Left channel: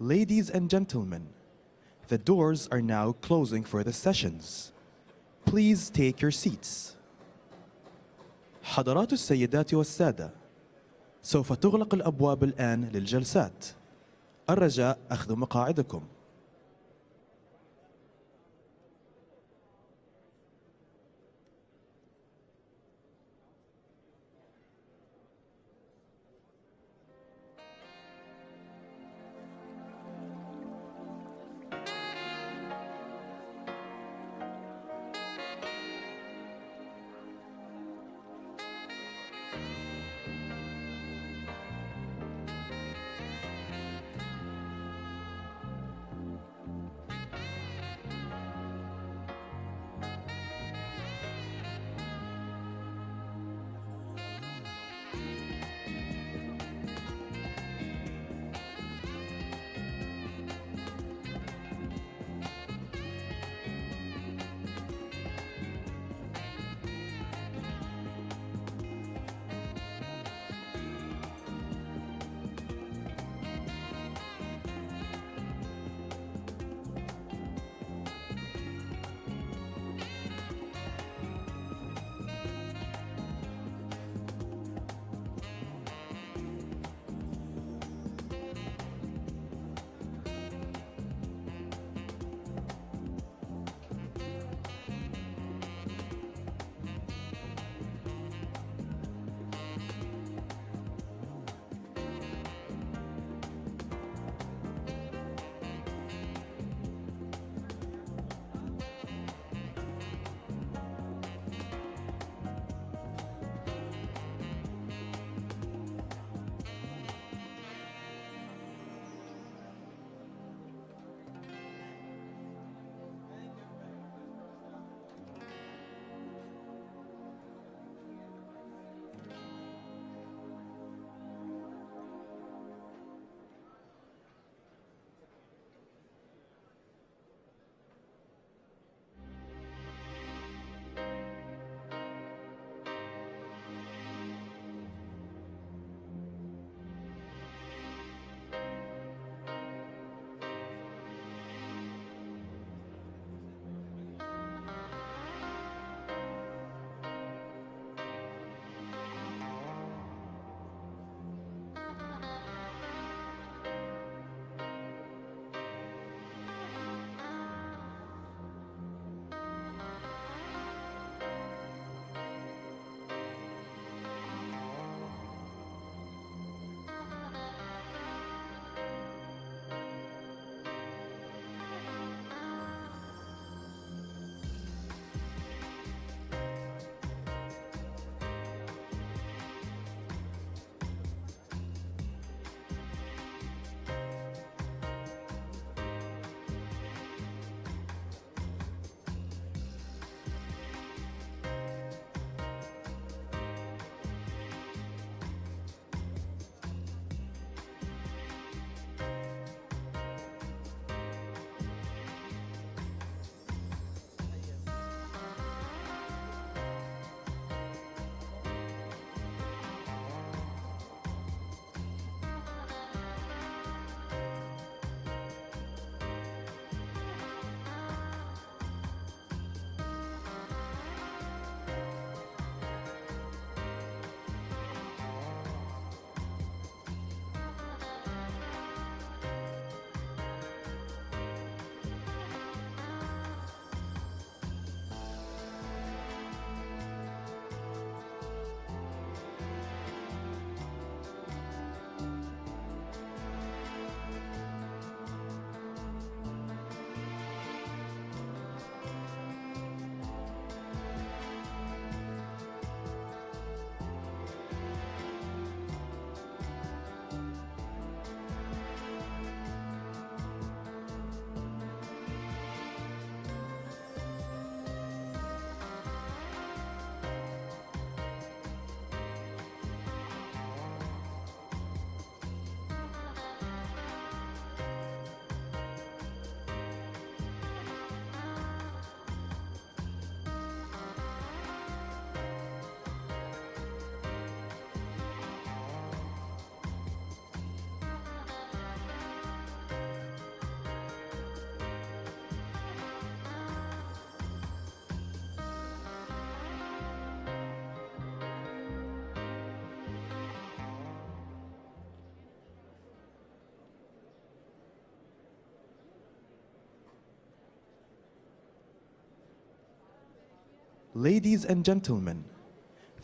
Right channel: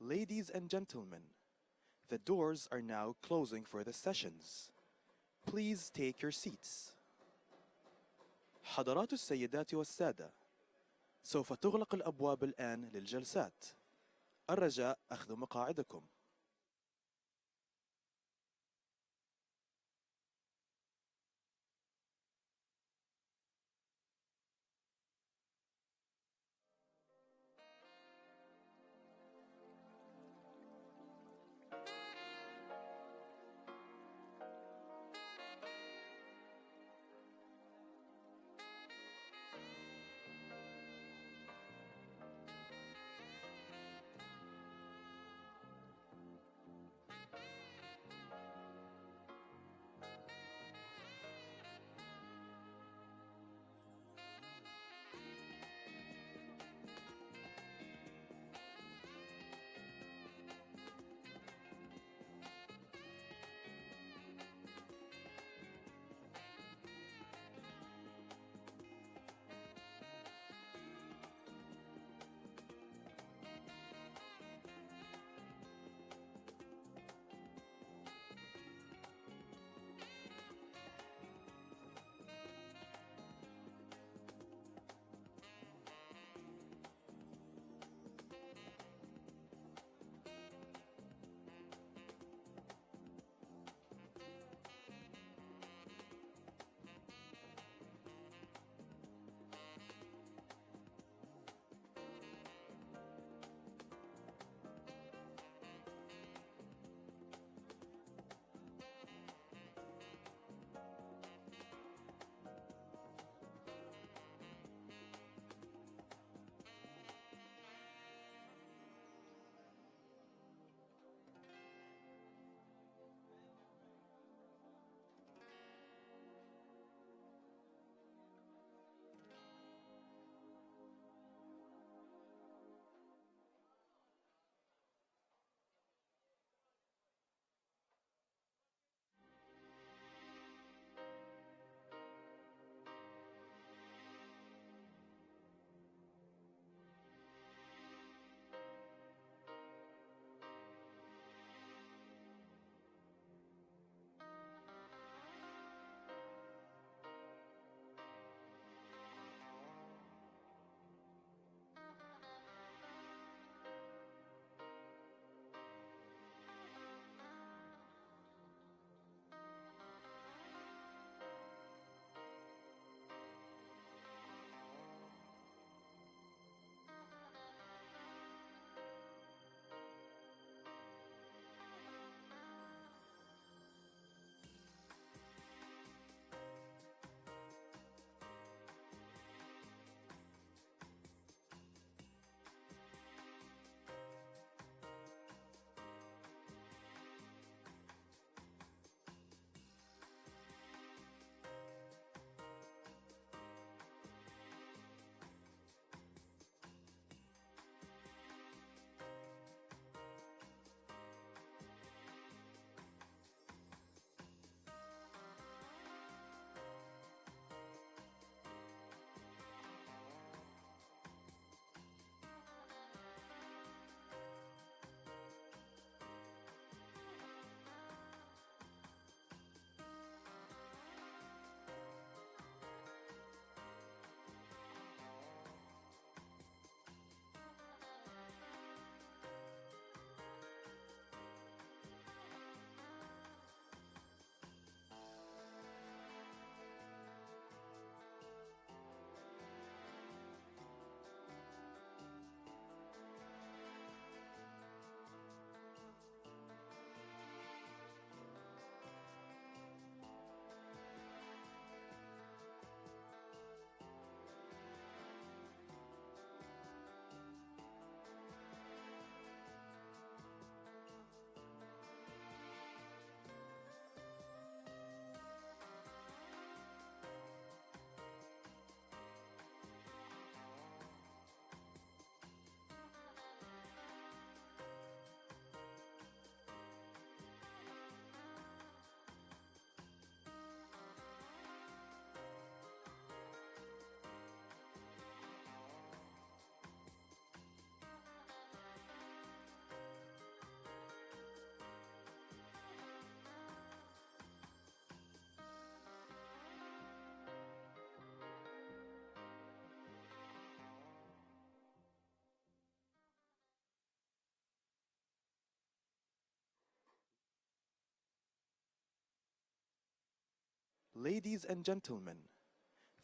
Ladies and gentlemen, the doors are now closing for the sessions. Please take your seats. حضرات السيدات والسادة، سوف تغلق الأبواب الآن للجلسات. الرجاء أخذ مقاعدكم. Ladies and gentlemen,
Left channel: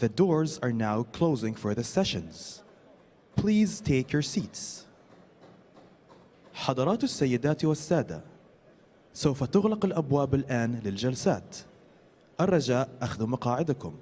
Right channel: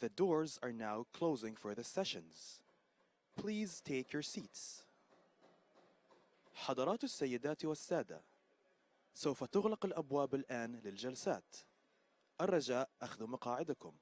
the doors are now closing for the sessions. Please take your seats. حضرات السيدات والسادة، سوف تغلق الأبواب الآن للجلسات. الرجاء أخذ مقاعدكم.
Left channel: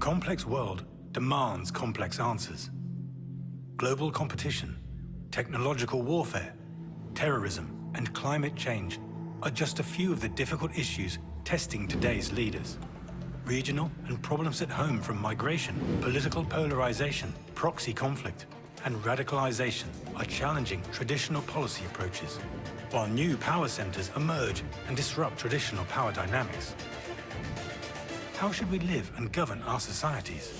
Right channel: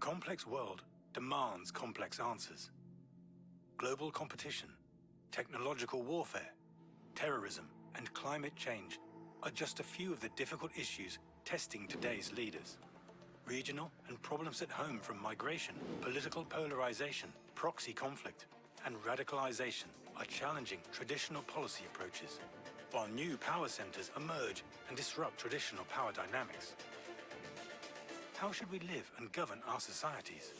complex world demands complex answers. Global competition, technological warfare, terrorism, and climate change are just a few of the difficult issues testing today's leaders. Regional and problems at home from migration, political polarization, proxy conflict, and radicalization are challenging traditional policy approaches, while new power centers emerge and disrupt traditional power dynamics. How should we live and govern our societies?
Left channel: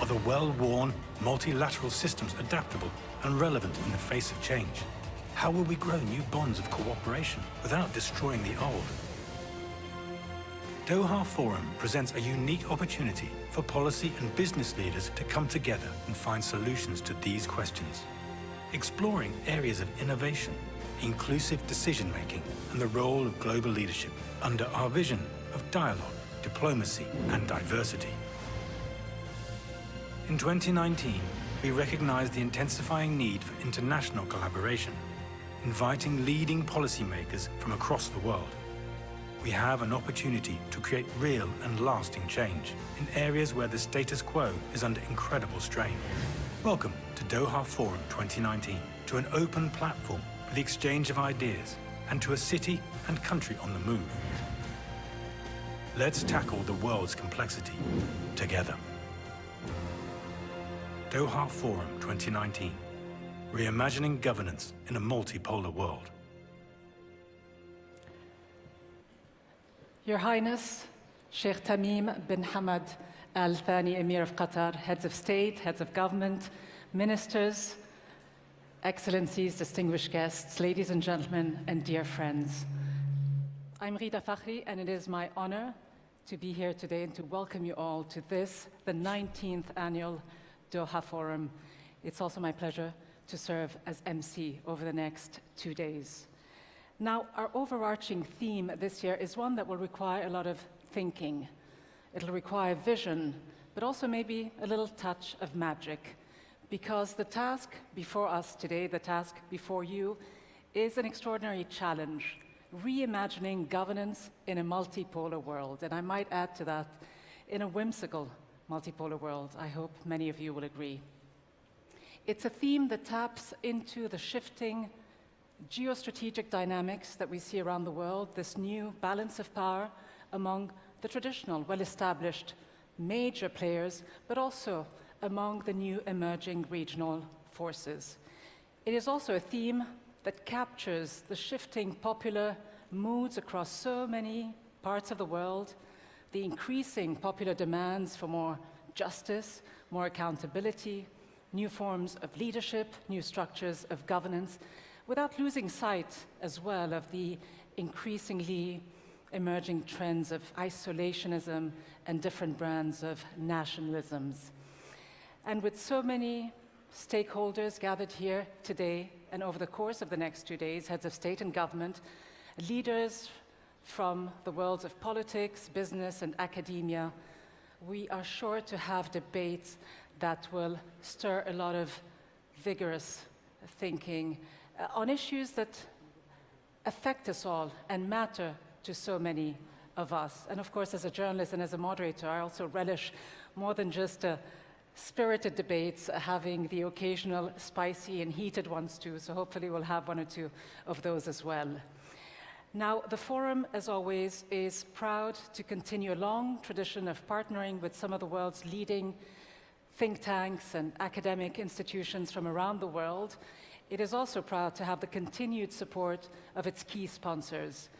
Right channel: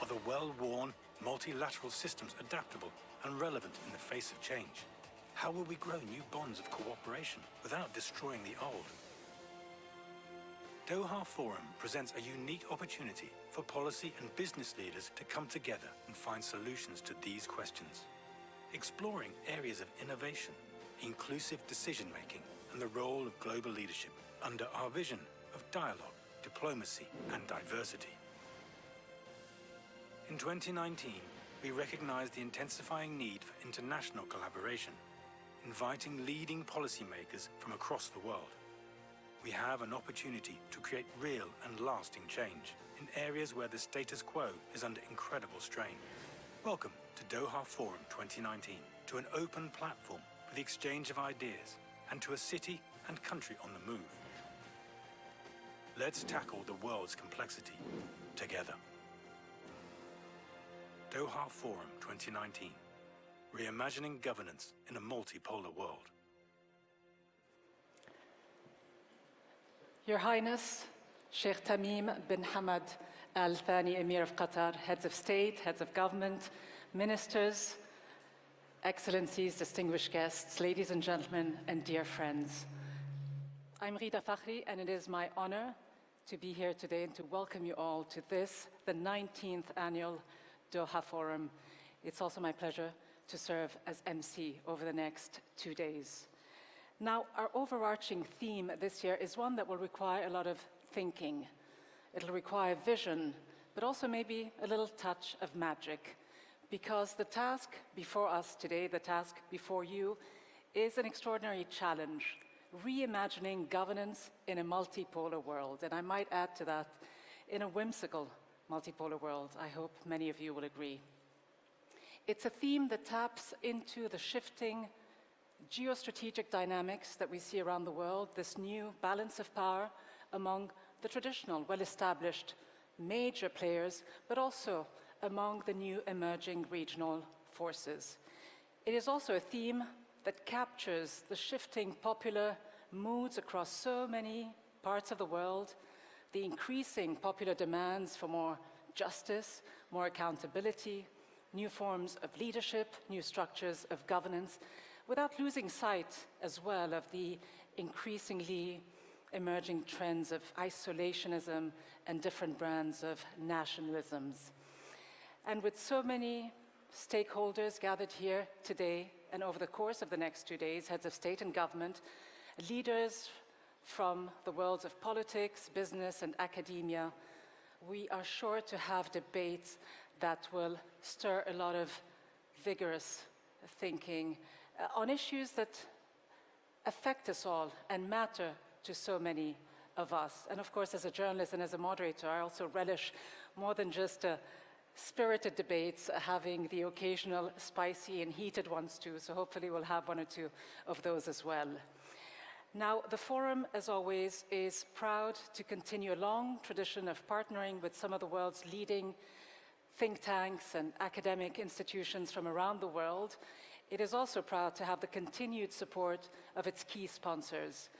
Are the well-worn multilateral systems adaptable and relevant in the face of change? How will we grow new bonds of cooperation without destroying the old? Doha Forum presents a unique opportunity for policy and business leaders to come together and find solutions to these questions, exploring areas of innovation, inclusive decision-making, and the role of global leadership under our vision of dialogue, diplomacy, and diversity. In 2019, we recognized the intensifying need for international collaboration, inviting leading policymakers from across the world. We have an opportunity to create real and lasting change in areas where the status quo is under incredible strain. Welcome to Doha Forum 2019, to an open platform for the exchange of ideas and to a city and country on the move. Let's tackle the world's complexity together. Doha Forum 2019, Reimagining Governance in a Multipolar World. Your Highness, Sheikh Tamim bin Hamad Al Thani, Emir of Qatar, heads of state, heads of government, ministers, excellencies, distinguished guests, ladies and gentlemen, and dear friends. I'm Rita Fakhri, and it is my honor to be here today and to welcome you all to this, the 19th annual Doha Forum. It's also my pleasure to serve as MC over the next 2 days. Now, our overarching theme this year is one that will require a lot of thinking. It'll require vision, but also maybe a little touch of magic, because the task before us today, the task before you, is an extraordinary challenge, reimagining governance in a multipolar world. And I might add to that, in a whimsical multipolar world. I hope many of you will agree. It's a theme that taps into the shifting geostrategic dynamics that we see around the world, this new balance of power among the traditional, well-established major players, but also among the new emerging regional forces. It is also a theme that captures the shifting popular moods across so many parts of the world, the increasing popular demands for more justice, more accountability, new forms of leadership, new structures of governance, without losing sight as well of the increasingly emerging trends of isolationism and different brands of nationalisms. And with so many stakeholders gathered here today and over the course of the next 2 days, heads of state and government, leaders from the worlds of politics, business, and academia, we are sure to have debates that will stir a lot of vigorous thinking on issues that affect us all and matter to so many of us. And of course, as a journalist and as a moderator, I also relish more than just spirited debates, having the occasional spicy and heated ones too, so hopefully we'll have one or two of those as well. Now, the Forum, as always, is proud to continue a long tradition of partnering with some of the world's leading think tanks and academic institutions from around the world. It is also proud to have the continued support of its key sponsors.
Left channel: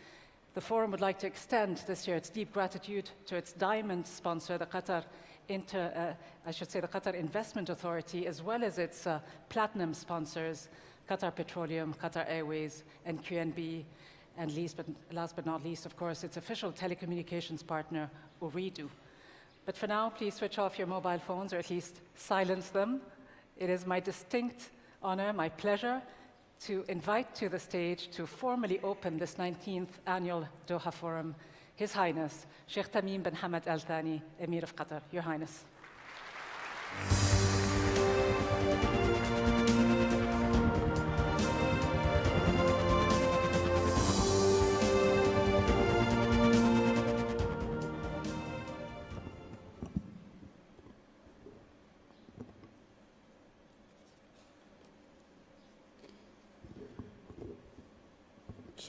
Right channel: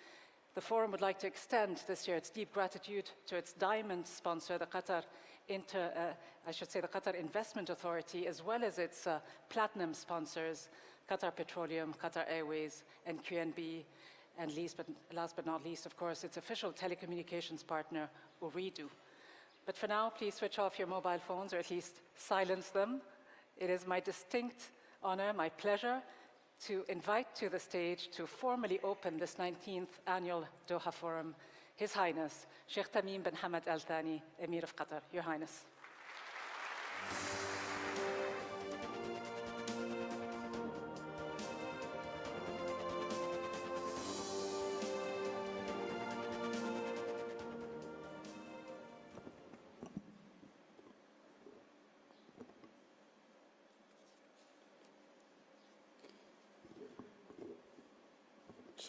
The Forum would like to extend this year its deep gratitude to its diamond sponsor, the Qatar Investment Authority, as well as its platinum sponsors, Qatar Petroleum, Qatar Airways, and QNB, and last but not least, of course, its official telecommunications partner, Ooredoo. But for now, please switch off your mobile phones, or at least silence them. It is my distinct honor, my pleasure, to invite to the stage to formally open this 19th annual Doha Forum, His Highness, Sheikh Tamim bin Hamad Al Thani, Emir of Qatar. Your Highness.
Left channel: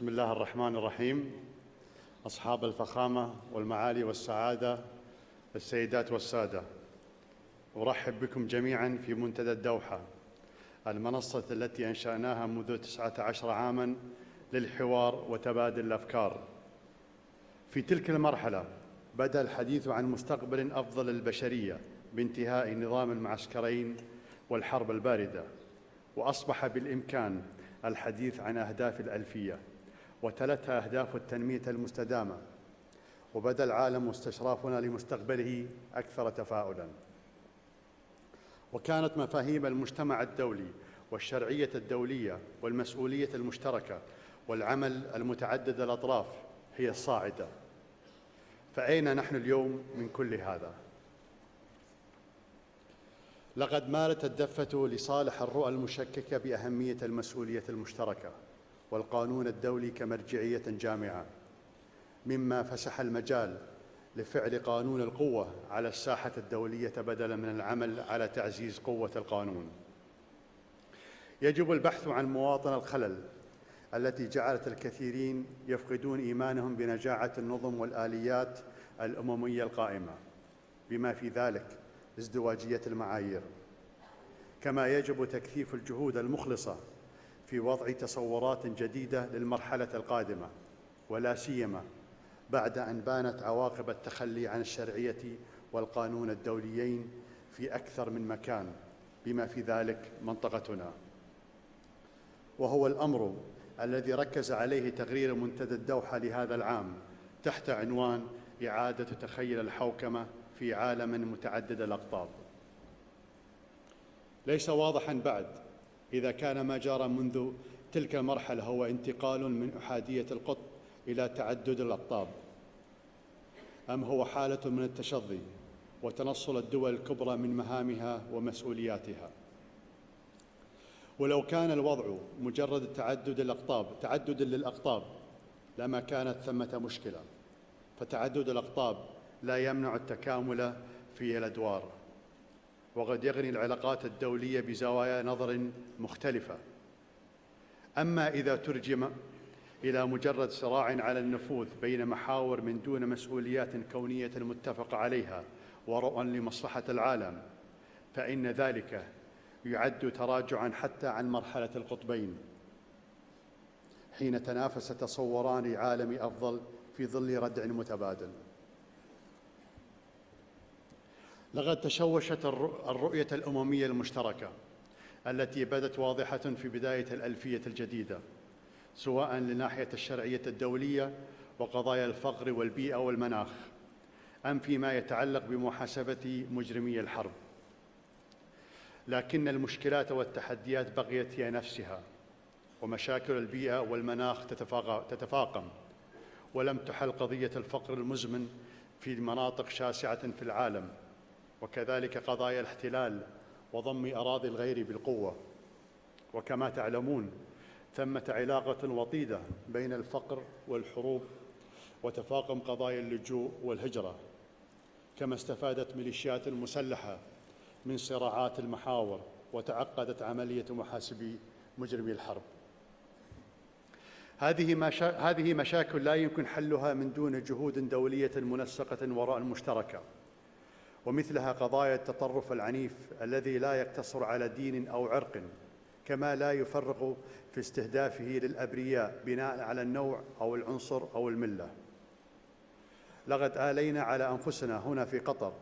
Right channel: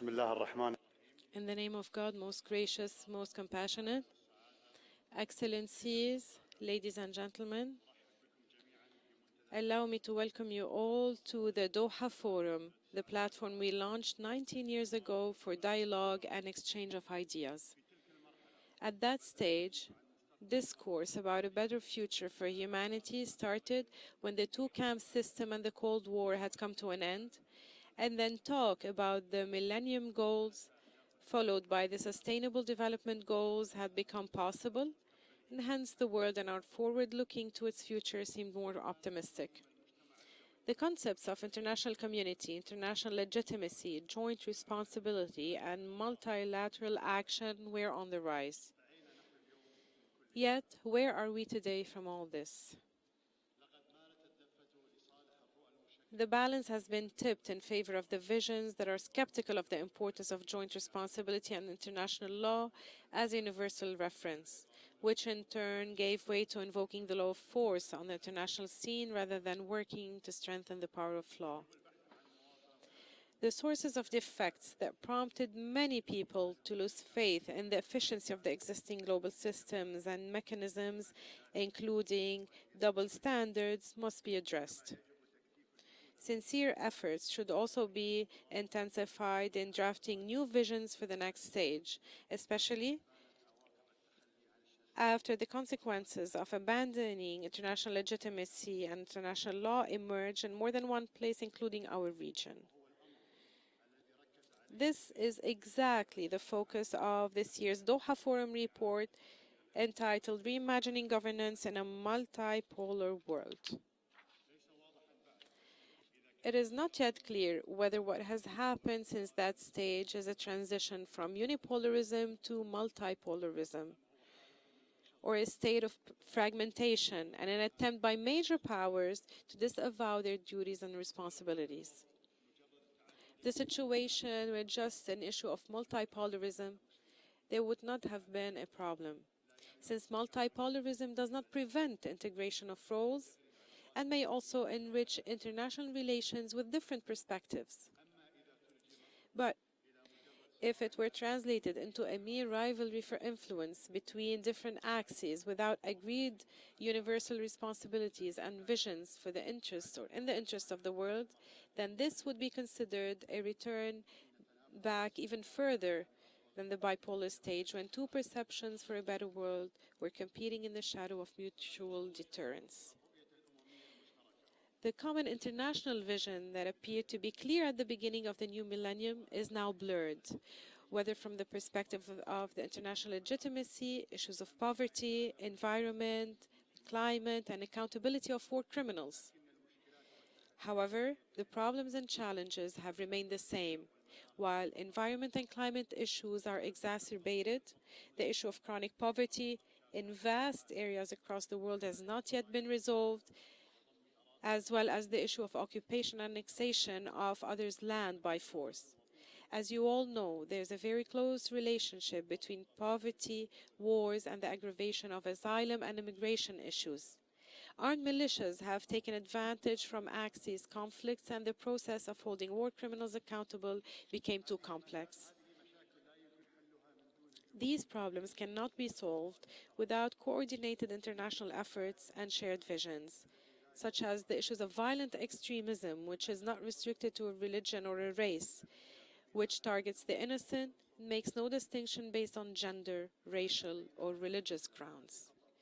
بسم الله الرحمن الرحيم. In the name of God, most أصحاب gracious, الفخامة most والمعالي compassionate, والسعادة، السيدات Excellencies, والسادة، ladies and gentlemen, أرحب بكم جميعا في منتدى allow me الدوحة، to welcome you all المنصة to the التي Doha أنشأناها Forum, منذ the 19 platform we عاما launched 19 years للحوار ago for وتبادل dialogue الأفكار. and exchange of ideas. في تلك المرحلة At that بدأ stage, الحديث عن مستقبل أفضل discourse about a للبشرية better future for بانتهاء نظام humanity المعسكرين started when the والحرب two-camp الباردة، system and the Cold War had وأصبح come to an end, بالإمكان and الحديث then عن talk أهداف about the الألفية Millennium Goals, وتلتها أهداف التنمية followed by the المستدامة، Sustainable Development Goals وبدأ had العالم become استشرافنا possible. لمستقبله Hence, the أكثر world and our تفاؤلا. forward-looking to its future seemed more وكانت optimistic. مفاهيم المجتمع الدولي The concepts of والشرعية international الدولية community, والمسؤولية international المشتركة legitimacy, joint والعمل responsibility, المتعدد and الأطراف هي multilateral الصاعدة. action were on the rise. فأين نحن اليوم من كل Yet, هذا؟ where are we today from all this? لقد مالت الدفة لصالح الرؤى The المشككة balance has بأهمية been tipped in المسؤولية favor of the المشتركة visions that are والقانون skeptical of the الدولي importance of كمرجعية joint جامعة، responsibility and international مما law فسح as المجال universal لفعل reference, قانون which in القوة على turn الساحة gave way to الدولية invoking the law بدلا of من force العمل on the على international تعزيز scene قوة rather than القانون. working to strengthen the power of law. يجب البحث عن مواطن الخلل The sources of التي جعلت defects that الكثيرين prompted many يفقدون people إيمانهم to lose بنجاعة faith in النظم the efficiency of والآليات the existing global الأممية systems القائمة، and mechanisms, بما في ذلك including ازدواجية double المعايير. standards, must be addressed. كما يجب تكثيف الجهود Sincere المخلصة efforts should في also وضع be تصورات جديدة intensified in للمرحلة drafting new القادمة، visions for the ولا next سيما stage, بعد أن especially بانت عواقب التخلي عن الشرعية after the والقانون consequences of الدوليين abandoning في international أكثر من مكان، legitimacy and بما في international law ذلك emerged in more than منطقتنا. one place, including our region. وهو الأمر الذي ركز عليه This تقرير is منتدى الدوحة exactly the لهذا العام focus of this تحت year's Doha عنوان Forum إعادة report تخيل الحوكمة entitled في Reimagining عالم Governance in متعدد a الأقطاب. Multipolar World. ليس واضحا بعد إذا It كان is ما not جرى yet منذ clear whether تلك what has المرحلة هو happened since انتقال that من stage أحادية is a القطب transition إلى from تعدد الأقطاب، unipolarism to multipolarism, أم هو حالة من or التشظي a state of وتنصل الدول fragmentation الكبرى and من an attempt by مهامها major powers ومسؤولياتها. to disavow their duties and ولو كان responsibilities. الوضع مجرد تعدد The الأقطاب، تعدد situation were للأقطاب، just an issue of لما كانت ثمة multipolarism, مشكلة. there would not have فتعدد been a الأقطاب problem. لا يمنع Since التكامل multipolarism does في not الأدوار، prevent integration of وقد roles يغني العلاقات and may الدولية also بزوايا enrich نظر international relations مختلفة. with different perspectives. أما إذا ترجم But إلى مجرد صراع if it were على النفوذ translated بين into a محاور من rivalry دون for مسؤوليات influence كونية between different متفق عليها axes without ورؤى agreed لمصلحة universal العالم، responsibilities فإن and ذلك visions for the interests يعد and the تراجعا interests of the حتى عن world, مرحلة then this القطبين، would be considered a return حين تنافس back even تصوران further عالم أفضل than the في bipolar ظل stage ردع when two متبادل. perceptions for a better world were competing in the shadow of لقد mutual تشوشت deterrence. الرؤية الأممية المشتركة The common التي بدت international واضحة vision that في بداية appeared to be الألفية clear at the الجديدة، beginning of the new millennium سواء is now لناحية blurred, الشرعية whether الدولية from the وقضايا perspective الفقر of والبيئة international والمناخ، legitimacy, issues of أم فيما poverty, يتعلق بمحاسبة environment, مجرمي الحرب. climate, and accountability of war criminals. لكن المشكلات والتحديات However, بقيت the هي problems نفسها، and challenges have remained ومشاكل the البيئة same. والمناخ While environment and تتفاقم، climate issues are ولم تحل قضية exacerbated, الفقر the issue المزمن of chronic في poverty مناطق in شاسعة في vast العالم، areas across the world has وكذلك not yet قضايا been الاحتلال resolved, وضم أراضي as الغير well as the issue بالقوة. of occupation and وكما annexation تعلمون of others' land ثمة by force. علاقة وطيدة As you بين all know, الفقر there's a very والحروب close relationship وتفاقم between قضايا poverty, اللجوء والهجرة، wars, and the aggravation of كما asylum استفادت and ميليشيات immigration issues. المسلحة من Armed صراعات militias have taken المحاور advantage from وتعقدت عملية axis conflicts, محاسبي and the process مجرمي of الحرب. holding war criminals accountable became too هذه complex. مشاكل لا يمكن حلها من دون These جهود دولية problems cannot be منسقة وراء solved المشتركة، without coordinated ومثلها international قضايا efforts and التطرف shared العنيف visions, الذي لا such as يقتصر the على issues of دين أو violent عرق، extremism, which كما is لا not يفرق restricted to a في religion or a استهدافه race, للأبرياء which بناء على targets the النوع أو innocent, العنصر أو makes no الملة. distinction based on gender, لقد racial, آلينا or على religious أنفسنا هنا في grounds. قطر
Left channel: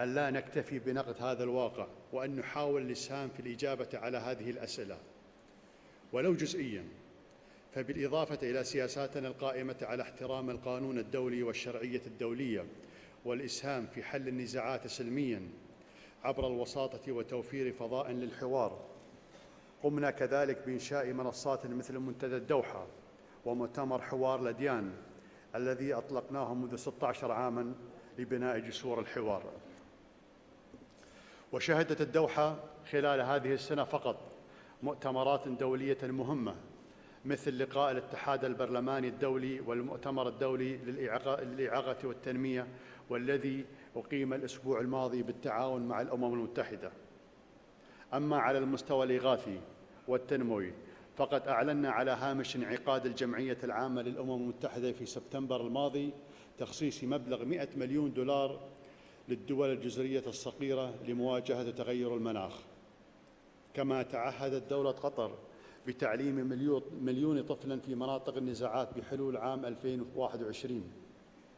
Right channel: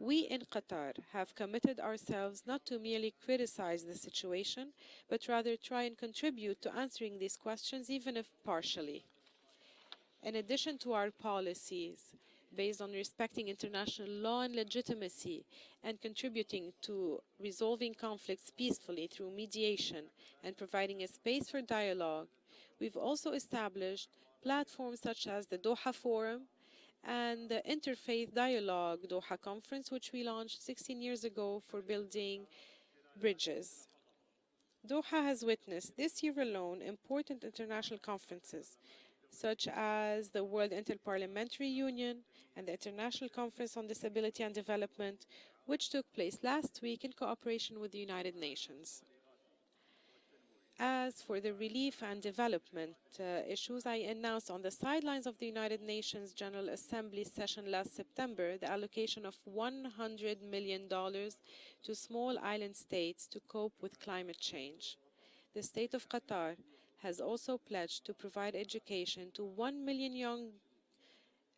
أن We لا in نكتفي Qatar بنقد have هذا committed الواقع ourselves وأن not to نحاول merely الإسهام في criticize الإجابة the على هذه situation, الأسئلة. but rather try and ولو contribute to جزئياً، answering these questions, even if فبالإضافة إلى partially. سياساتنا القائمة على In احترام addition to القانون our الدولي والشرعية policies الدولية based on respecting والإسهام في international حل law and النزاعات legitimacy سلمياً and عبر contributing الوساطة to وتوفير resolving فضاء conflicts للحوار. peacefully through mediation قمنا and كذلك providing بإنشاء a space for منصات مثل dialogue. منتدى الدوحة We've also ومؤتمر established حوار الأديان platforms such as the الذي Doha Forum أطلقناه منذ 16 and the عاماً Interfaith لبناء جسور Dialogue Doha الحوار. Conference, which we launched 16 years ago. وشهدت for الدوحة خلال هذه bridges. السنة فقط Doha has مؤتمرات witnessed دولية this year مهمة alone important مثل لقاء international الاتحاد conferences البرلماني الدولي such as والمؤتمر the الدولي World Interparliamentary للإعاقة Union والتنمية and the International والذي Conference on أقيم Disability and الأسبوع الماضي Development, بالتعاون which مع took الأمم place last المتحدة. week in cooperation with the United أما على Nations. المستوى الإغاثي والتنموي. As for فقد the أعلنا relief على and هامش انعقاد development الجمعية issues, العامة I للأمم announced on the المتحدة في sidelines of the سبتمبر United الماضي Nations General تخصيص Assembly مبلغ session 100 last مليون September دولار the allocation of للدول الجزرية $100 million الصغيرة لمواجهة to تغير small المناخ. island states to cope كما with climate تعهدت دولة change. قطر The state of بتعليم Qatar has مليون also طفل في pledged to مناطق provide النزاعات education بحلول to عام 1 million young 2021.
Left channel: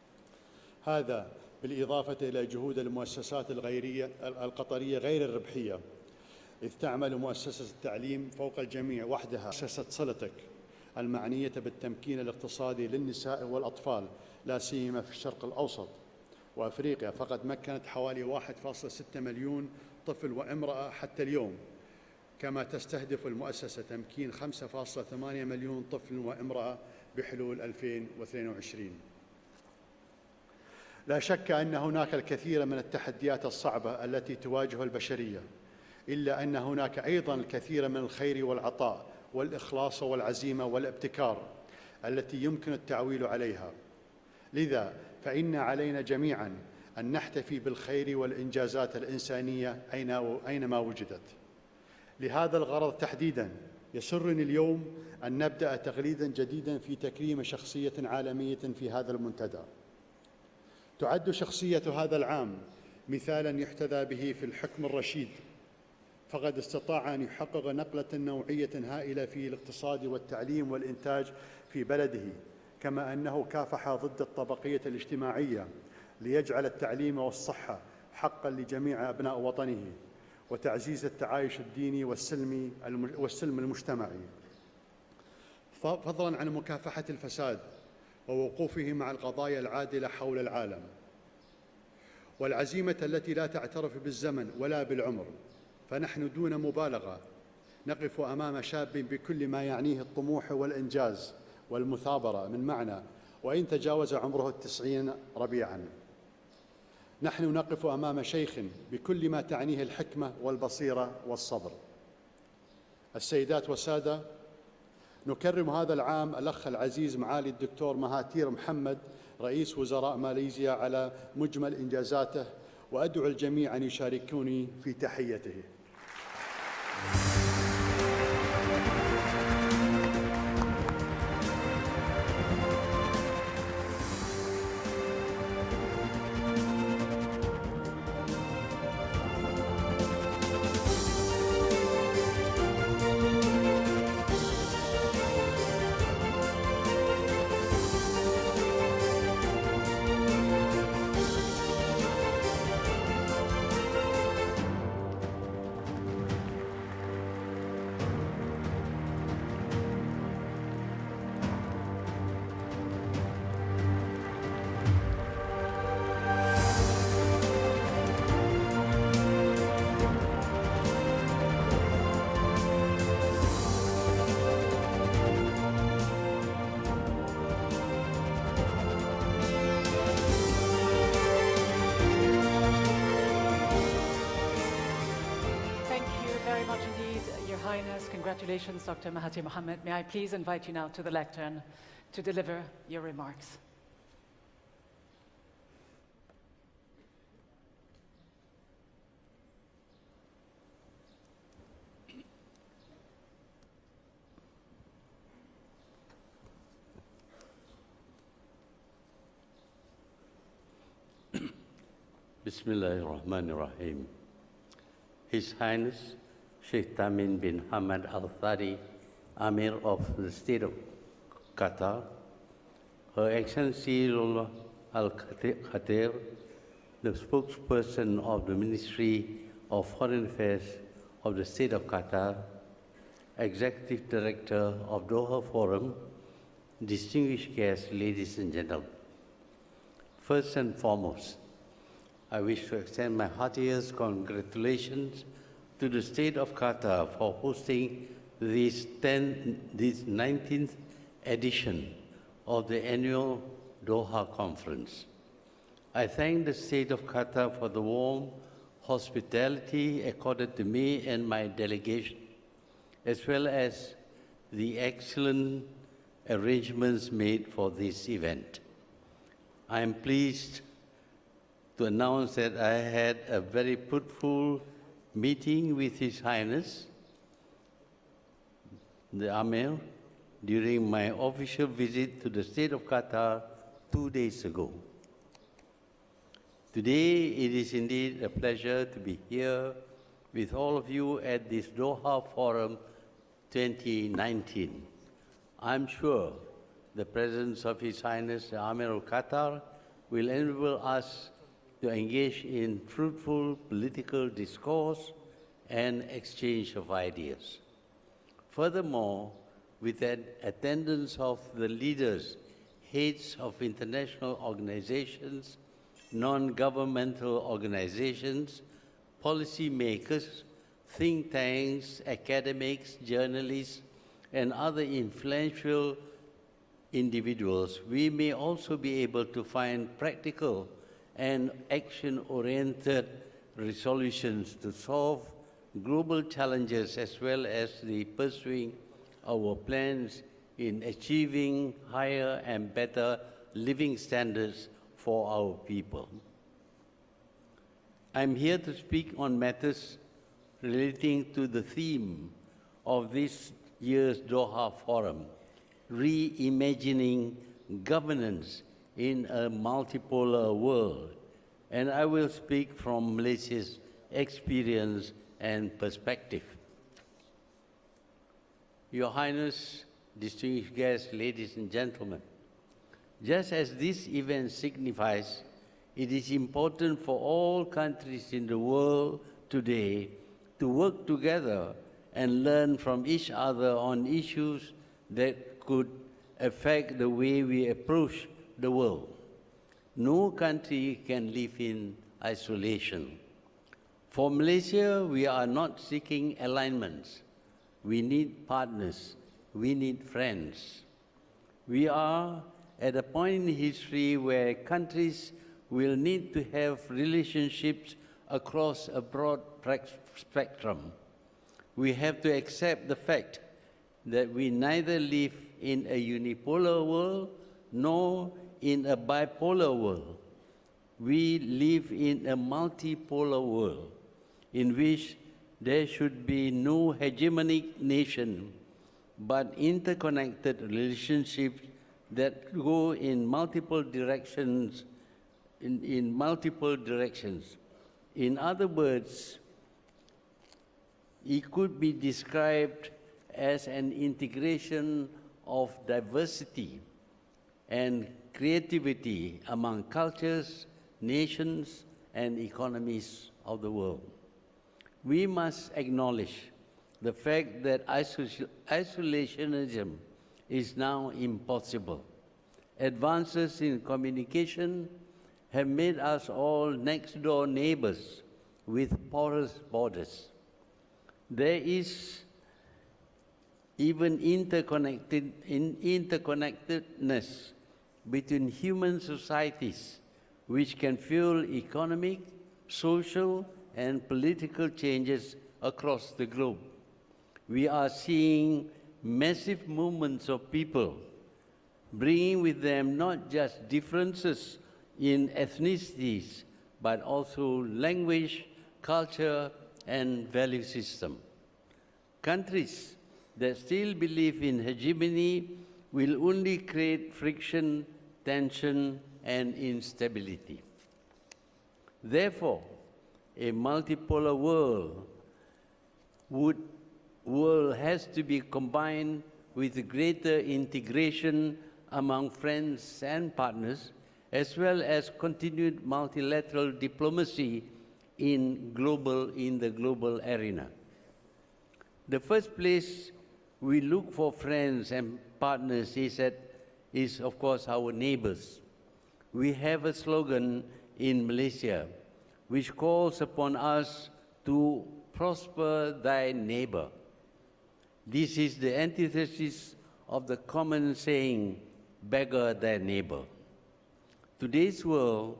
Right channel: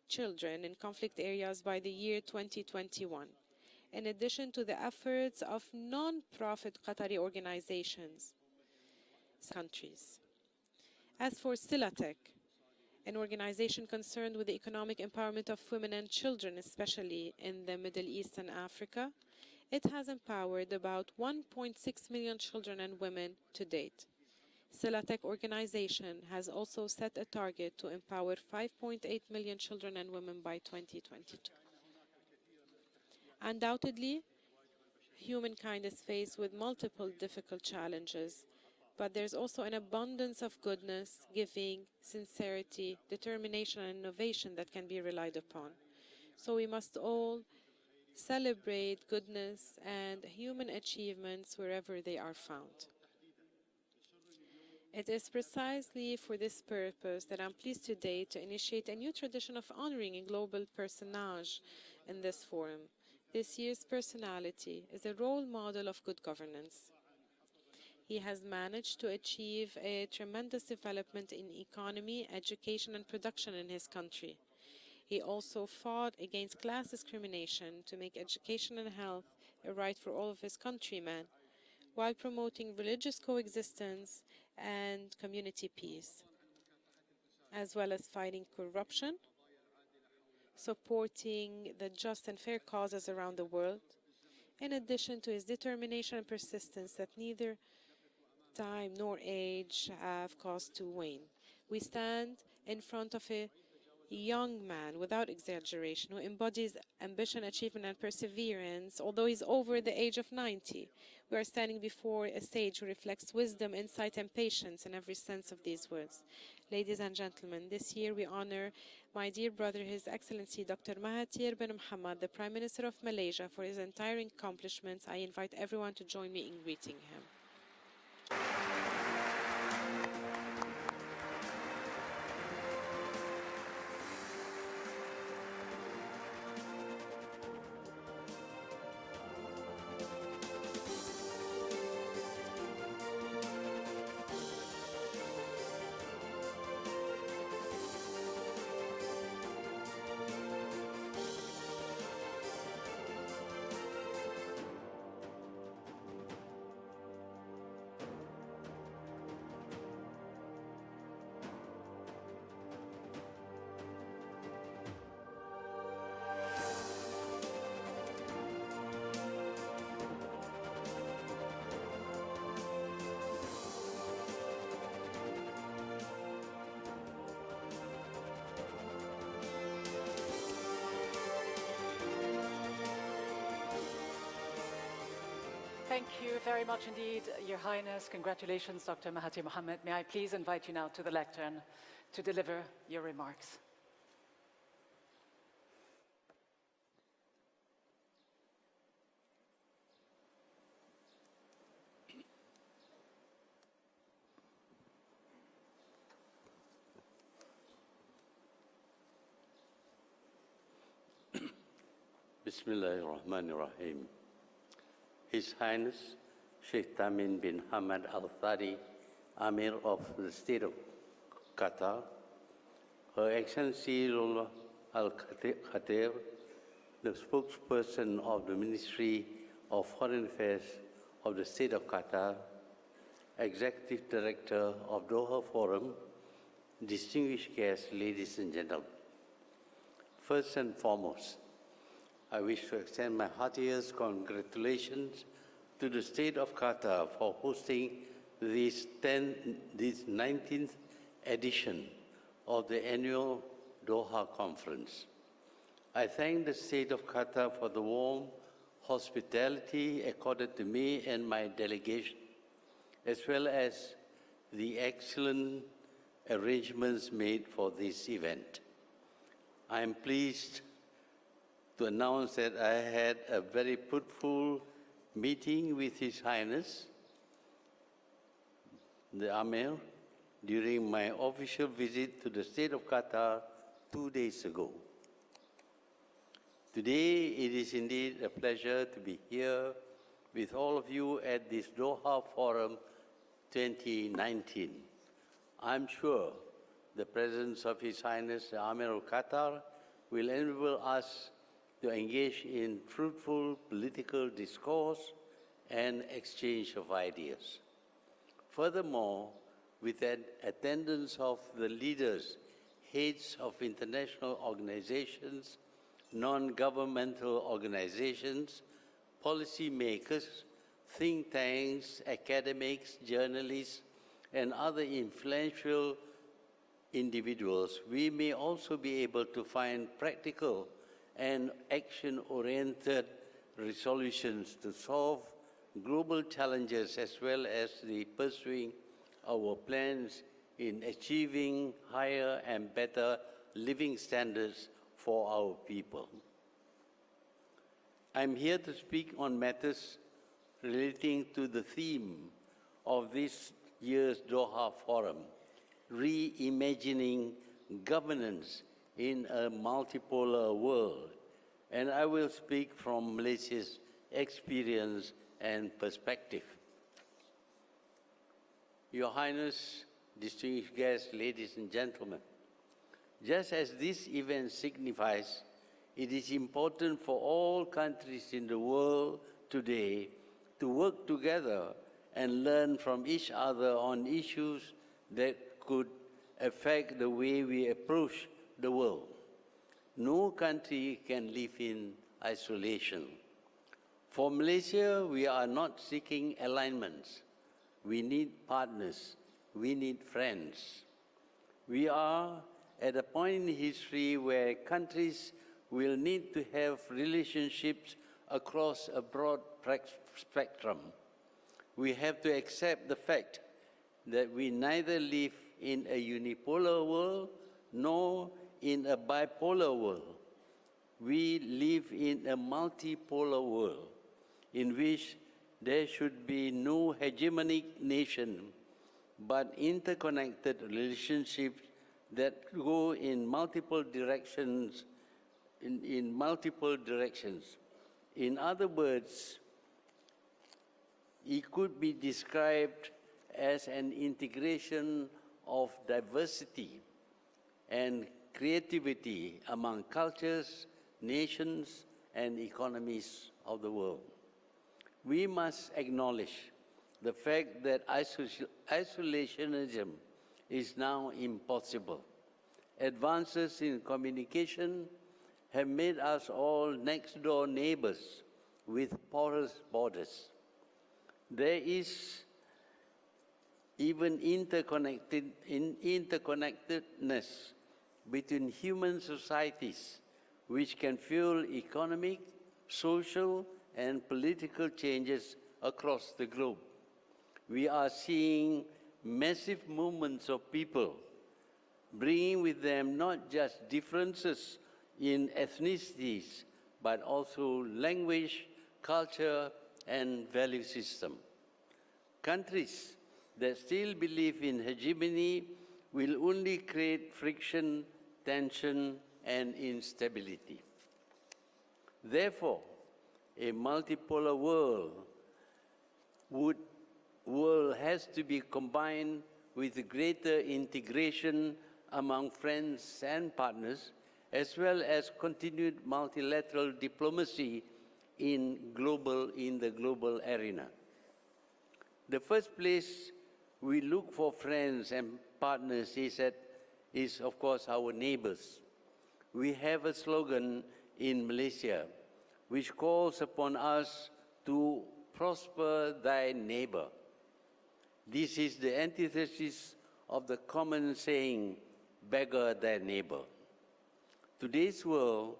children in conflict هذا areas by the بالإضافة year إلى جهود 2021. المؤسسات In الغيرية addition to the القطرية غير efforts of الربحية، non-profit إذ تعمل Qatari مؤسسة التعليم organizations. فوق الجميع وحدها. مؤسسة صلتك المعنية As for بالتمكين الاقتصادي an للنساء organization والأطفال concerned with لا the سيما economic في الشرق empowerment of الأوسط women and children, وأفريقيا، especially فقد in the مكنت Middle حوالي East and 1.6 Africa, مليون it has طفل empowered وامرأة about حتى اليوم. 1.6 million كما children and تستهدف women to المؤسسة date. تمكين 5.8 Silatek مليون طفل organization has وامرأة also set a بحلول target to empower 2022. 5.8 million children and women by 2020. لا شك أن هناك الكثير من التحديات الصعبة التي تواجه البشرية، Humankind is faced إلا with أن هناك multiple أيضا difficult الكثير من challenges, الخير والعطاء but there's also an والإخلاص abundance والعزيمة of goodness, والابتكار giving, التي يمكن sincerity, التعويل عليها. determination and innovation that لذا can be relied فإن upon. علينا So we جميعا must أن all نحتفي بالخير والإنجازات celebrate الإنسانية goodness and أينما human وجدت. achievements wherever they are لهذا found. الغرض تحديدا يسرني اليوم It is أن نبدأ precisely تغريدا for this جديدا في purpose that تكريم I'm pleased شخصية today to عالمية initiate في a هذا new tradition المنتدى. of honoring a global تعد personality شخصية هذا in this العام forum. مثالا This year's يحتذى به في personality الحكم is a الرشيد، role model of good فقد governance. استطاع أن يحقق نقلة He has نوعية managed to هائلة في achieve الاقتصاد a والتعليم tremendous والإنتاج development في in بلده، economy, education كما and أنه production in this كافح ضد country. الطبقية He الاجتماعية also fought against ليجعل class التعليم discrimination والصحة to make حقا education and لجميع health أبناء a وطنه، right for all of his وتعزيز countrymen, التعايش الديني while والسلمي promoting religious والسلم coexistence المجتمعي، and community peace, فضلا عن مكافحة الفساد as well as fighting ووقوفه مع corruption, القضايا العادلة حول العالم، supporting the just and fair والعزيمة causes التي around لا the world. تعترف بالزمن In ولا addition بالعمر. to his determination فنحن and دون persistence مبالغة that neither نقف أمام time شاب nor بكل ما age يعنيه have الطموح cost to والإنجاز win. والمثابرة من We stand معنى، in front of a وإن تجاوز عمره young man 90 without ربيعا. exaggeration who embodies ambition, نحن نقف achievement and أمام شيخ perseverance. Although بكل ما he's تعنيه over the age of الحكمة 90, والبصيرة we are والصبر. standing before a sage who reflects السيدات wisdom, والسادة، insight and patience in every sense of نكرم these هذا words. العام الأخ Ladies and العزيز معالي gentlemen, الدكتور this year we مهاتير honor محمد my dear رئيس brother, His وزراء Excellency ماليزيا Dr. على Mahathir bin مجمل Mohamad, the إنجازاته، Prime Minister of وأدعو Malaysia, الجميع for أن his untiring يشاركوني في accomplishments. I invite تحيته. everyone to join me in greeting. Thank you very much indeed, Your Highness. Congratulations, Dr. Mahathir Mohamad. May I please invite you now to the lectern to deliver your remarks. Bismillahirrahmanirrahim. His Highness Sheikh Tamim bin Hamad Al Thani, Amir of the State of Qatar, Her Excellency Lola Al Khatir, the spokesperson of the Ministry of Foreign Affairs of the State of Qatar, Executive Director of Doha Forum, distinguished guests, ladies and gentlemen. First and foremost, I wish to extend my heartiest congratulations to the State of Qatar for hosting this 19th edition of the annual Doha Conference. I thank the State of Qatar for the warm hospitality accorded to me and my delegation, as well as the excellent arrangements made for this event. I am pleased to announce that I had a very fruitful meeting with His Highness the Amir, during my official visit to the state of Qatar 2 days ago. Today, it is indeed a pleasure to be here with all of you at this Doha Forum 2019. I'm sure the presence of His Highness the Amir of Qatar will enable us to engage in fruitful political discourse and exchange of ideas. Furthermore, with the attendance of the leaders, heads of international organizations, non-governmental organizations, policymakers, think tanks, academics, journalists, and other influential individuals, we may also be able to find practical and action-oriented resolutions to solve global challenges as well as the pursuing our plans in achieving higher and better living standards for our people. I'm here to speak on matters relating to the theme of this year's Doha Forum, Reimagining Governance in a Multipolar World, and I will speak from Malaysia's experience and perspective. Your Highness, distinguished guests, ladies and gentlemen, just as this event signifies, it is important for all countries in the world today to work together and learn from each other on issues that could affect the way we approach the world. No country can live in isolation. For Malaysia, we are not seeking alignments. We need partners. We need friends. We are at a point in history where countries will need to have relationships across a broad spectrum. We have to accept the fact that we neither live in a unipolar world nor in a bipolar world. We live in a multipolar world in which there should be no hegemonic nation, but interconnected relationships that go in multiple directions. In multiple directions. In other words, it could be described as an integration of diversity and creativity among cultures, nations, and economies of the world. We must acknowledge the fact that isolationism is now impossible. Advances in communication have made us all next-door neighbors with porous borders. There is even interconnectedness between human societies, which can fuel economic, social, and political changes across the globe. We are seeing massive movements of people, bringing with them not just differences in ethnicities, but also language, culture, and value system. Countries that still believe in hegemony will only create friction, tension, and instability. Therefore, a multipolar world has to be combined with greater integration among friends and partners, as well as continued multilateral diplomacy in the global arena. The first place we look for friends and partners is of course our neighbors. We have a slogan in Malaysia which calls upon us to prosper thy neighbor. This is the antithesis of the common saying, beggar thy neighbor. Today's world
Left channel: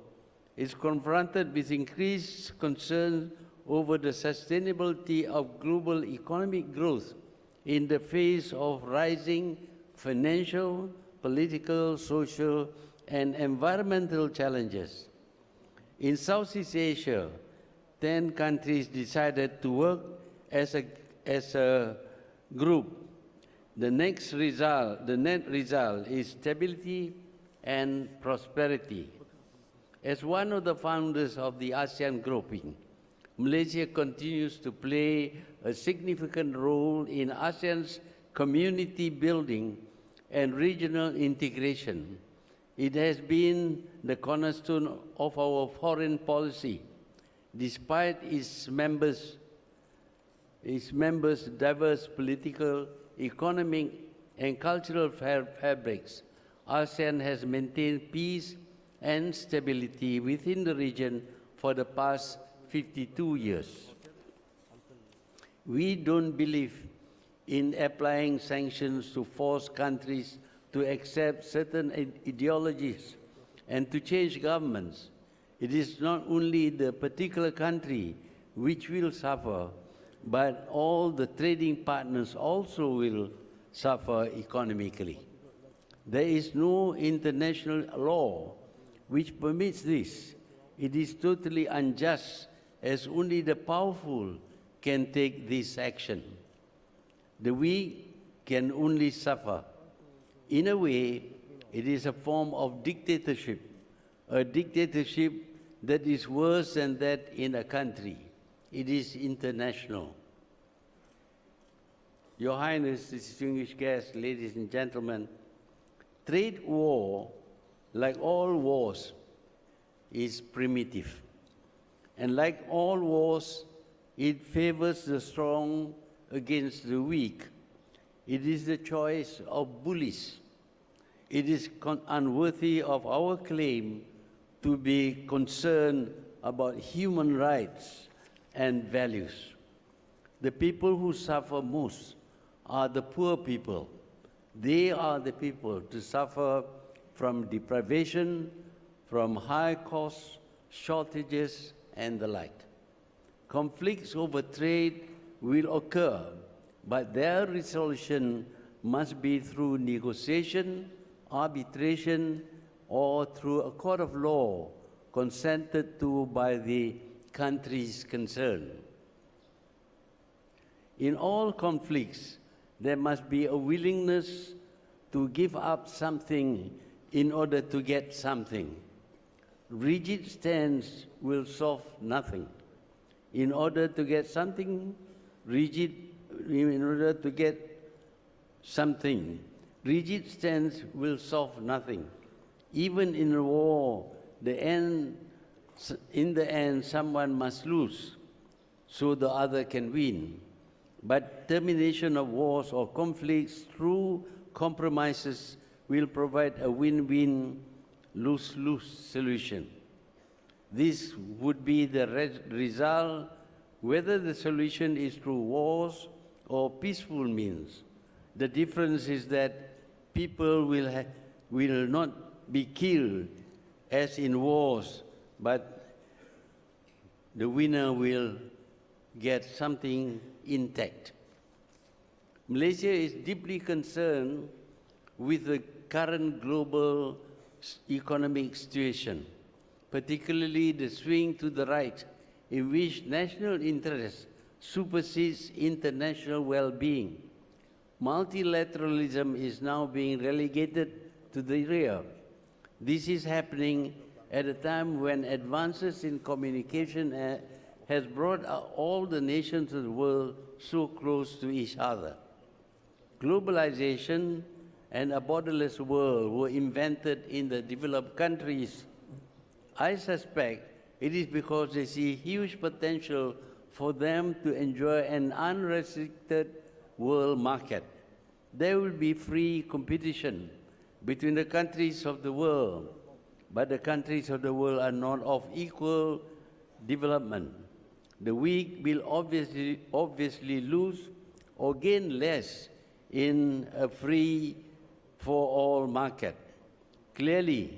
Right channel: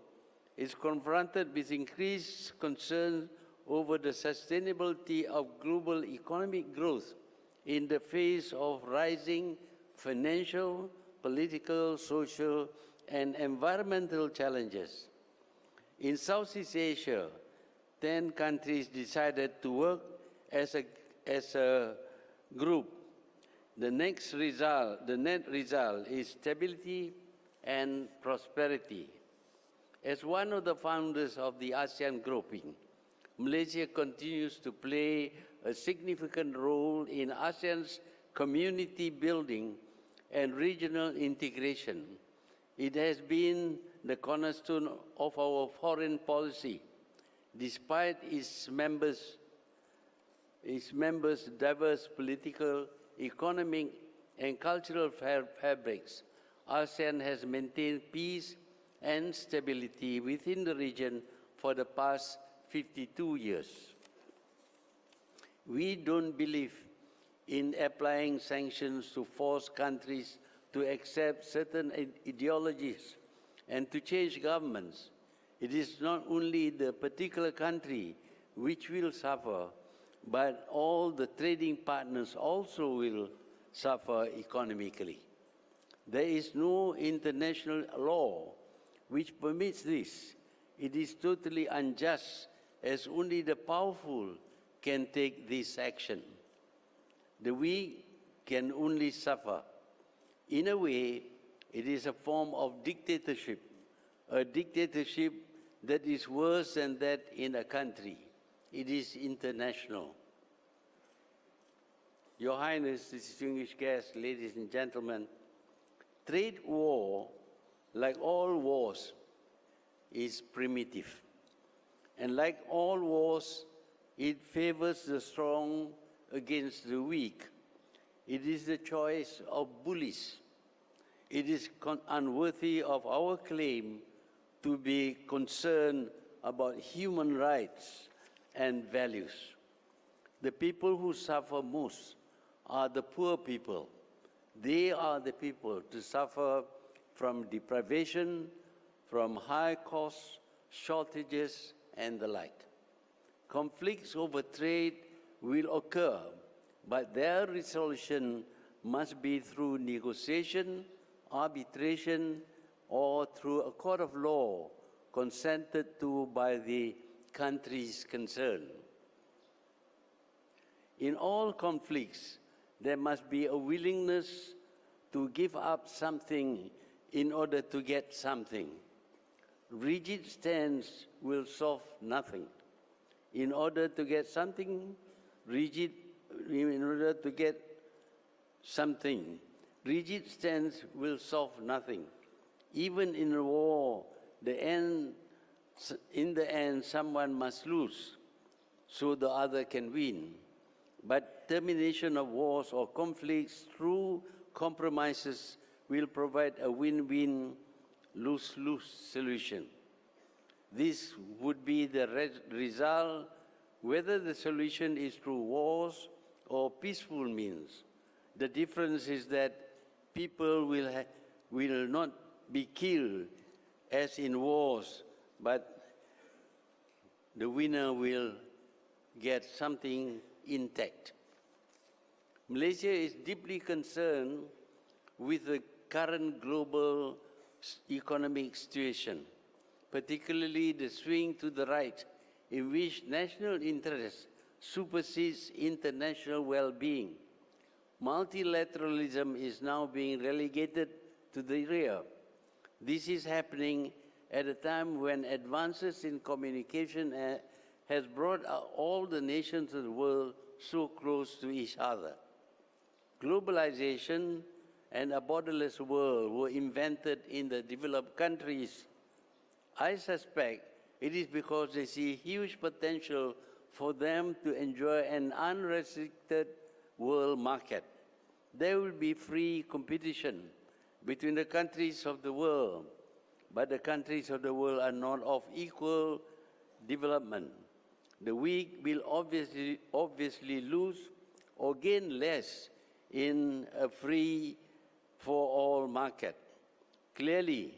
is confronted with increased concern over the sustainability of global economic growth in the face of rising financial, political, social, and environmental challenges. In Southeast Asia, 10 countries decided to work as a group The net result is stability and prosperity. As one of the founders of the ASEAN grouping, Malaysia continues to play a significant role in ASEAN's community building and regional integration. It has been the cornerstone of our foreign policy, despite its members' diverse political, economic, and cultural fabrics. ASEAN has maintained peace and stability within the region for the past 52 years. We don't believe in applying sanctions to force countries to accept certain ideologies and to change governments. It is not only the particular country which will suffer, but all the trading partners also will suffer economically. There is no international law which permits this. It is totally unjust, as only the powerful can take this action. The weak can only suffer. In a way, it is a form of dictatorship, a dictatorship that is worse than that in a country. It is international. Your Highness, distinguished guests, ladies and gentlemen, trade war, like all wars, is primitive. And like all wars, it favors the strong against the weak. It is the choice of bullies. It is unworthy of our claim to be concerned about human rights and values. The people who suffer most are the poor people. They are the people to suffer from deprivation, from high costs, shortages, and the like. Conflicts over trade will occur, but their resolution must be through negotiation, arbitration, or through a court of law consented to by the countries concerned. In all conflicts, there must be a willingness to give up something in order to get something. Rigid stance will solve nothing. In order to get something, rigid stance will solve nothing. Even in a war, in the end, someone must lose, so the other can win. But termination of wars or conflicts through compromises will provide a win-win, lose-lose solution. This would be the result whether the solution is through wars or peaceful means. The difference is that people will not be killed as in wars, but the winner will get something intact. Malaysia is deeply concerned with the current global economic situation, particularly the swing to the right, in which national interest supersedes international well-being. Multilateralism is now being relegated to the rear. This is happening at a time when advances in communication has brought all the nations of the world so close to each other. Globalization and a borderless world were invented in the developed countries. I suspect it is because they see huge potential for them to enjoy an unrestricted world market. There will be free competition between the countries of the world, but the countries of the world are not of equal development. The weak will obviously lose or gain less in a free-for-all market. Clearly,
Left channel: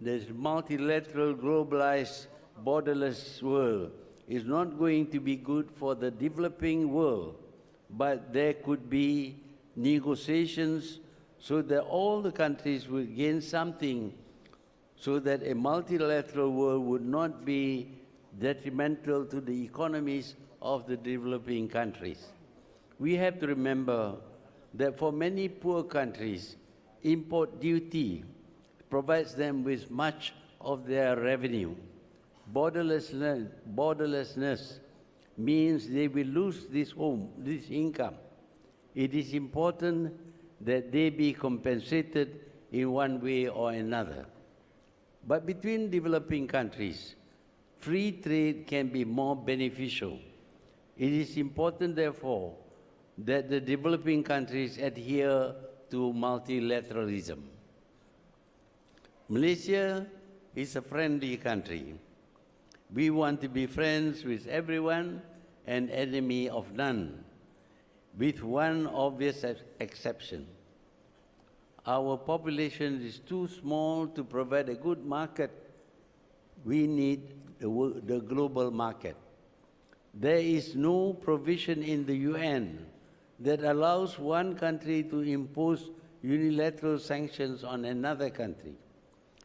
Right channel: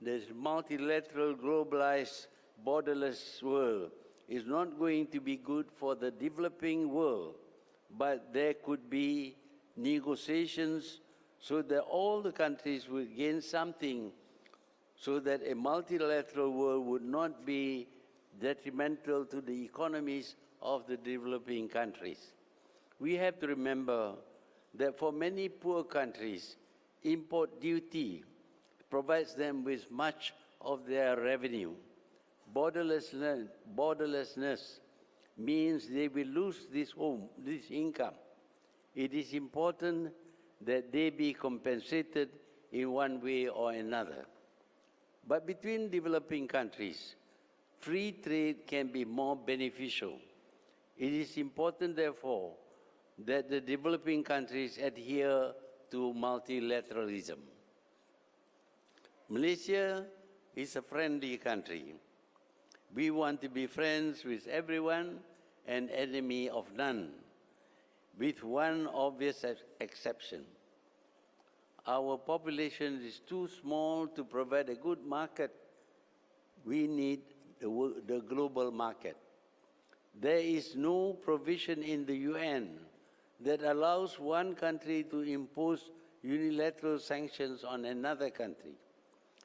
this multilateral, globalized, borderless world is not going to be good for the developing world, but there could be negotiations so that all the countries will gain something, so that a multilateral world would not be detrimental to the economies of the developing countries. We have to remember that for many poor countries, import duty provides them with much of their revenue. Borderlessness means they will lose this income. It is important that they be compensated in one way or another. But between developing countries, free trade can be more beneficial. It is important, therefore, that the developing countries adhere to multilateralism. Malaysia is a friendly country. We want to be friends with everyone and enemy of none, with one obvious exception. Our population is too small to provide a good market. We need the global market. There is no provision in the UN that allows one country to impose unilateral sanctions on another country.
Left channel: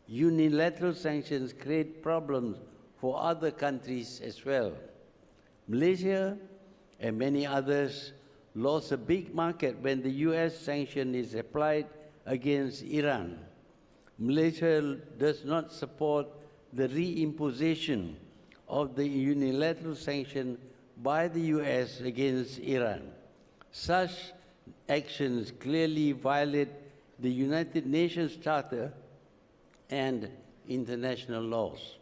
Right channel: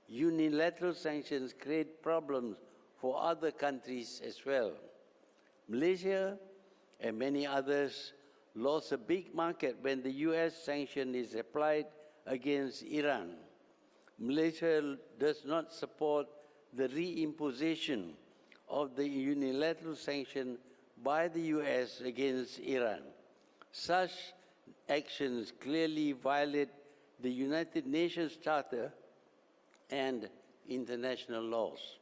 Unilateral sanctions create problems for other countries as well. Malaysia and many others lost a big market when the US sanction is applied against Iran. Malaysia does not support the reimposition of the unilateral sanction by the US against Iran. Such actions clearly violate the United Nations Charter and international laws.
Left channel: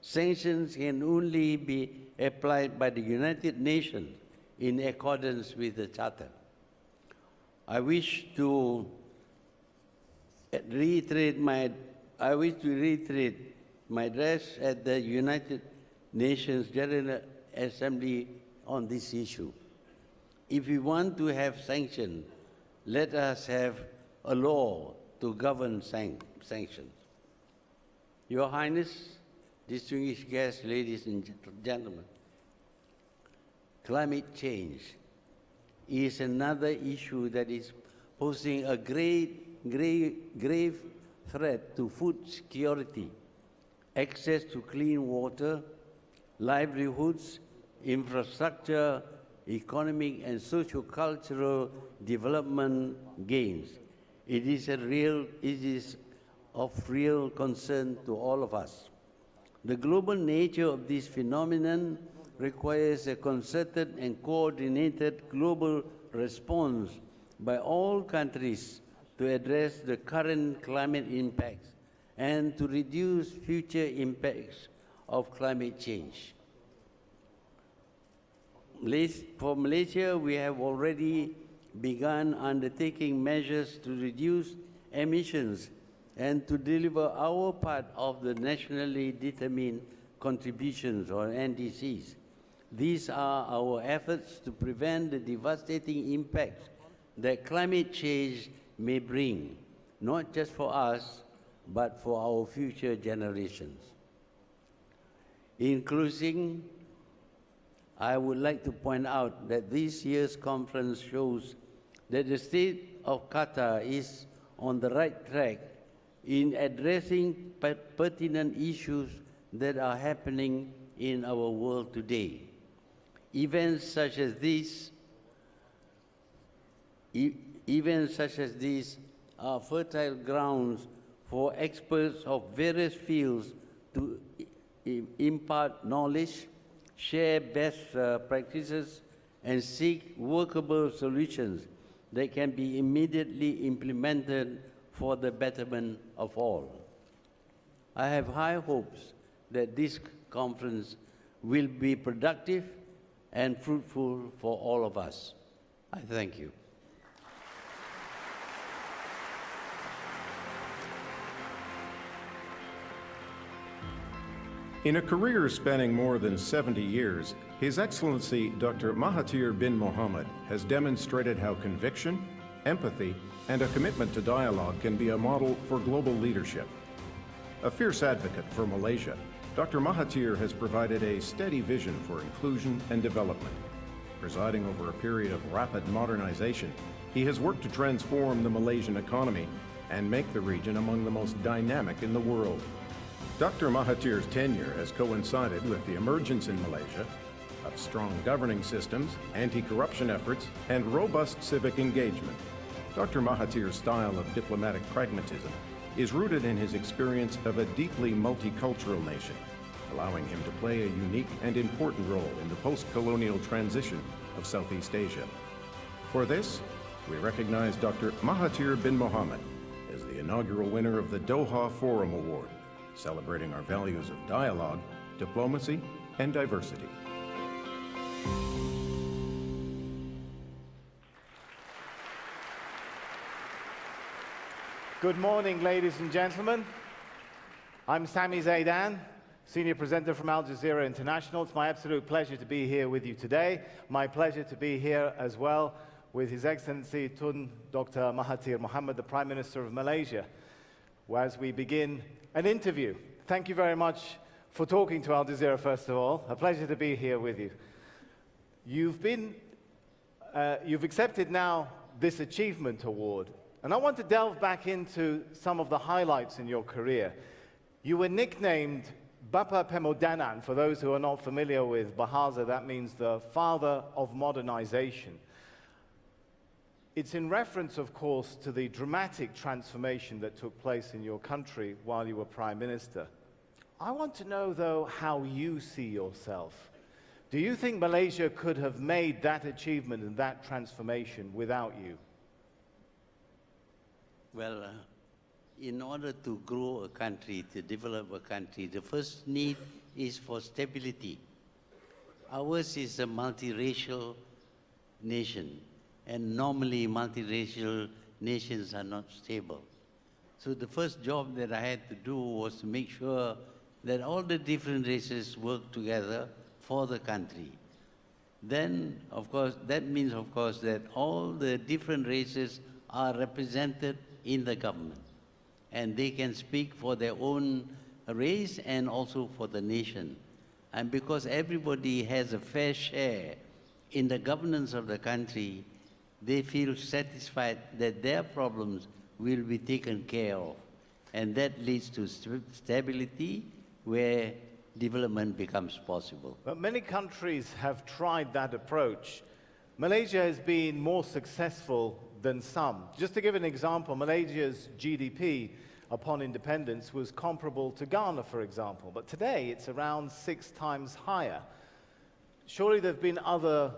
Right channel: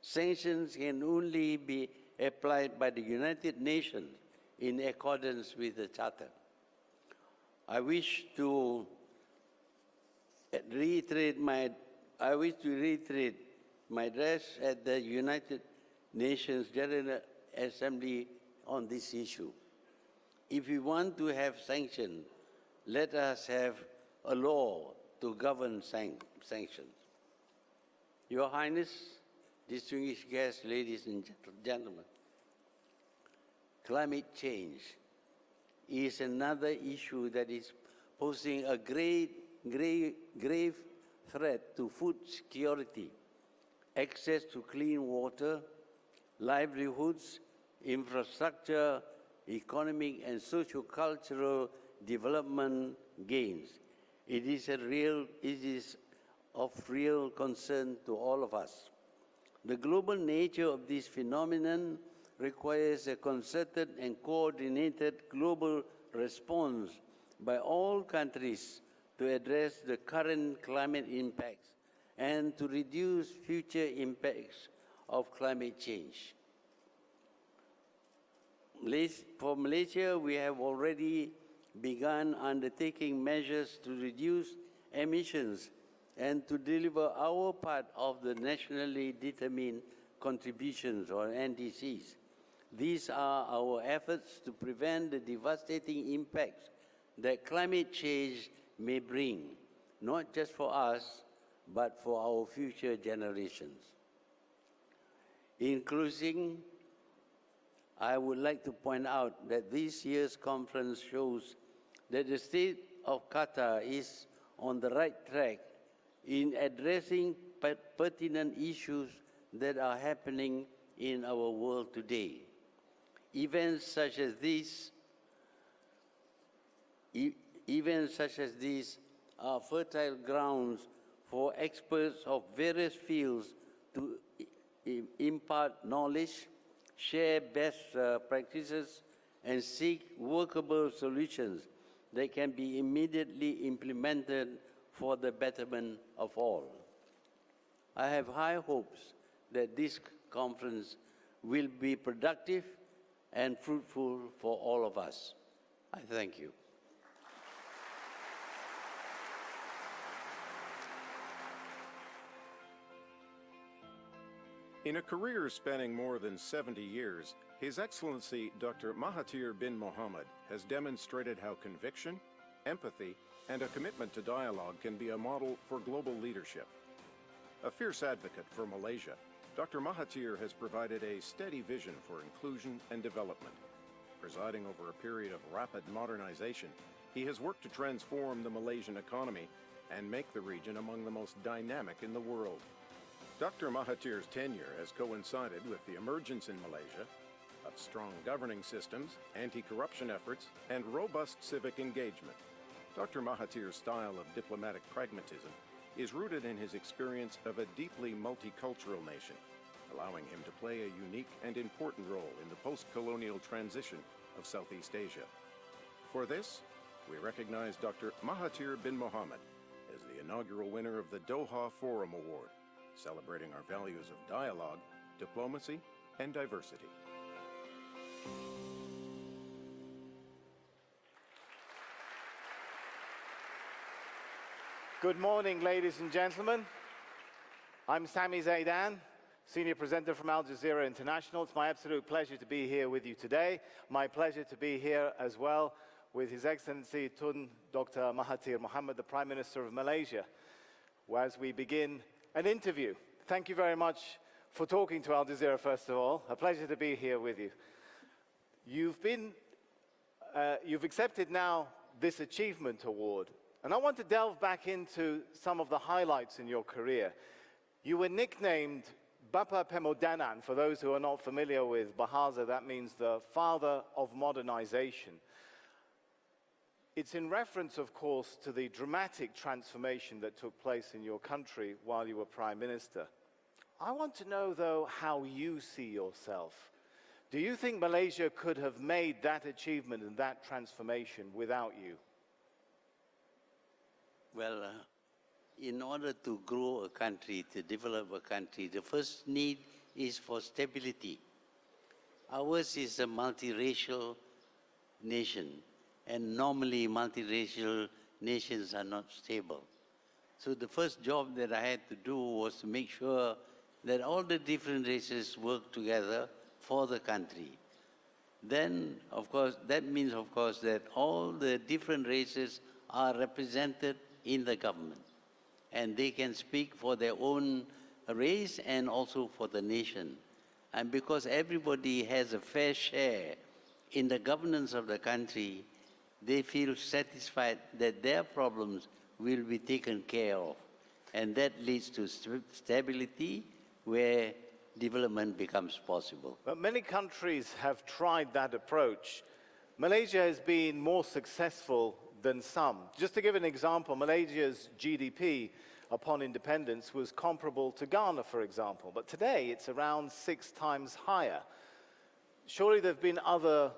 Sanctions can only be applied by the United Nations in accordance with the Charter. I wish to reiterate my address at the United Nations General Assembly on this issue. If we want to have sanctions, let us have a law to govern sanctions. Your Highness, distinguished guests, ladies and gentlemen, climate change is another issue that is posing a grave threat to food security, access to clean water, livelihoods, infrastructure, economic and socio-cultural development gains. It is of real concern to all of us. The global nature of this phenomenon requires a concerted and coordinated global response by all countries to address the current climate impacts and to reduce future impacts of climate change. For Malaysia, we have already begun undertaking measures to reduce emissions and to deliver our part of the nationally determined contributions, or NDCs. These are our efforts to prevent the devastating impacts that climate change may bring, not just for us, but for our future generations. In closing, I would like to point out that this year's conference shows that the state of Qatar is on the right track in addressing pertinent issues that are happening in our world today. Events such as these are fertile grounds for experts of various fields to impart knowledge, share best practices, and seek workable solutions that can be immediately implemented for the betterment of all. I have high hopes that this conference will be productive and fruitful for all of us. I thank you. In a career spanning more than 70 years, His Excellency Dr. Mahathir bin Mohamad has demonstrated how conviction, empathy, and a commitment to dialogue can be a model for global leadership. A fierce advocate for Malaysia, Dr. Mahathir has provided a steady vision for inclusion and development. Presiding over a period of rapid modernization, he has worked to transform the Malaysian economy and make the region among the most dynamic in the world. Dr. Mahathir's tenure has coincided with the emergence in Malaysia of strong governing systems, anti-corruption efforts, and robust civic engagement. Dr. Mahathir's style of diplomatic pragmatism is rooted in his experience of a deeply multicultural nation, allowing him to play a unique and important role in the post-colonial transition of Southeast Asia. For this, we recognize Dr. Mahathir bin Mohamad as the inaugural winner of the Doha Forum Award, celebrating our values of dialogue, diplomacy, and diversity. Good morning, ladies and gentlemen. I'm Sami Zaidan, senior presenter from Al Jazeera International. It's my absolute pleasure to be here with you today. My pleasure to be here as well with His Excellency Tun Dr. Mahathir Mohamad, the Prime Minister of Malaysia, as we begin an interview. Thank you very much for talking to Al Jazeera, first of all. A pleasure to be here with you. You've accepted now this Achievement Award. And I want to delve back into some of the highlights in your career. You were nicknamed Bapa Pemodanan. For those who are not familiar with Bahasa, that means the father of modernization. It's in reference, of course, to the dramatic transformation that took place in your country while you were Prime Minister. I want to know, though, how you see yourself. Do you think Malaysia could have made that achievement and that transformation without you? Well, in order to grow a country, to develop a country, the first need is for stability. Ours is a multiracial nation, and normally multiracial nations are not stable. So the first job that I had to do was to make sure that all the different races work together for the country. Then, of course, that means, of course, that all the different races are represented in the government, and they can speak for their own race and also for the nation. And because everybody has a fair share in the governance of the country, they feel satisfied that their problems will be taken care of. And that leads to stability where development becomes possible. But many countries have tried that approach. Malaysia has been more successful than some. Just to give an example, Malaysia's GDP upon independence was comparable to Ghana, for example, but today it's around 6 times higher. Surely there have been other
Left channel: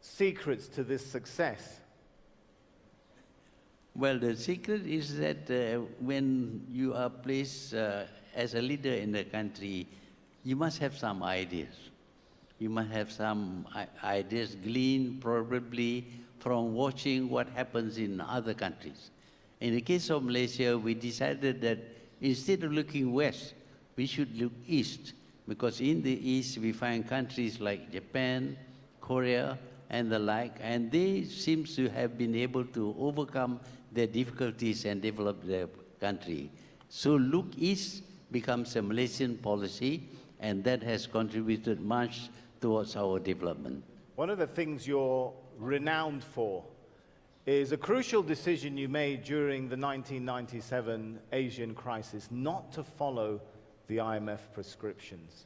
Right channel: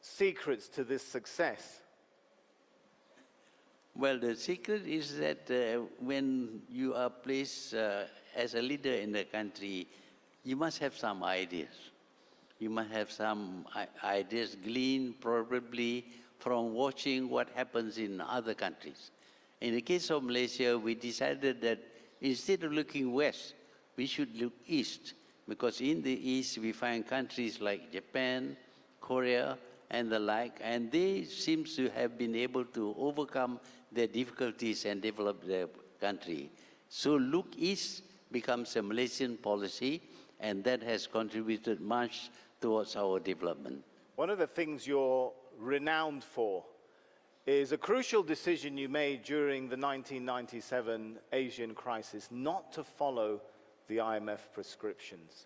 secrets to this success. Well, the secret is that when you are placed as a leader in the country, you must have some ideas. You must have some ideas gleaned probably from watching what happens in other countries. In the case of Malaysia, we decided that instead of looking west, we should look east, because in the east we find countries like Japan, Korea, and the like, and they seem to have been able to overcome their difficulties and develop their country. So look east becomes a Malaysian policy, and that has contributed much towards our development. One of the things you're renowned for is a crucial decision you made during the 1997 Asian crisis not to follow the IMF prescriptions.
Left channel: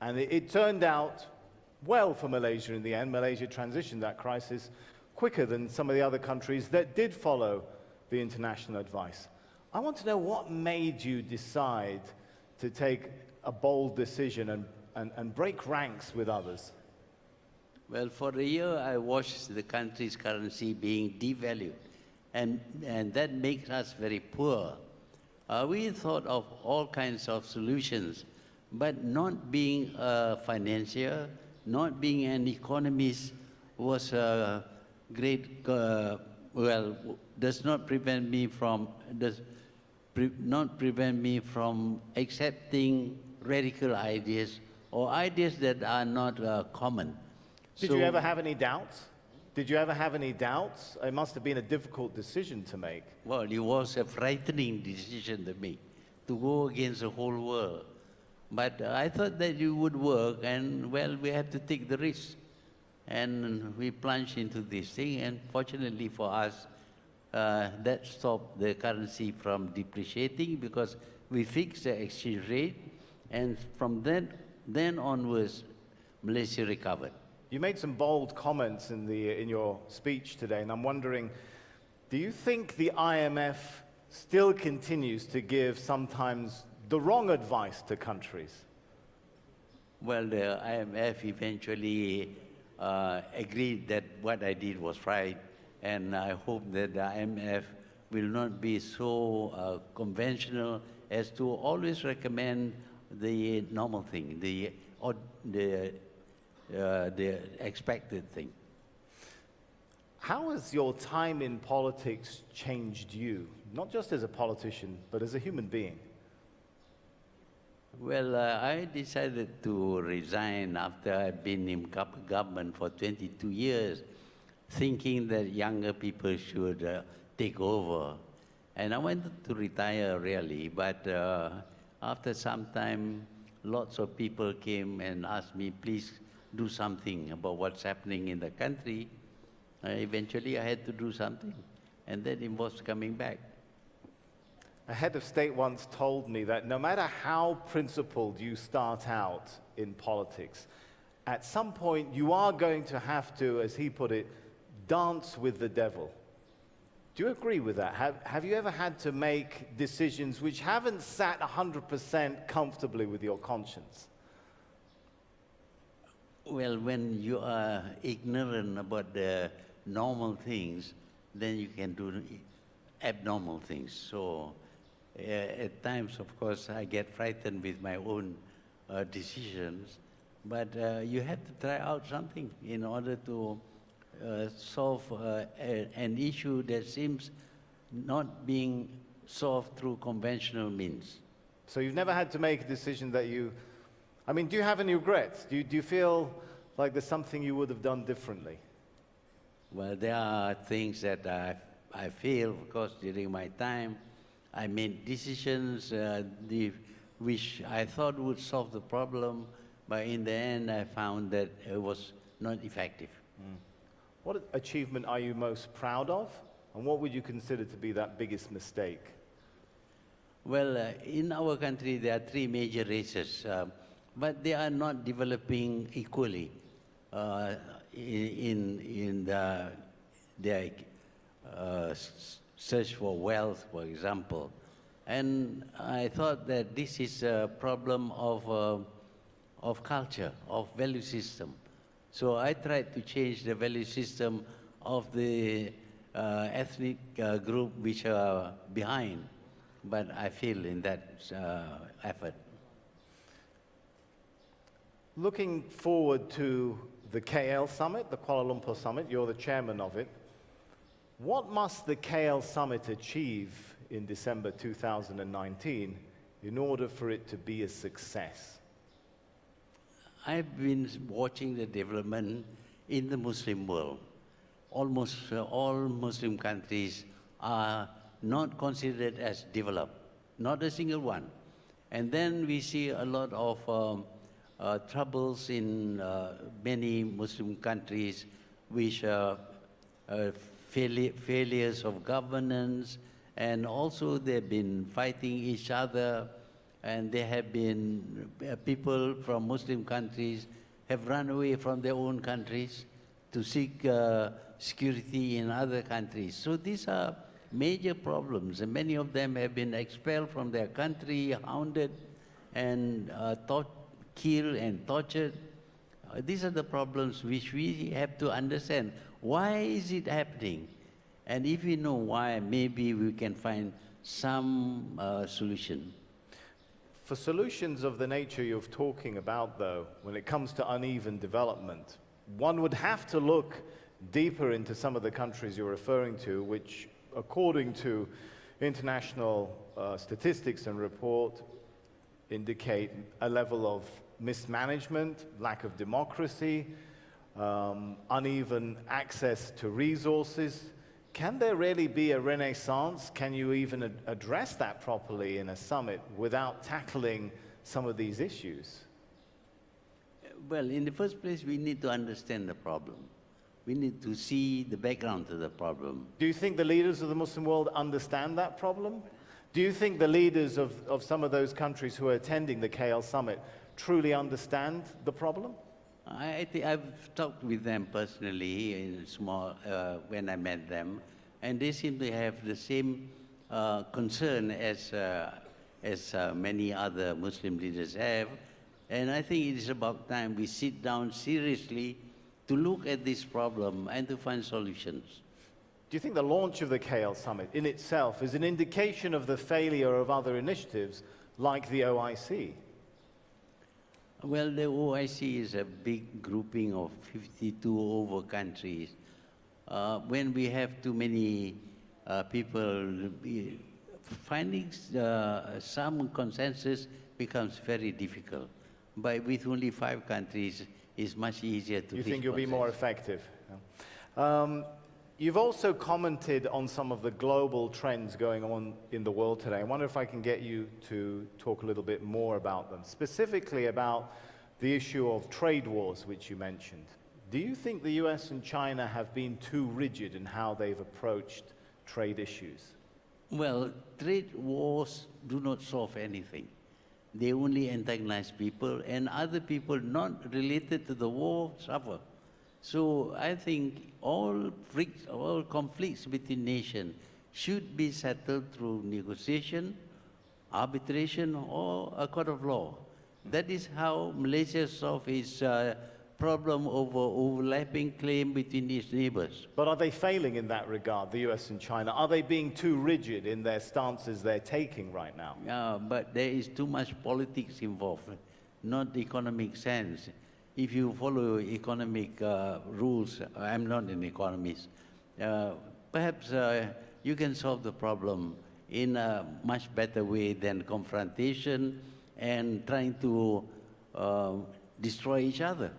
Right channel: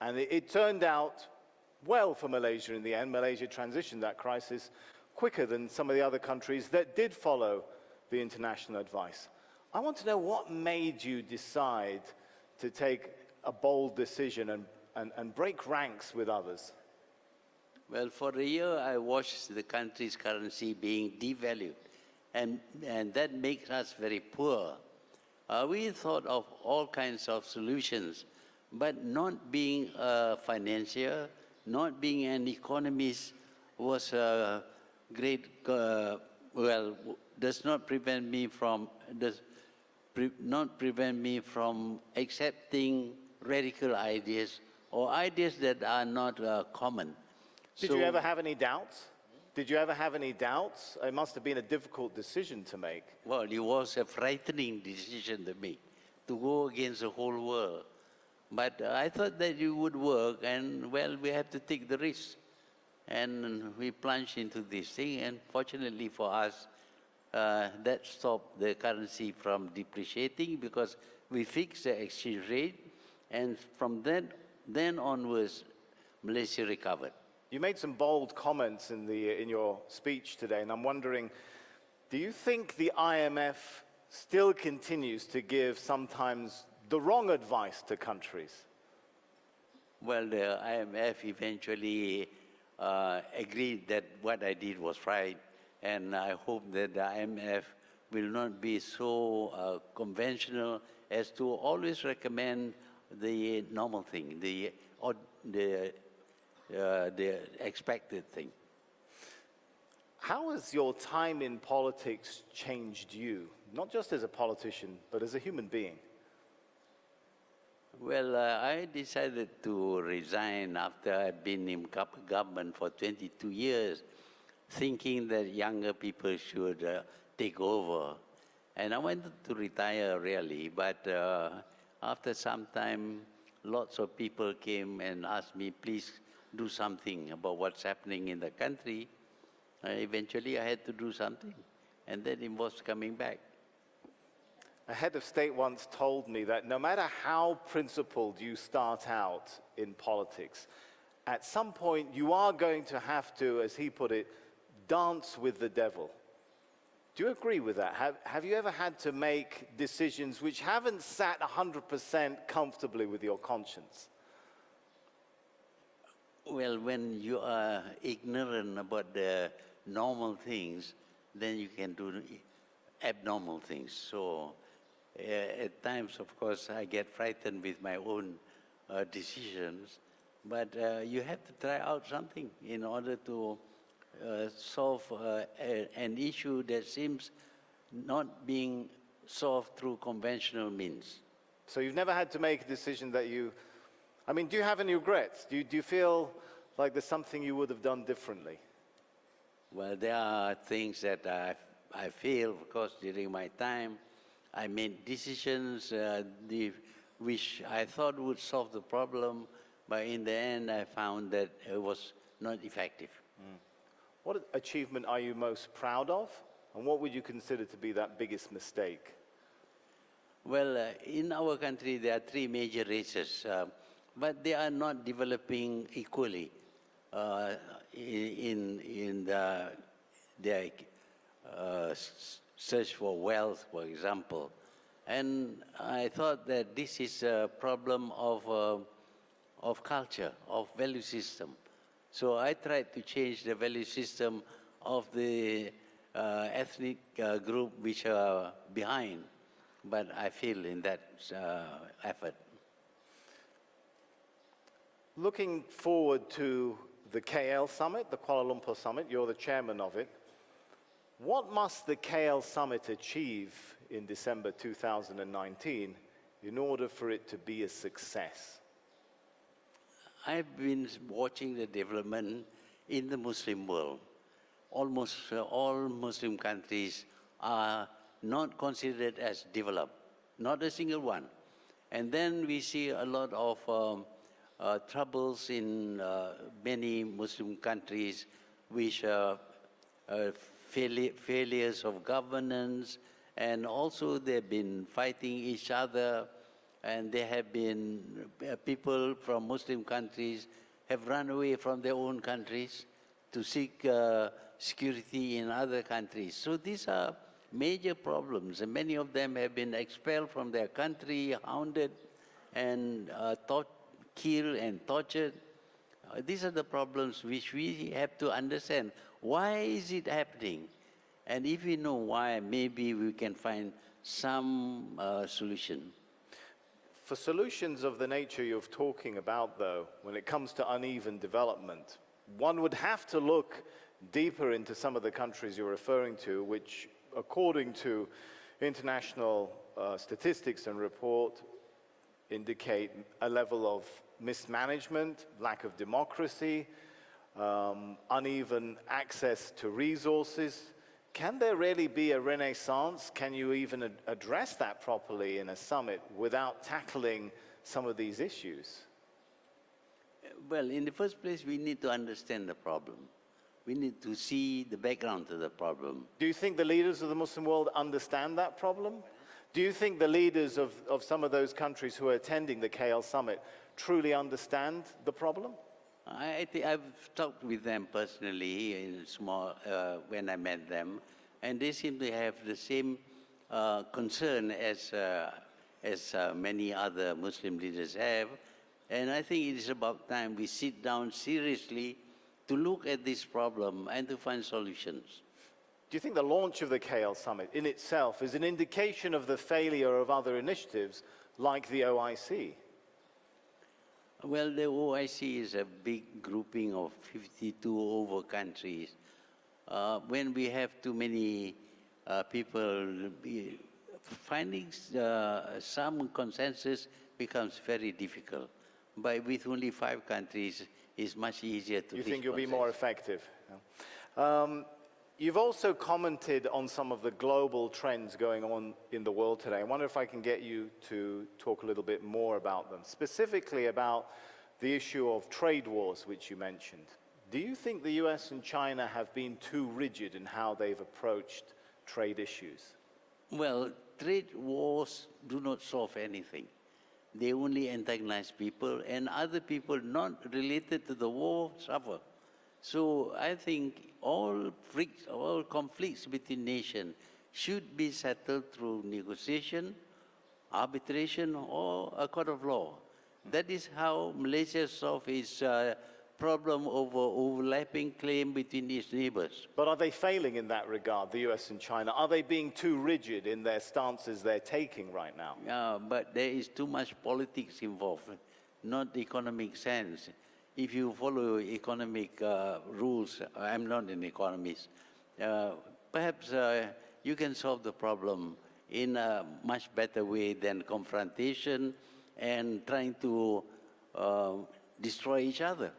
And it turned out well for Malaysia in the end. Malaysia transitioned that crisis quicker than some of the other countries that did follow the international advice. I want to know what made you decide to take a bold decision and break ranks with others. Well, for a year I watched the country's currency being devalued, and that makes us very poor. We thought of all kinds of solutions, but not being a financier, not being an economist was a great, does not prevent me from accepting radical ideas or ideas that are not common. Did you ever have any doubts? Did you ever have any doubts? It must have been a difficult decision to make. Well, it was a frightening decision to make, to go against the whole world. But I thought that it would work, and well, we had to take the risk. And we plunged into this thing, and fortunately for us, that stopped the currency from depreciating because we fixed the exchange rate, and from then onwards, Malaysia recovered. You made some bold comments in your speech today, and I'm wondering, do you think the IMF still continues to give sometimes the wrong advice to countries? Well, the IMF eventually agreed that what I did was right, and I hope that the IMF will not be so conventional as to always recommend the normal thing, the expected thing. How has your time in politics changed you, not just as a politician, but as a human being? Well, I decided to resign after I've been in government for 22 years, thinking that younger people should take over. And I wanted to retire really, but after some time, lots of people came and asked me, please do something about what's happening in the country. Eventually I had to do something, and that involves coming back. A head of state once told me that no matter how principled you start out in politics, at some point you are going to have to, as he put it, dance with the devil. Do you agree with that? Have you ever had to make decisions which haven't sat 100% comfortably with your conscience? Well, when you are ignorant about the normal things, then you can do abnormal things. So at times, of course, I get frightened with my own decisions, but you have to try out something in order to solve an issue that seems not being solved through conventional means. So you've never had to make a decision that you, I mean, do you have any regrets? Do you feel like there's something you would have done differently? Well, there are things that I feel, of course, during my time. I made decisions which I thought would solve the problem, but in the end I found that it was not effective. What achievement are you most proud of, and what would you consider to be that biggest mistake? Well, in our country there are three major races, but they are not developing equally in their search for wealth, for example. And I thought that this is a problem of culture, of value system. So I tried to change the value system of the ethnic group which are behind, but I failed in that effort. Looking forward to the KL Summit, the Kuala Lumpur Summit, you're the chairman of it. What must the KL Summit achieve in December 2019 in order for it to be a success? I've been watching the development in the Muslim world. Almost all Muslim countries are not considered as developed, not a single one. And then we see a lot of troubles in many Muslim countries, which are failures of governance, and also they've been fighting each other, and there have been people from Muslim countries have run away from their own countries to seek security in other countries. So these are major problems, and many of them have been expelled from their country, hounded, and killed and tortured. These are the problems which we have to understand. Why is it happening? And if we know why, maybe we can find some solution. For solutions of the nature you're talking about, though, when it comes to uneven development, one would have to look deeper into some of the countries you're referring to, which, according to international statistics and report, indicate a level of mismanagement, lack of democracy, uneven access to resources. Can there really be a renaissance? Can you even address that properly in a summit without tackling some of these issues? Well, in the first place, we need to understand the problem. We need to see the background to the problem. Do you think the leaders of the Muslim world understand that problem? Do you think the leaders of some of those countries who are attending the KL Summit truly understand the problem? I think I've talked with them personally in small when I met them, and they seem to have the same concern as many other Muslim leaders have. And I think it is about time we sit down seriously to look at this problem and to find solutions. Do you think the launch of the KL Summit in itself is an indication of the failure of other initiatives like the OIC? Well, the OIC is a big grouping of 52 over countries. When we have too many people, finding some consensus becomes very difficult. But with only 5 countries, it's much easier to. You think you'll be more effective? You've also commented on some of the global trends going on in the world today. I wonder if I can get you to talk a little bit more about them, specifically about the issue of trade wars, which you mentioned. Do you think the US and China have been too rigid in how they've approached trade issues? Well, trade wars do not solve anything. They only antagonize people, and other people not related to the war suffer. So I think all conflicts between nations should be settled through negotiation, arbitration, or a court of law. That is how Malaysia solved its problem over overlapping claim between its neighbors. But are they failing in that regard, the US and China? Are they being too rigid in their stances they're taking right now? But there is too much politics involved, not economic sense. If you follow economic rules, I'm not an economist, perhaps you can solve the problem in a much better way than confrontation and trying to destroy each other.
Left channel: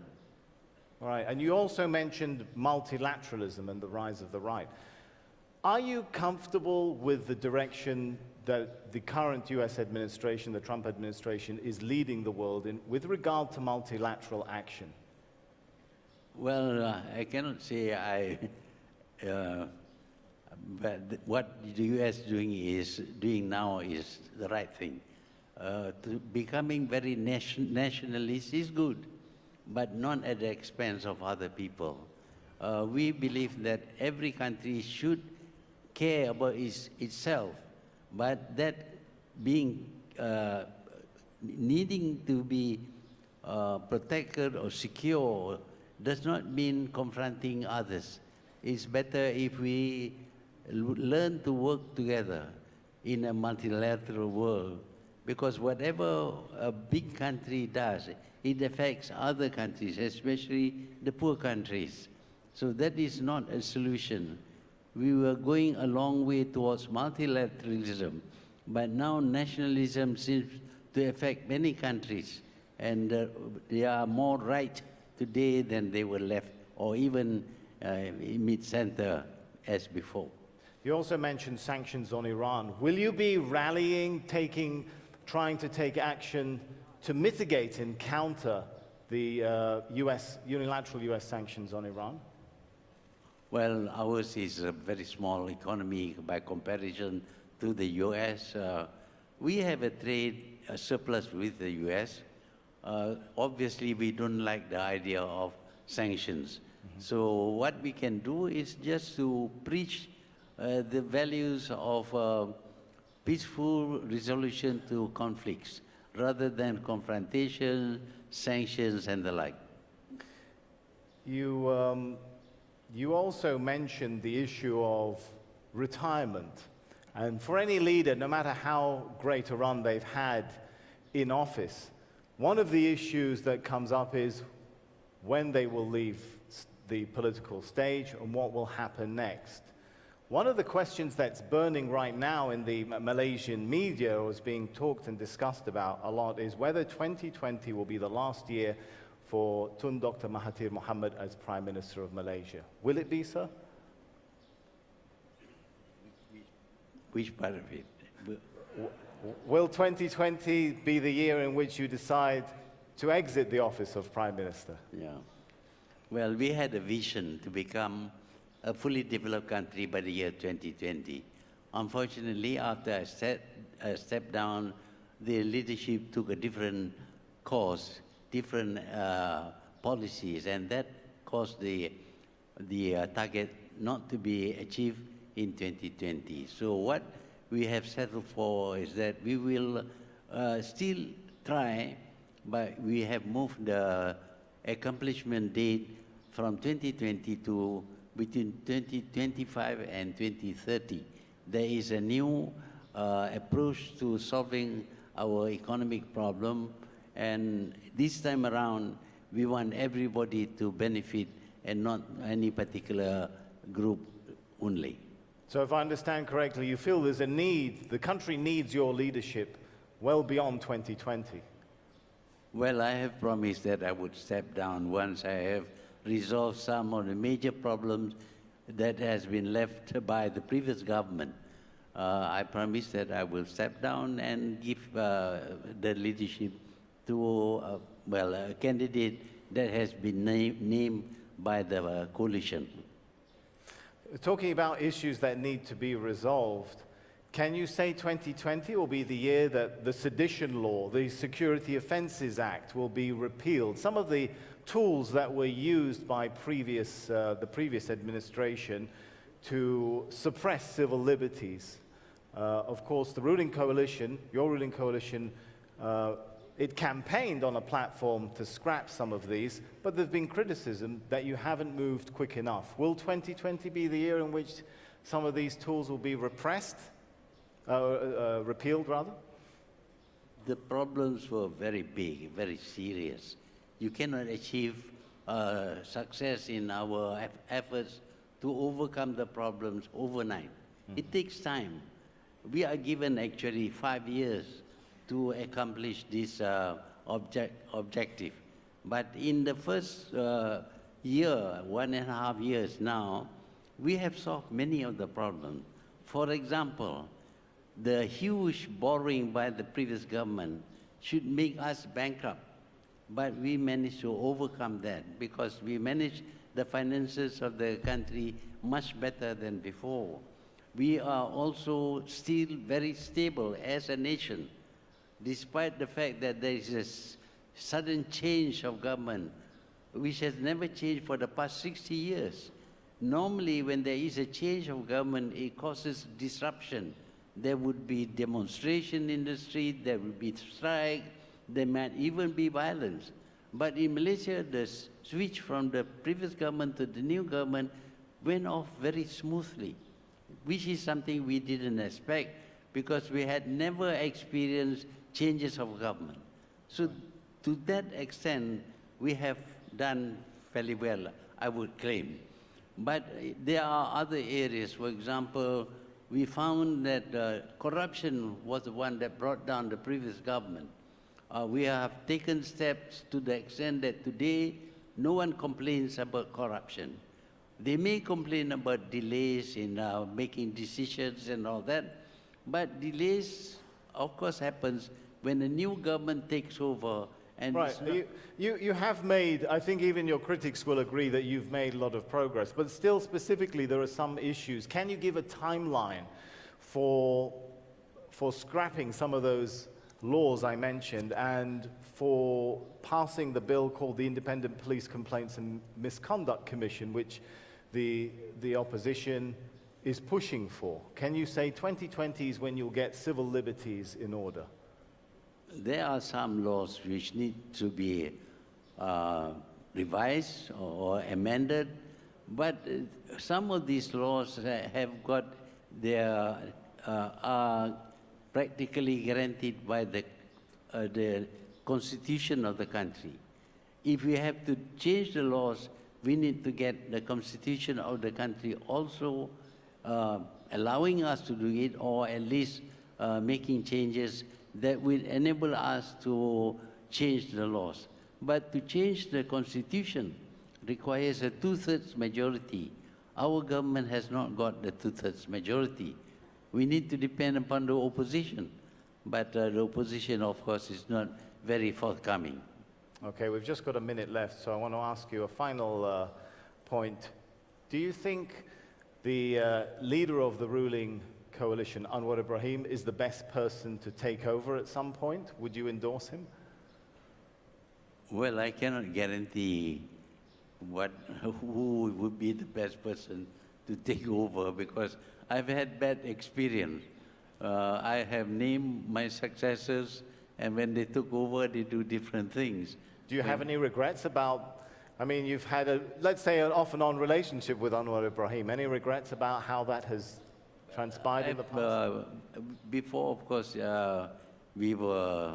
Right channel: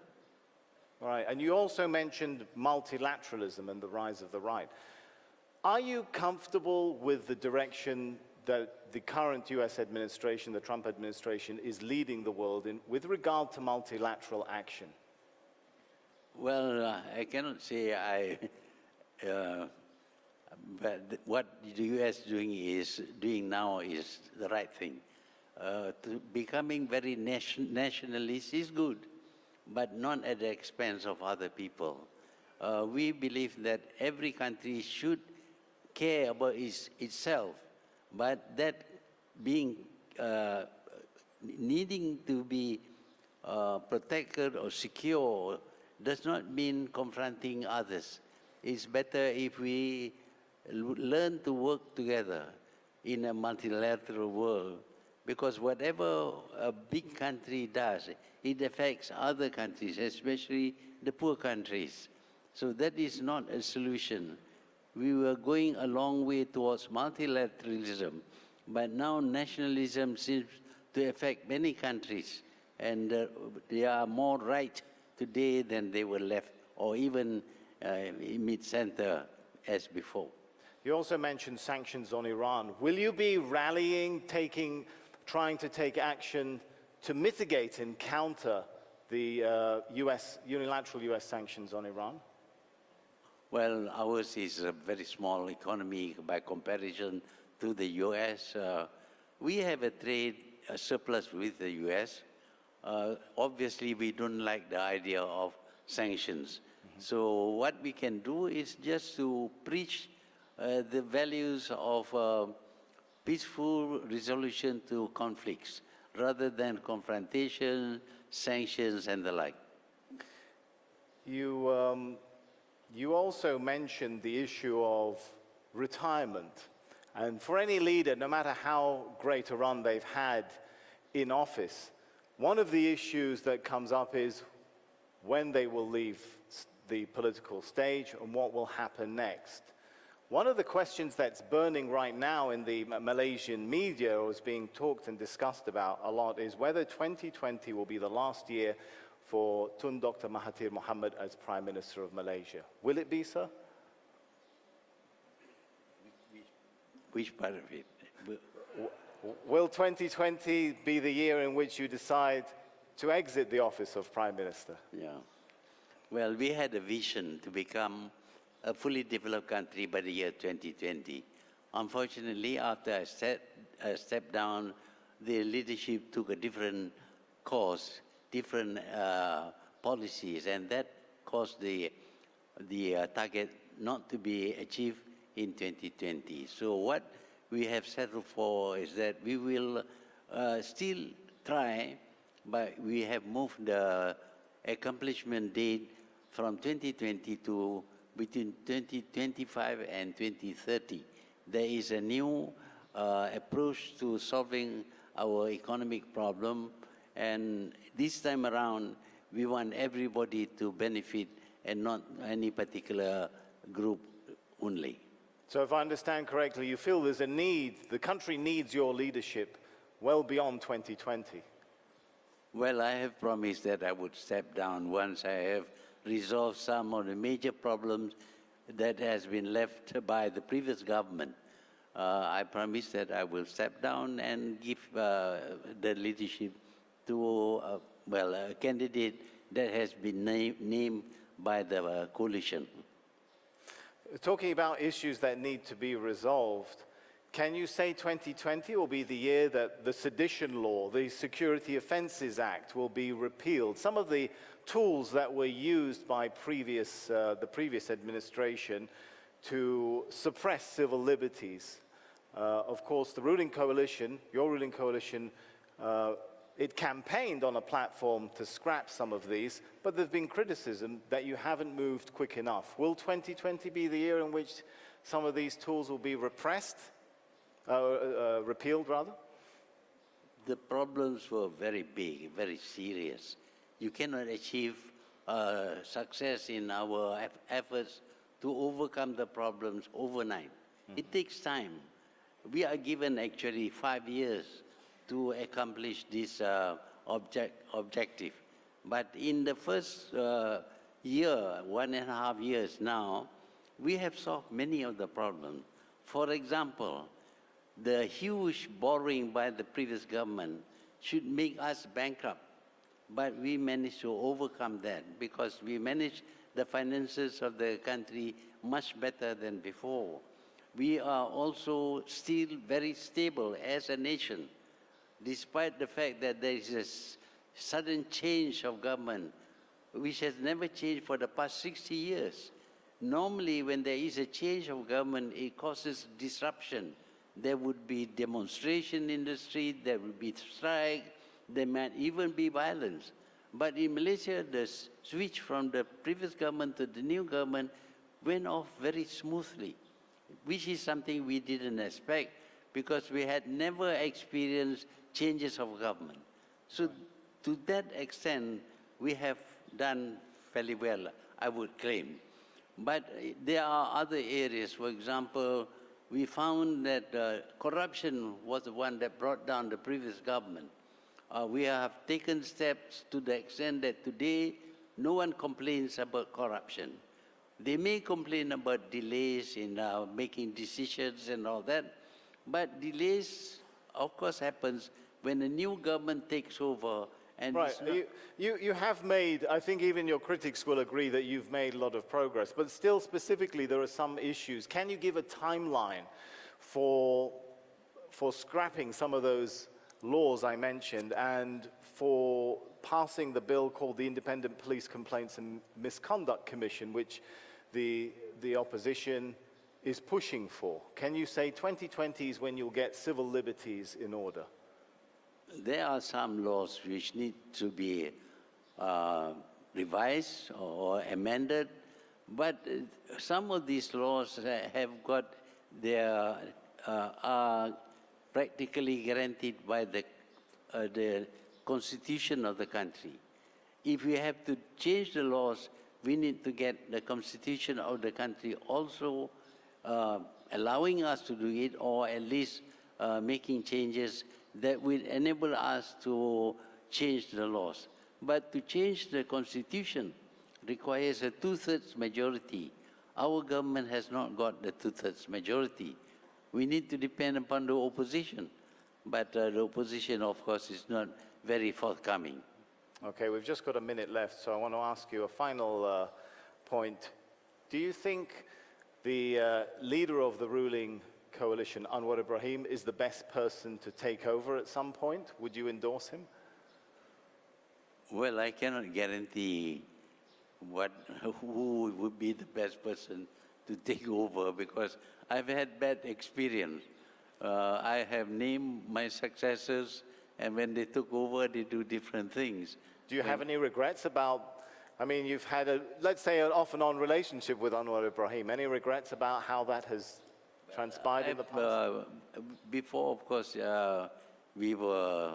All right, and you also mentioned multilateralism and the rise of the right. Are you comfortable with the direction that the current US administration, the Trump administration, is leading the world in with regard to multilateral action? Well, I cannot say but what the US doing now is the right thing. Becoming very nationalist is good, but not at the expense of other people. We believe that every country should care about itself, but that being needing to be protected or secure does not mean confronting others. It's better if we learn to work together in a multilateral world, because whatever a big country does, it affects other countries, especially the poor countries. So that is not a solution. We were going a long way towards multilateralism, but now nationalism seems to affect many countries, and they are more right today than they were left, or even in mid-center as before. You also mentioned sanctions on Iran. Will you be rallying, trying to take action to mitigate and counter the unilateral US sanctions on Iran? Well, ours is a very small economy by comparison to the US. We have a trade surplus with the US. Obviously, we don't like the idea of sanctions. So what we can do is just to preach the values of peaceful resolution to conflicts, rather than confrontation, sanctions, and the like. You also mentioned the issue of retirement. And for any leader, no matter how great a run they've had in office, one of the issues that comes up is when they will leave the political stage and what will happen next. One of the questions that's burning right now in the Malaysian media, or is being talked and discussed about a lot, is whether 2020 will be the last year for Tun Dr. Mahathir Mohamad as Prime Minister of Malaysia. Will it be, sir? Which part of it? Will 2020 be the year in which you decide to exit the office of Prime Minister? Yeah. Well, we had a vision to become a fully developed country by the year 2020. Unfortunately, after I stepped down, the leadership took a different course, different policies, and that caused the target not to be achieved in 2020. So what we have settled for is that we will still try, but we have moved the accomplishment date from 2020 to between 2025 and 2030. There is a new approach to solving our economic problem, and this time around, we want everybody to benefit and not any particular group only. So if I understand correctly, you feel there's a need, the country needs your leadership well beyond 2020. Well, I have promised that I would step down once I have resolved some of the major problems that has been left by the previous government. I promise that I will step down and give the leadership to a candidate that has been named by the coalition. Talking about issues that need to be resolved, can you say 2020 will be the year that the sedition law, the Security Offences Act, will be repealed? Some of the tools that were used by the previous administration to suppress civil liberties. Of course, the ruling coalition, your ruling coalition, it campaigned on a platform to scrap some of these, but there's been criticism that you haven't moved quick enough. Will 2020 be the year in which some of these tools will be repressed, repealed rather? The problems were very big, very serious. You cannot achieve success in our efforts to overcome the problems overnight. It takes time. We are given actually 5 years to accomplish this objective. But in the first year, 1.5 years now, we have solved many of the problems. For example, the huge borrowing by the previous government should make us bankrupt. But we managed to overcome that because we managed the finances of the country much better than before. We are also still very stable as a nation, despite the fact that there is a sudden change of government, which has never changed for the past 60 years. Normally, when there is a change of government, it causes disruption. There would be demonstration in the street, there would be strike, there might even be violence. But in Malaysia, the switch from the previous government to the new government went off very smoothly, which is something we didn't expect because we had never experienced changes of government. So to that extent, we have done fairly well, I would claim. But there are other areas. For example, we found that corruption was the one that brought down the previous government. We have taken steps to the extent that today no one complains about corruption. They may complain about delays in making decisions and all that, but delays, of course, happens when a new government takes over. And right. You have made, I think even your critics will agree that you've made a lot of progress, but still specifically there are some issues. Can you give a timeline for scrapping some of those laws I mentioned and for passing the bill called the Independent Police Complaints and Misconduct Commission, which the opposition is pushing for? Can you say 2020 is when you'll get civil liberties in order? There are some laws which need to be revised or amended, but some of these laws have got their are practically guaranteed by the constitution of the country. If we have to change the laws, we need to get the constitution of the country also allowing us to do it, or at least making changes that will enable us to change the laws. But to change the constitution requires a 2/3 majority. Our government has not got the 2/3 majority. We need to depend upon the opposition. But the opposition, of course, is not very forthcoming. Okay, we've just got a minute left, so I want to ask you a final point. Do you think the leader of the ruling coalition, Anwar Ibrahim, is the best person to take over at some point? Would you endorse him? Well, I cannot guarantee who would be the best person to take over because I've had bad experience. I have named my successors, and when they took over, they do different things. Do you have any regrets about, I mean, you've had, let's say, an off-and-on relationship with Anwar Ibrahim. Any regrets about how that has transpired in the past? Before, of course, we were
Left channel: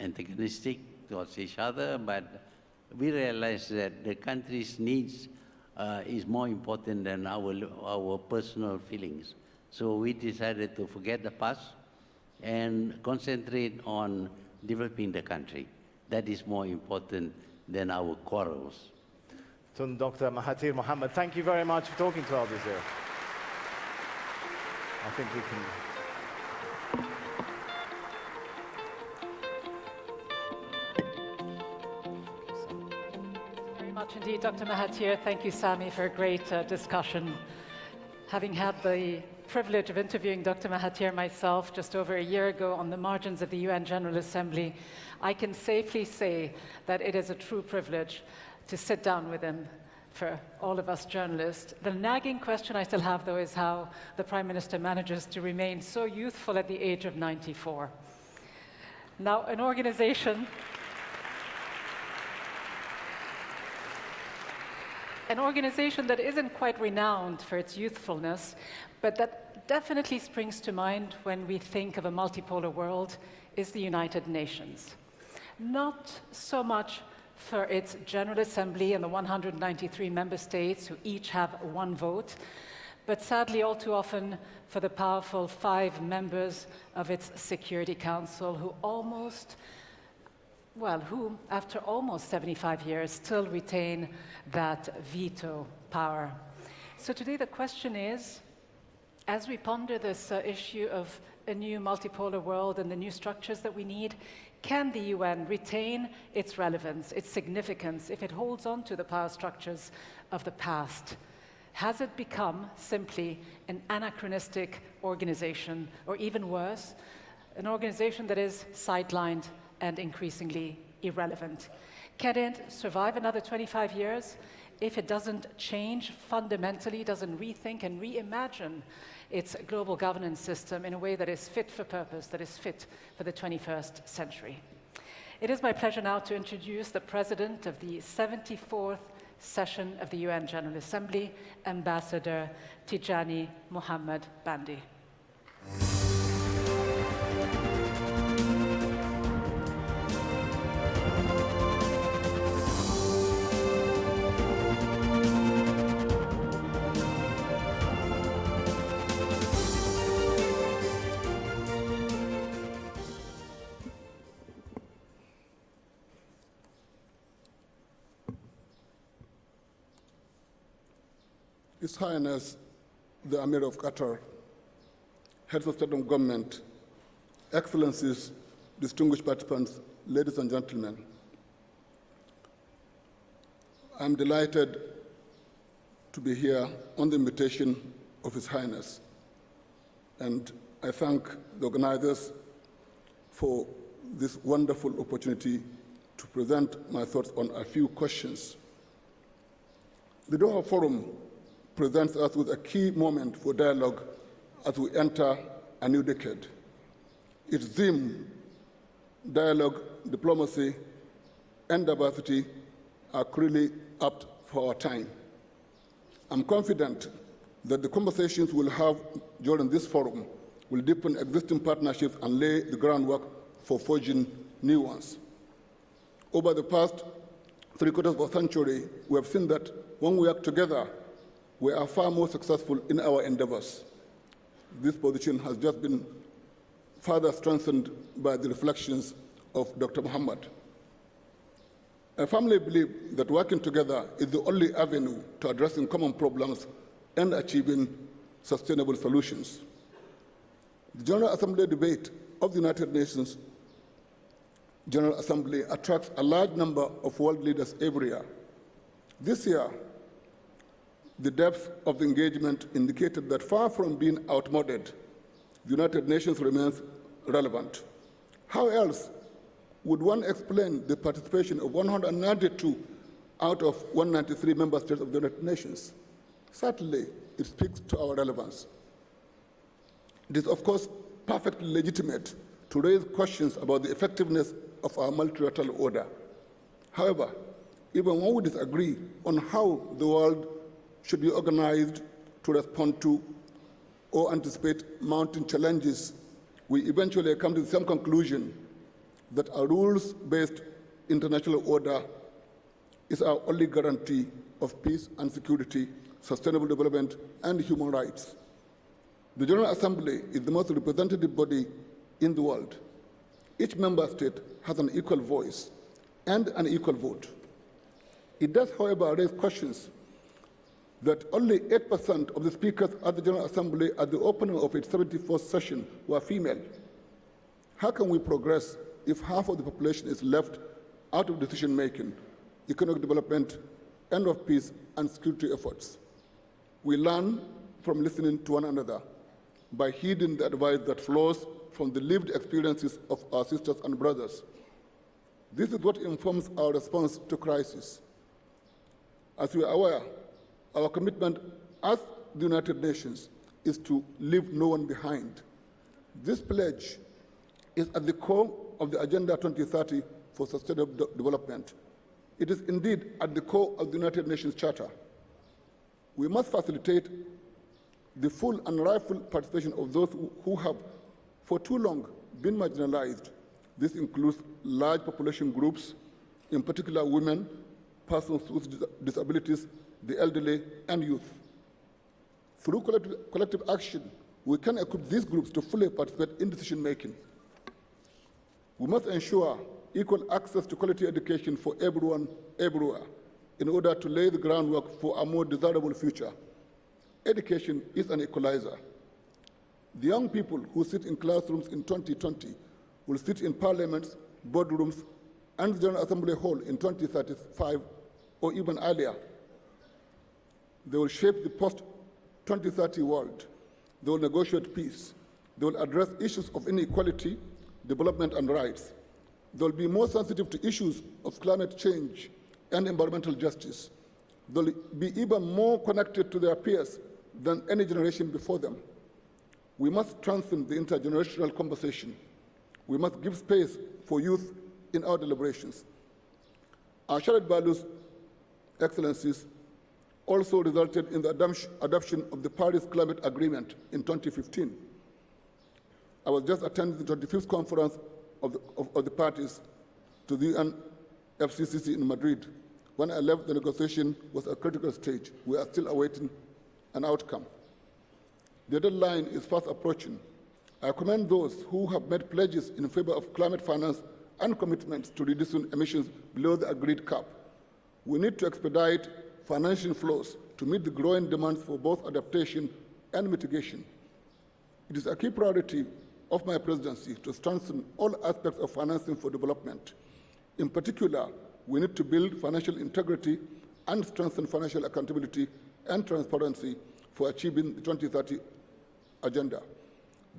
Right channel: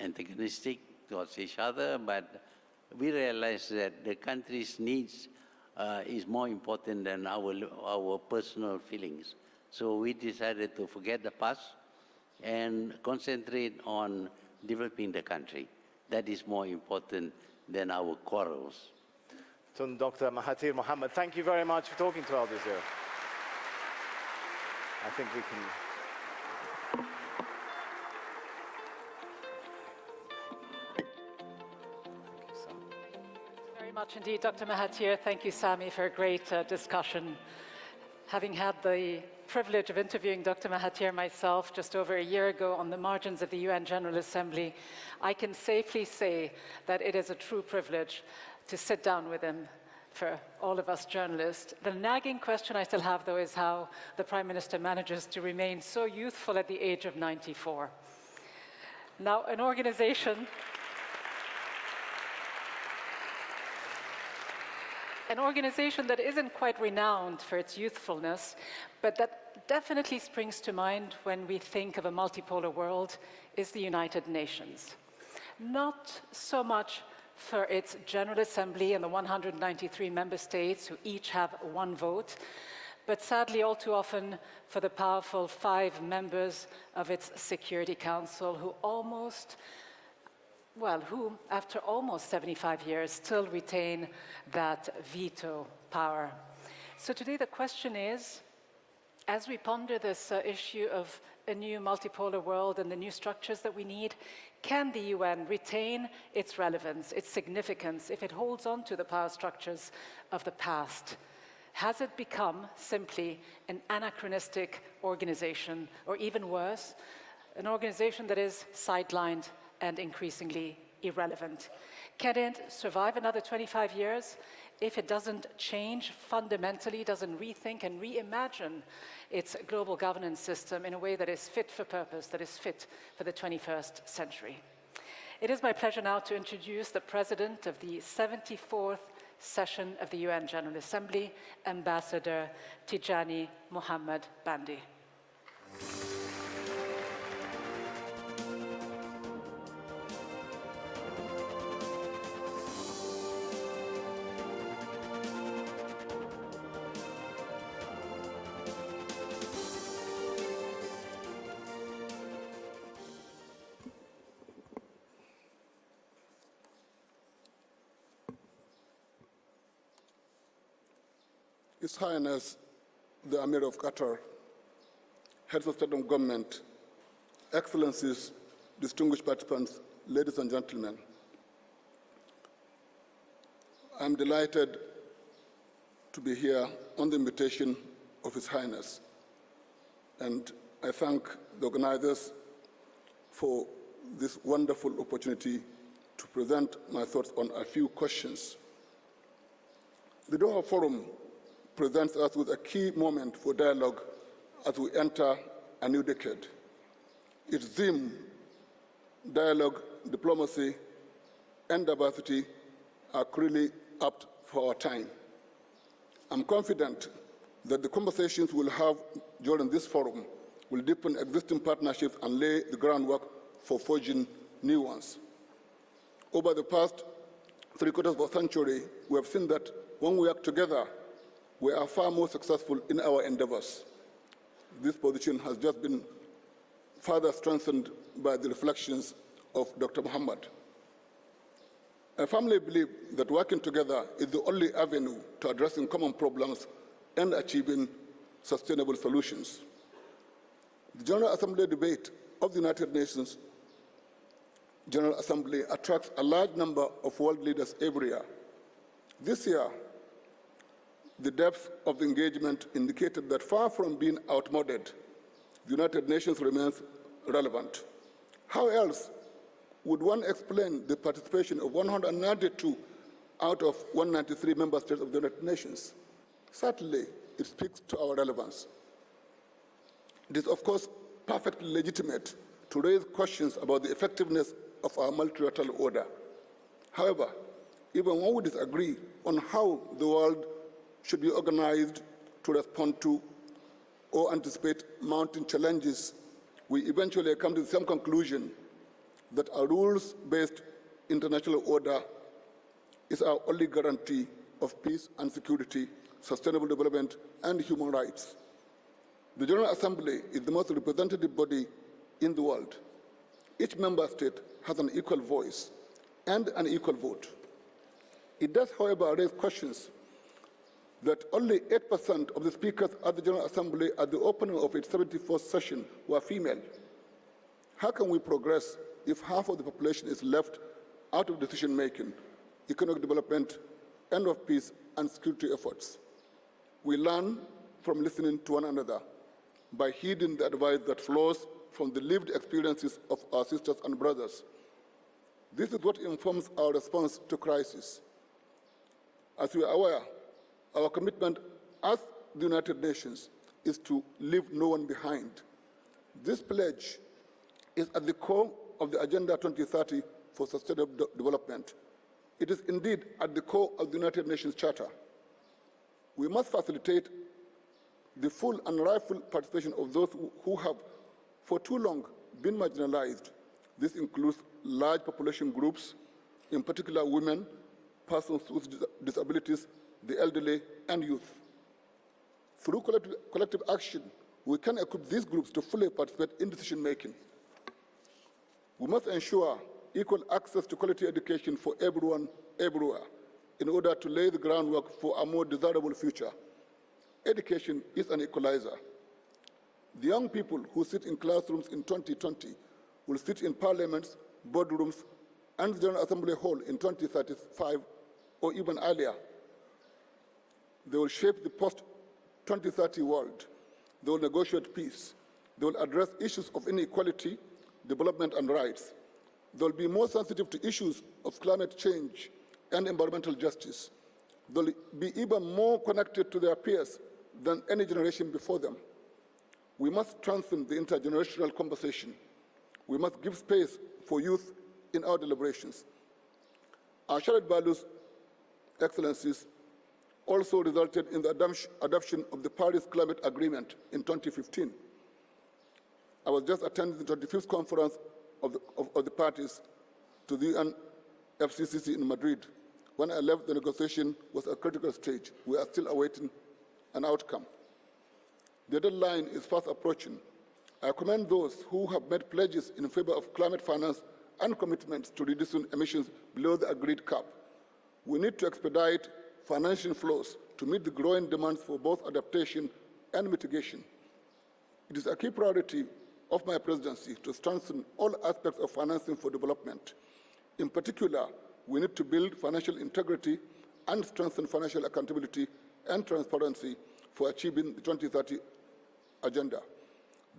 antagonistic towards each other, but we realized that the country's needs is more important than our personal feelings. So we decided to forget the past and concentrate on developing the country. That is more important than our quarrels. Tun Dr. Mahathir Mohamad, thank you very much for talking to Al Jazeera. I think we can... Very much indeed, Dr. Mahathir. Thank you, Sami, for a great discussion. Having had the privilege of interviewing Dr. Mahathir myself just over a year ago on the margins of the UN General Assembly, I can safely say that it is a true privilege to sit down with him for all of us journalists. The nagging question I still have, though, is how the Prime Minister manages to remain so youthful at the age of 94. Now, an organization that isn't quite renowned for its youthfulness, but that definitely springs to mind when we think of a multipolar world, is the United Nations. Not so much for its General Assembly and the 193 member states who each have one vote, but sadly all too often for the powerful 5 members of its Security Council who after almost 75 years still retain that veto power. So today the question is, as we ponder this issue of a new multipolar world and the new structures that we need, can the UN retain its relevance, its significance, if it holds on to the power structures of the past? Has it become simply an anachronistic organization, or even worse, an organization that is sidelined and increasingly irrelevant? Can it survive another 25 years if it doesn't change fundamentally, doesn't rethink and reimagine its global governance system in a way that is fit for purpose, that is fit for the 21st century? It is my pleasure now to introduce the President of the 74th session of the UN General Assembly, Ambassador Tijani Muhammad Bandi. His Highness, the Amir of Qatar, Heads of State and Government, Excellencies, distinguished participants, ladies and gentlemen, I'm delighted to be here on the invitation of His Highness, and I thank the organizers for this wonderful opportunity to present my thoughts on a few questions. The Doha Forum presents us with a key moment for dialogue as we enter a new decade. Its theme, dialogue, diplomacy, and diversity, are clearly apt for our time. I'm confident that the conversations we'll have during this forum will deepen existing partnerships and lay the groundwork for forging new ones. Over the past 3/4 of a century, we have seen that when we work together, we are far more successful in our endeavors. This position has just been further strengthened by the reflections of Dr. Muhammad. I firmly believe that working together is the only avenue to addressing common problems and achieving sustainable solutions. The General Assembly debate of the United Nations General Assembly attracts a large number of world leaders every year. This year, the depth of the engagement indicated that far from being outmoded, the United Nations remains relevant. How else would one explain the participation of 192 out of 193 member states of the United Nations? Certainly, it speaks to our relevance. It is, of course, perfectly legitimate to raise questions about the effectiveness of our multilateral order. However, even when we disagree on how the world should be organized to respond to or anticipate mounting challenges, we eventually come to the same conclusion that a rules-based international order is our only guarantee of peace and security, sustainable development, and human rights. The General Assembly is the most representative body in the world. Each member state has an equal voice and an equal vote. It does, however, raise questions that only 8% of the speakers at the General Assembly at the opening of its 74th session were female. How can we progress if half of the population is left out of decision-making, economic development, and of peace and security efforts? We learn from listening to one another by heeding the advice that flows from the lived experiences of our sisters and brothers. This is what informs our response to crisis. As we are aware, our commitment as the United Nations is to leave no one behind. This pledge is at the core of the Agenda 2030 for Sustainable Development. It is indeed at the core of the United Nations Charter. We must facilitate the full and rightful participation of those who have for too long been marginalized. This includes large population groups, in particular women, persons with disabilities, the elderly, and youth. Through collective action, we can equip these groups to fully participate in decision-making. We must ensure equal access to quality education for everyone, everywhere, in order to lay the groundwork for a more desirable future. Education is an equalizer. The young people who sit in classrooms in 2020 will sit in parliaments, boardrooms, and the General Assembly Hall in 2035 or even earlier. They will shape the post-2030 world. They will negotiate peace. They will address issues of inequality, development, and rights. They will be more sensitive to issues of climate change and environmental justice. They will be even more connected to their peers than any generation before them. We must strengthen the intergenerational conversation. We must give space for youth in our deliberations. Our shared values, Excellencies, also resulted in the adoption of the Paris Climate Agreement in 2015. I was just attending the 25th conference of the parties to the UNFCCC in Madrid. When I left, the negotiation was at a critical stage. We are still awaiting an outcome. The deadline is fast approaching. I commend those who have made pledges in favor of climate finance and commitments to reducing emissions below the agreed cap. We need to expedite financial flows to meet the growing demands for both adaptation and mitigation. It is a key priority of my presidency to strengthen all aspects of financing for development. In particular, we need to build financial integrity and strengthen financial accountability and transparency for achieving the 2030 agenda.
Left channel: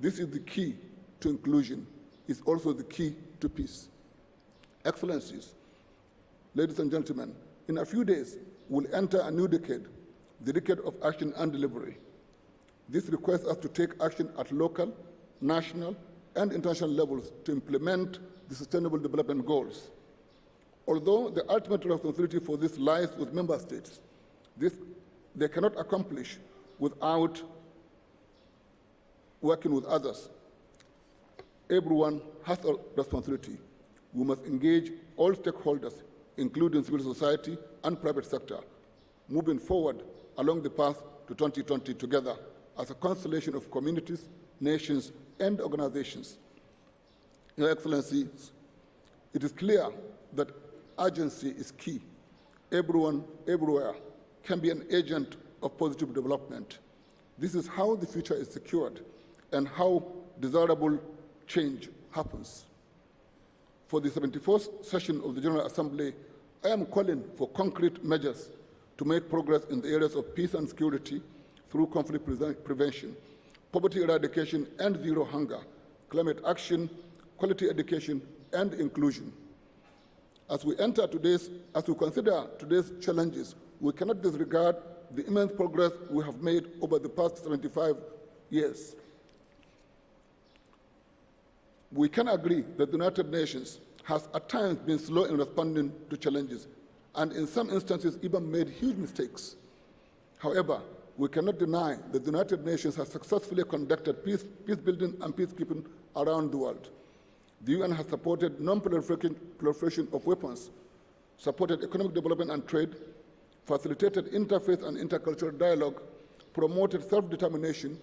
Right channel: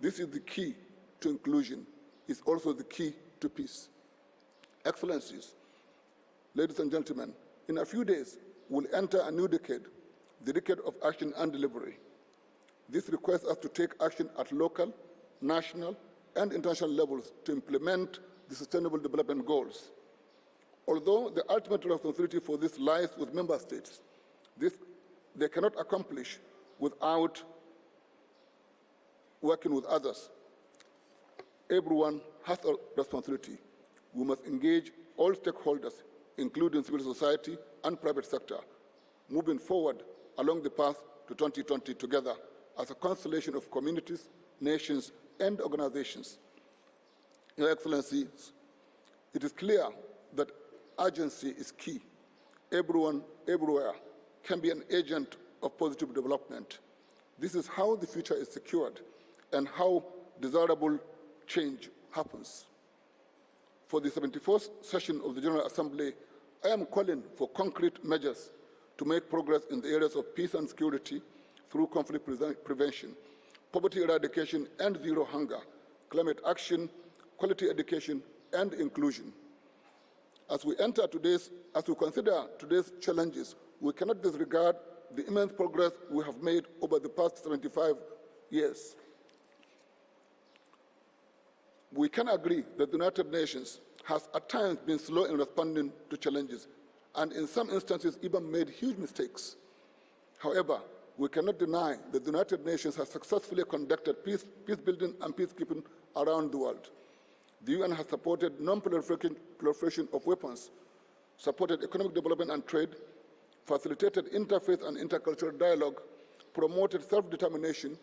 This is the key to inclusion. It's also the key to peace. Excellencies, ladies and gentlemen, in a few days, we'll enter a new decade, the decade of action and delivery. This requires us to take action at local, national, and international levels to implement the Sustainable Development Goals. Although the ultimate responsibility for this lies with member states, they cannot accomplish without working with others. Everyone has a responsibility. We must engage all stakeholders, including civil society and private sector, moving forward along the path to 2020 together as a constellation of communities, nations, and organizations. Your Excellencies, it is clear that urgency is key. Everyone, everywhere, can be an agent of positive development. This is how the future is secured and how desirable change happens. For the 74th session of the General Assembly, I am calling for concrete measures to make progress in the areas of peace and security through conflict prevention, poverty eradication and zero hunger, climate action, quality education, and inclusion. As we consider today's challenges, we cannot disregard the immense progress we have made over the past 75 years. We can agree that the United Nations has at times been slow in responding to challenges, and in some instances even made huge mistakes. However, we cannot deny that the United Nations has successfully conducted peace building and peacekeeping around the world. The UN has supported non-proliferation of weapons, supported economic development and trade, facilitated interfaith and intercultural dialogue, promoted self-determination,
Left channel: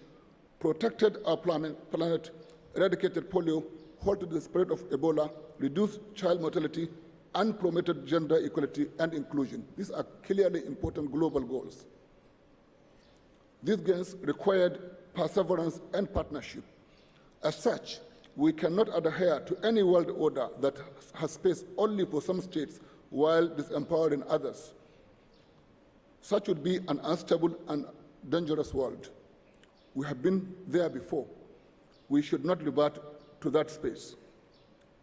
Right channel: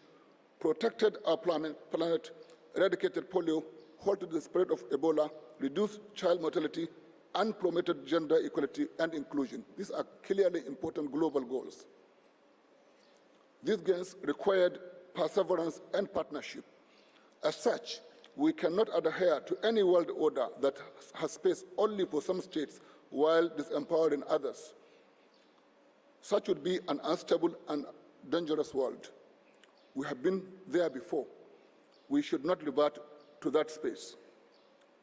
protected our planet, eradicated polio, halted the spread of Ebola, reduced child mortality, and promoted gender equality and inclusion. These are clearly important global goals. These gains required perseverance and partnership. As such, we cannot adhere to any world order that has space only for some states while disempowering others. Such would be an unstable and dangerous world. We have been there before. We should not revert to that space.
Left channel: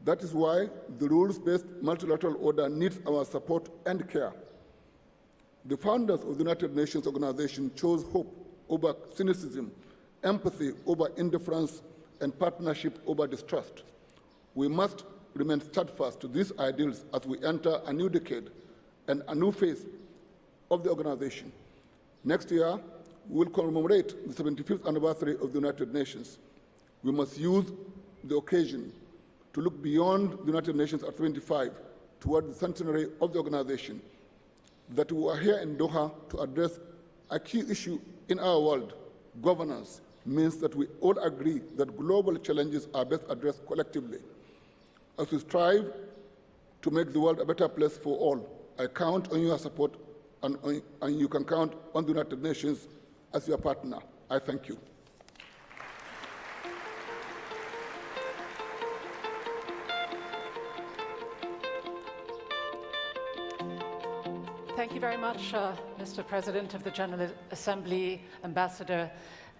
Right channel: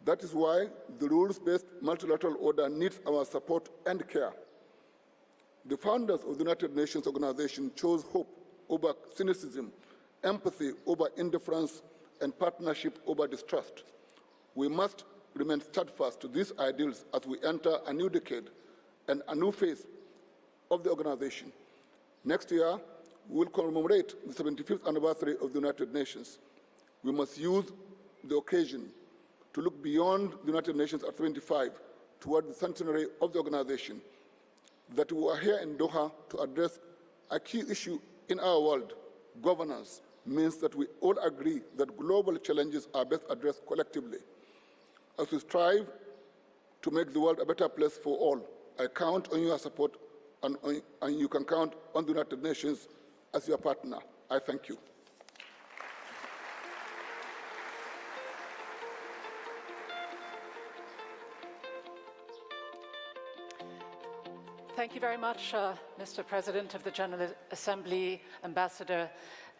That is why the rules-based multilateral order needs our support and care. The founders of the United Nations Organization chose hope over cynicism, empathy over indifference, and partnership over distrust. We must remain steadfast to these ideals as we enter a new decade and a new phase of the organization. Next year, we will commemorate the 75th anniversary of the United Nations. We must use the occasion to look beyond the United Nations at 25 toward the centenary of the organization. That we are here in Doha to address a key issue in our world, governance, means that we all agree that global challenges are best addressed collectively. As we strive to make the world a better place for all, I count on your support, and you can count on the United Nations as your partner. I thank you. Thank you very much, Mr. President of the General Assembly, Ambassador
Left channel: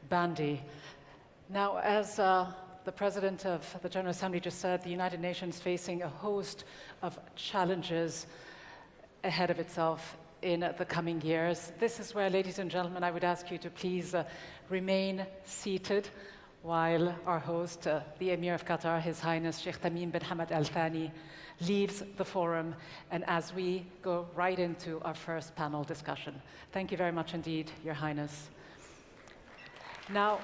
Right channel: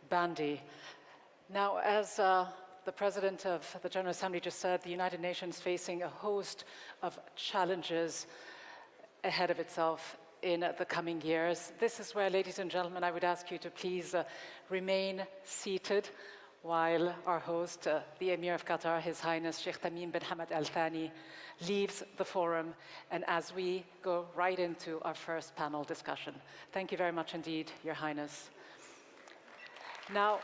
Bandi. Now, as the President of the General Assembly just said, the United Nations is facing a host of challenges ahead of itself in the coming years. This is where, ladies and gentlemen, I would ask you to please remain seated while our host, the Emir of Qatar, His Highness Sheikh Tamim bin Hamad Al Thani, leaves the forum, and as we go right into our first panel discussion. Thank you very much indeed, Your Highness. Now,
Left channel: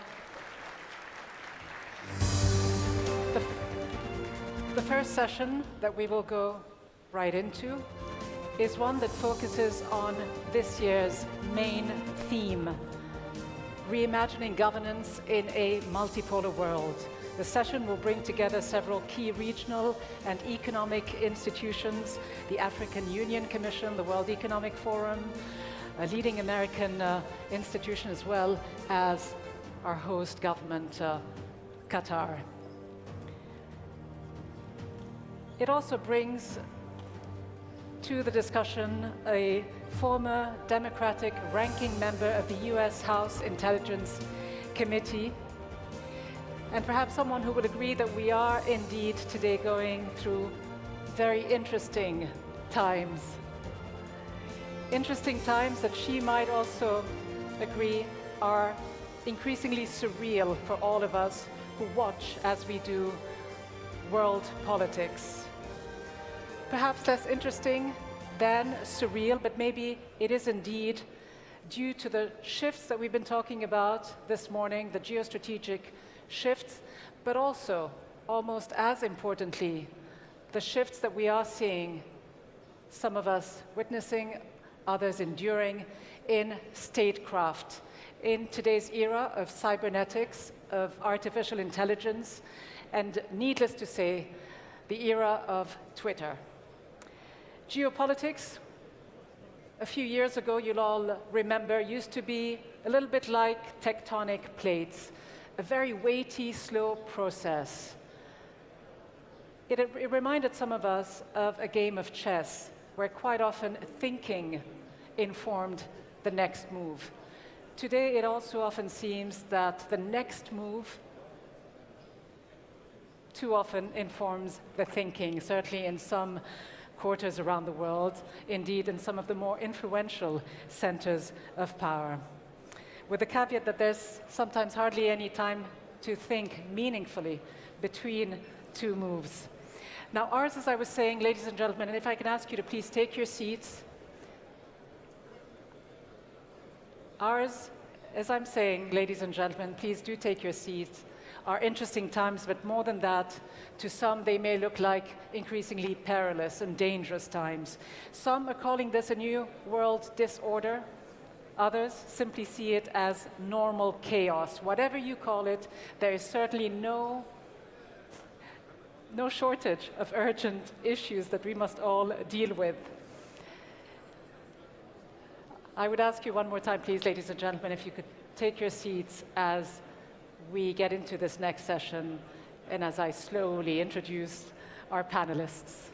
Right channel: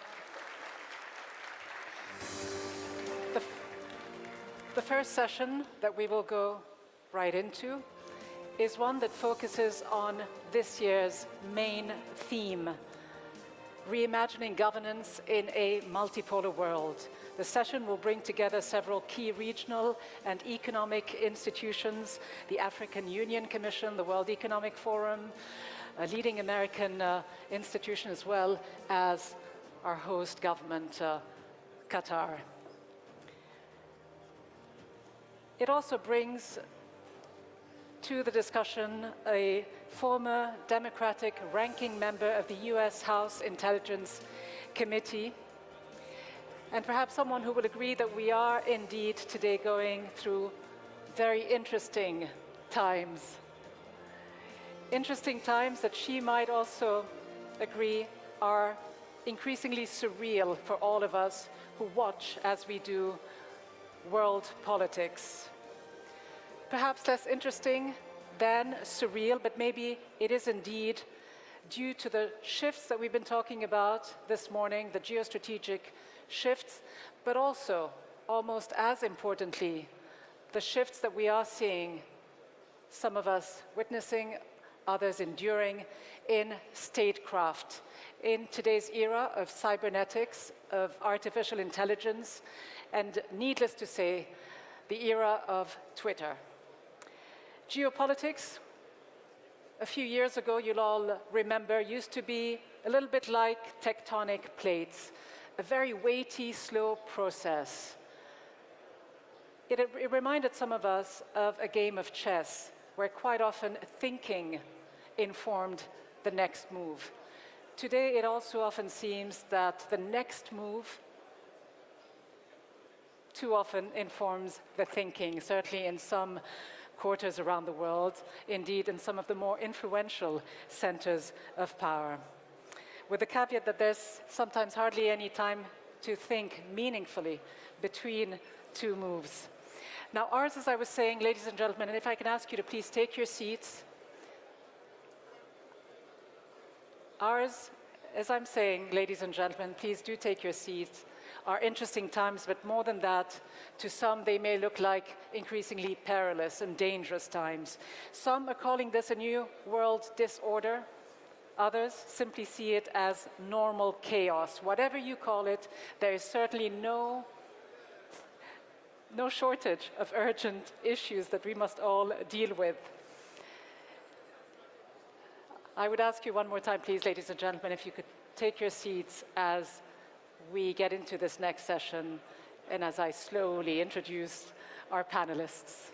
the first session that we will go right into is one that focuses on this year's main theme, reimagining governance in a multipolar world. The session will bring together several key regional and economic institutions, the African Union Commission, the World Economic Forum, a leading American institution, as well as our host government, Qatar. It also brings to the discussion a former Democratic ranking member of the US House Intelligence Committee, and perhaps someone who would agree that we are indeed today going through very interesting times. Interesting times that she might also agree are increasingly surreal for all of us who watch as we do world politics. Perhaps less interesting than surreal, but maybe it is indeed due to the shifts that we've been talking about this morning, the geostrategic shifts, but also, almost as importantly, the shifts that we are seeing, some of us witnessing, others enduring, in statecraft, in today's era of cybernetics, of artificial intelligence, and needless to say, the era of Twitter. Geopolitics, a few years ago, you'll all remember, used to be a little bit like tectonic plates, a very weighty, slow process. It reminded some of us of a game of chess, where quite often thinking informed the next move. Today, it also often seems that the next move too often informs the thinking, certainly in some quarters around the world, indeed in some of the more influential centers of power. With the caveat that there's sometimes hardly any time to think meaningfully between two moves. Now, ours, as I was saying, ladies and gentlemen, and if I can ask you to please take your seats. Ours, as I'm saying, ladies and gentlemen, please do take your seats, are interesting times, but more than that, to some they may look like increasingly perilous and dangerous times. Some are calling this a new world disorder. Others simply see it as normal chaos. Whatever you call it, there is certainly no shortage of urgent issues that we must all deal with. I would ask you one more time, please, ladies and gentlemen, if you could take your seats as we get into this next session and as I slowly introduce our panelists.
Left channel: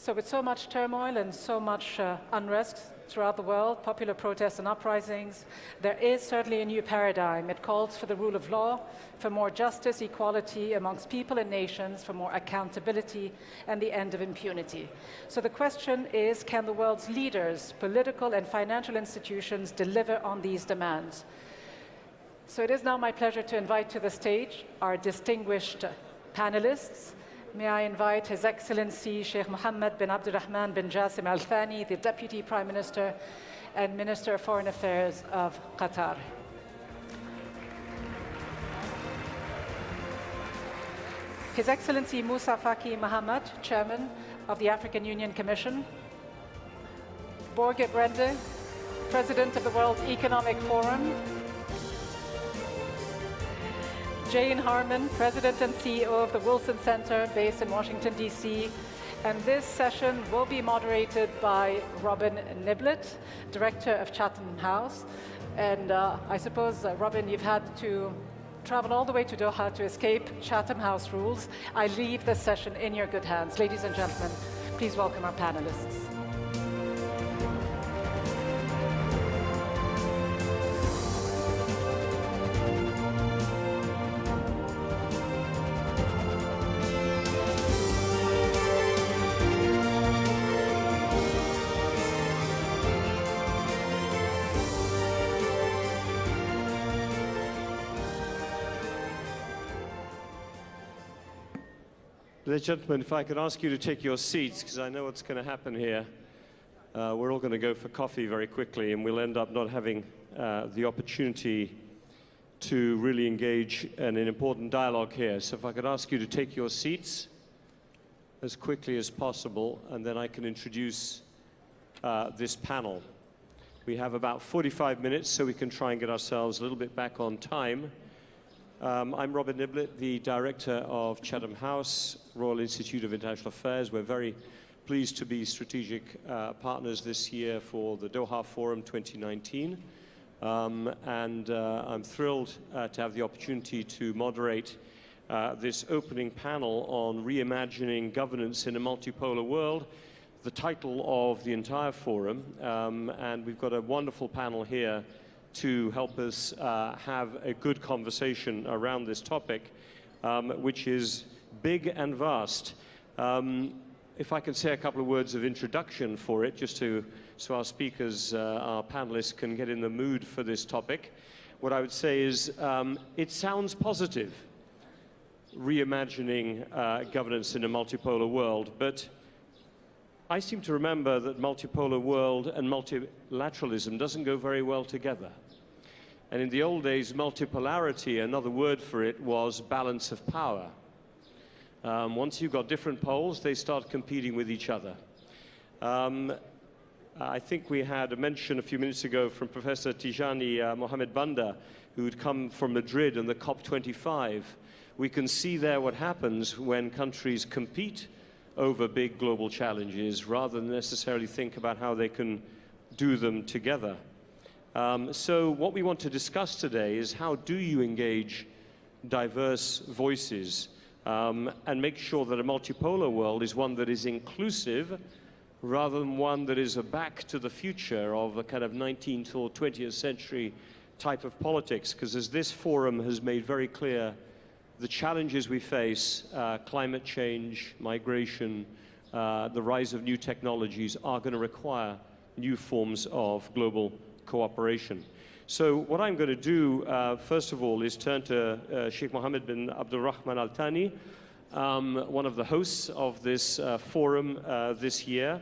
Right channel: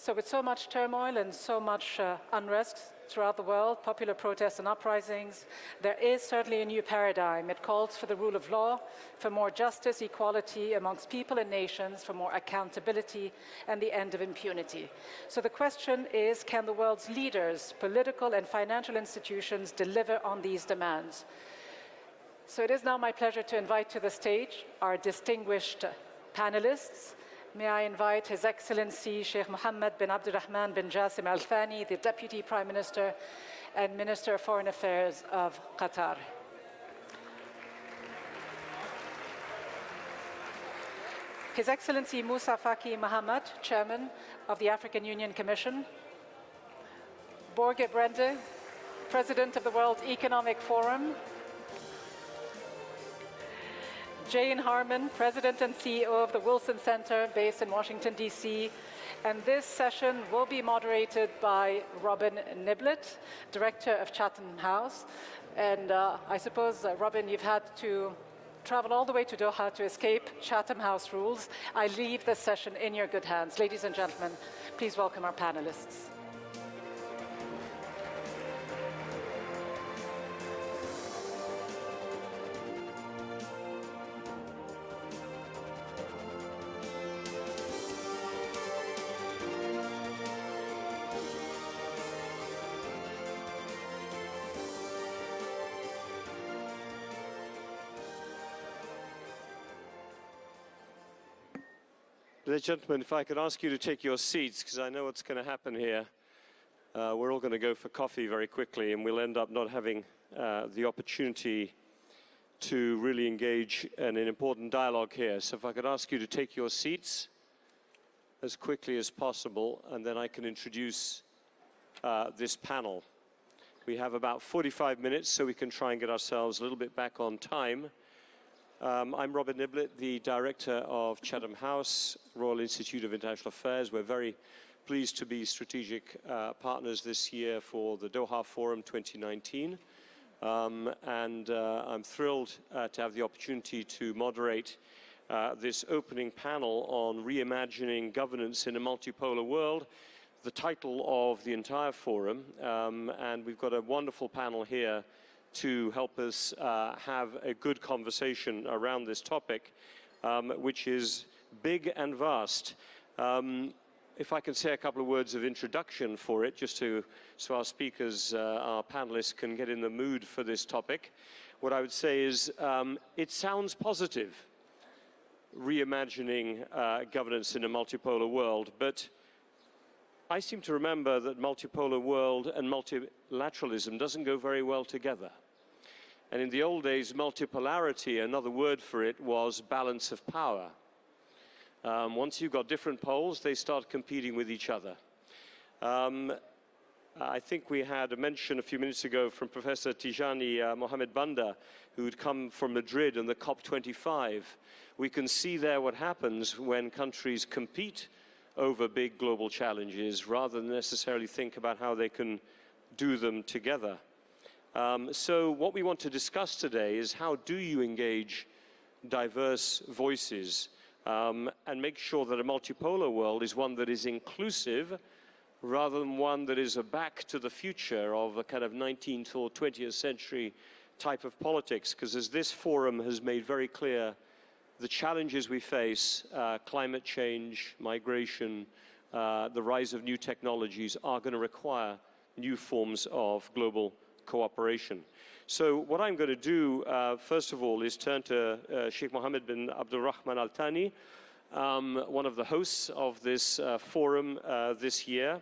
So with so much turmoil and so much unrest throughout the world, popular protests and uprisings, there is certainly a new paradigm. It calls for the rule of law, for more justice, equality amongst people and nations, for more accountability, and the end of impunity. So the question is, can the world's leaders, political and financial institutions, deliver on these demands? So it is now my pleasure to invite to the stage our distinguished panelists. May I invite His Excellency Sheikh Mohammed bin Abdulrahman bin Jassim Al Thani, the Deputy Prime Minister and Minister of Foreign Affairs of Qatar. His Excellency Moussa Faki Mohammed, Chairman of the African Union Commission. Borge Brende, President of the World Economic Forum. Jane Harman, President and CEO of the Wilson Center based in Washington, D.C. And this session will be moderated by Robin Niblett, Director of Chatham House. And I suppose, Robin, you've had to travel all the way to Doha to escape Chatham House rules. I leave this session in your good hands. Ladies and gentlemen, please welcome our panelists. Ladies and gentlemen, if I could ask you to take your seats, because I know what's going to happen here. We're all going to go for coffee very quickly, and we'll end up not having the opportunity to really engage in an important dialogue here. So if I could ask you to take your seats as quickly as possible, and then I can introduce this panel. We have about 45 minutes, so we can try and get ourselves a little bit back on time. I'm Robin Niblett, the Director of Chatham House, Royal Institute of International Affairs. We're very pleased to be strategic partners this year for the Doha Forum 2019. I'm thrilled to have the opportunity to moderate this opening panel on reimagining governance in a multipolar world, the title of the entire forum. And we've got a wonderful panel here to help us have a good conversation around this topic, which is big and vast. If I can say a couple of words of introduction for it, just so our speakers, our panelists can get in the mood for this topic. What I would say is it sounds positive, reimagining governance in a multipolar world, but I seem to remember that multipolar world and multilateralism doesn't go very well together. And in the old days, multipolarity, another word for it was balance of power. Once you've got different poles, they start competing with each other. I think we had a mention a few minutes ago from Professor Tijani Mohamed Banda, who'd come from Madrid and the COP25. We can see there what happens when countries compete over big global challenges rather than necessarily think about how they can do them together. So what we want to discuss today is how do you engage diverse voices and make sure that a multipolar world is one that is inclusive rather than one that is a back to the future of a kind of 19th or 20th century type of politics, because as this forum has made very clear, the challenges we face, climate change, migration, the rise of new technologies are going to require new forms of global cooperation. So what I'm going to do, first of all, is turn to Sheikh Mohammed bin Abdulrahman Al Thani, one of the hosts of this forum this year,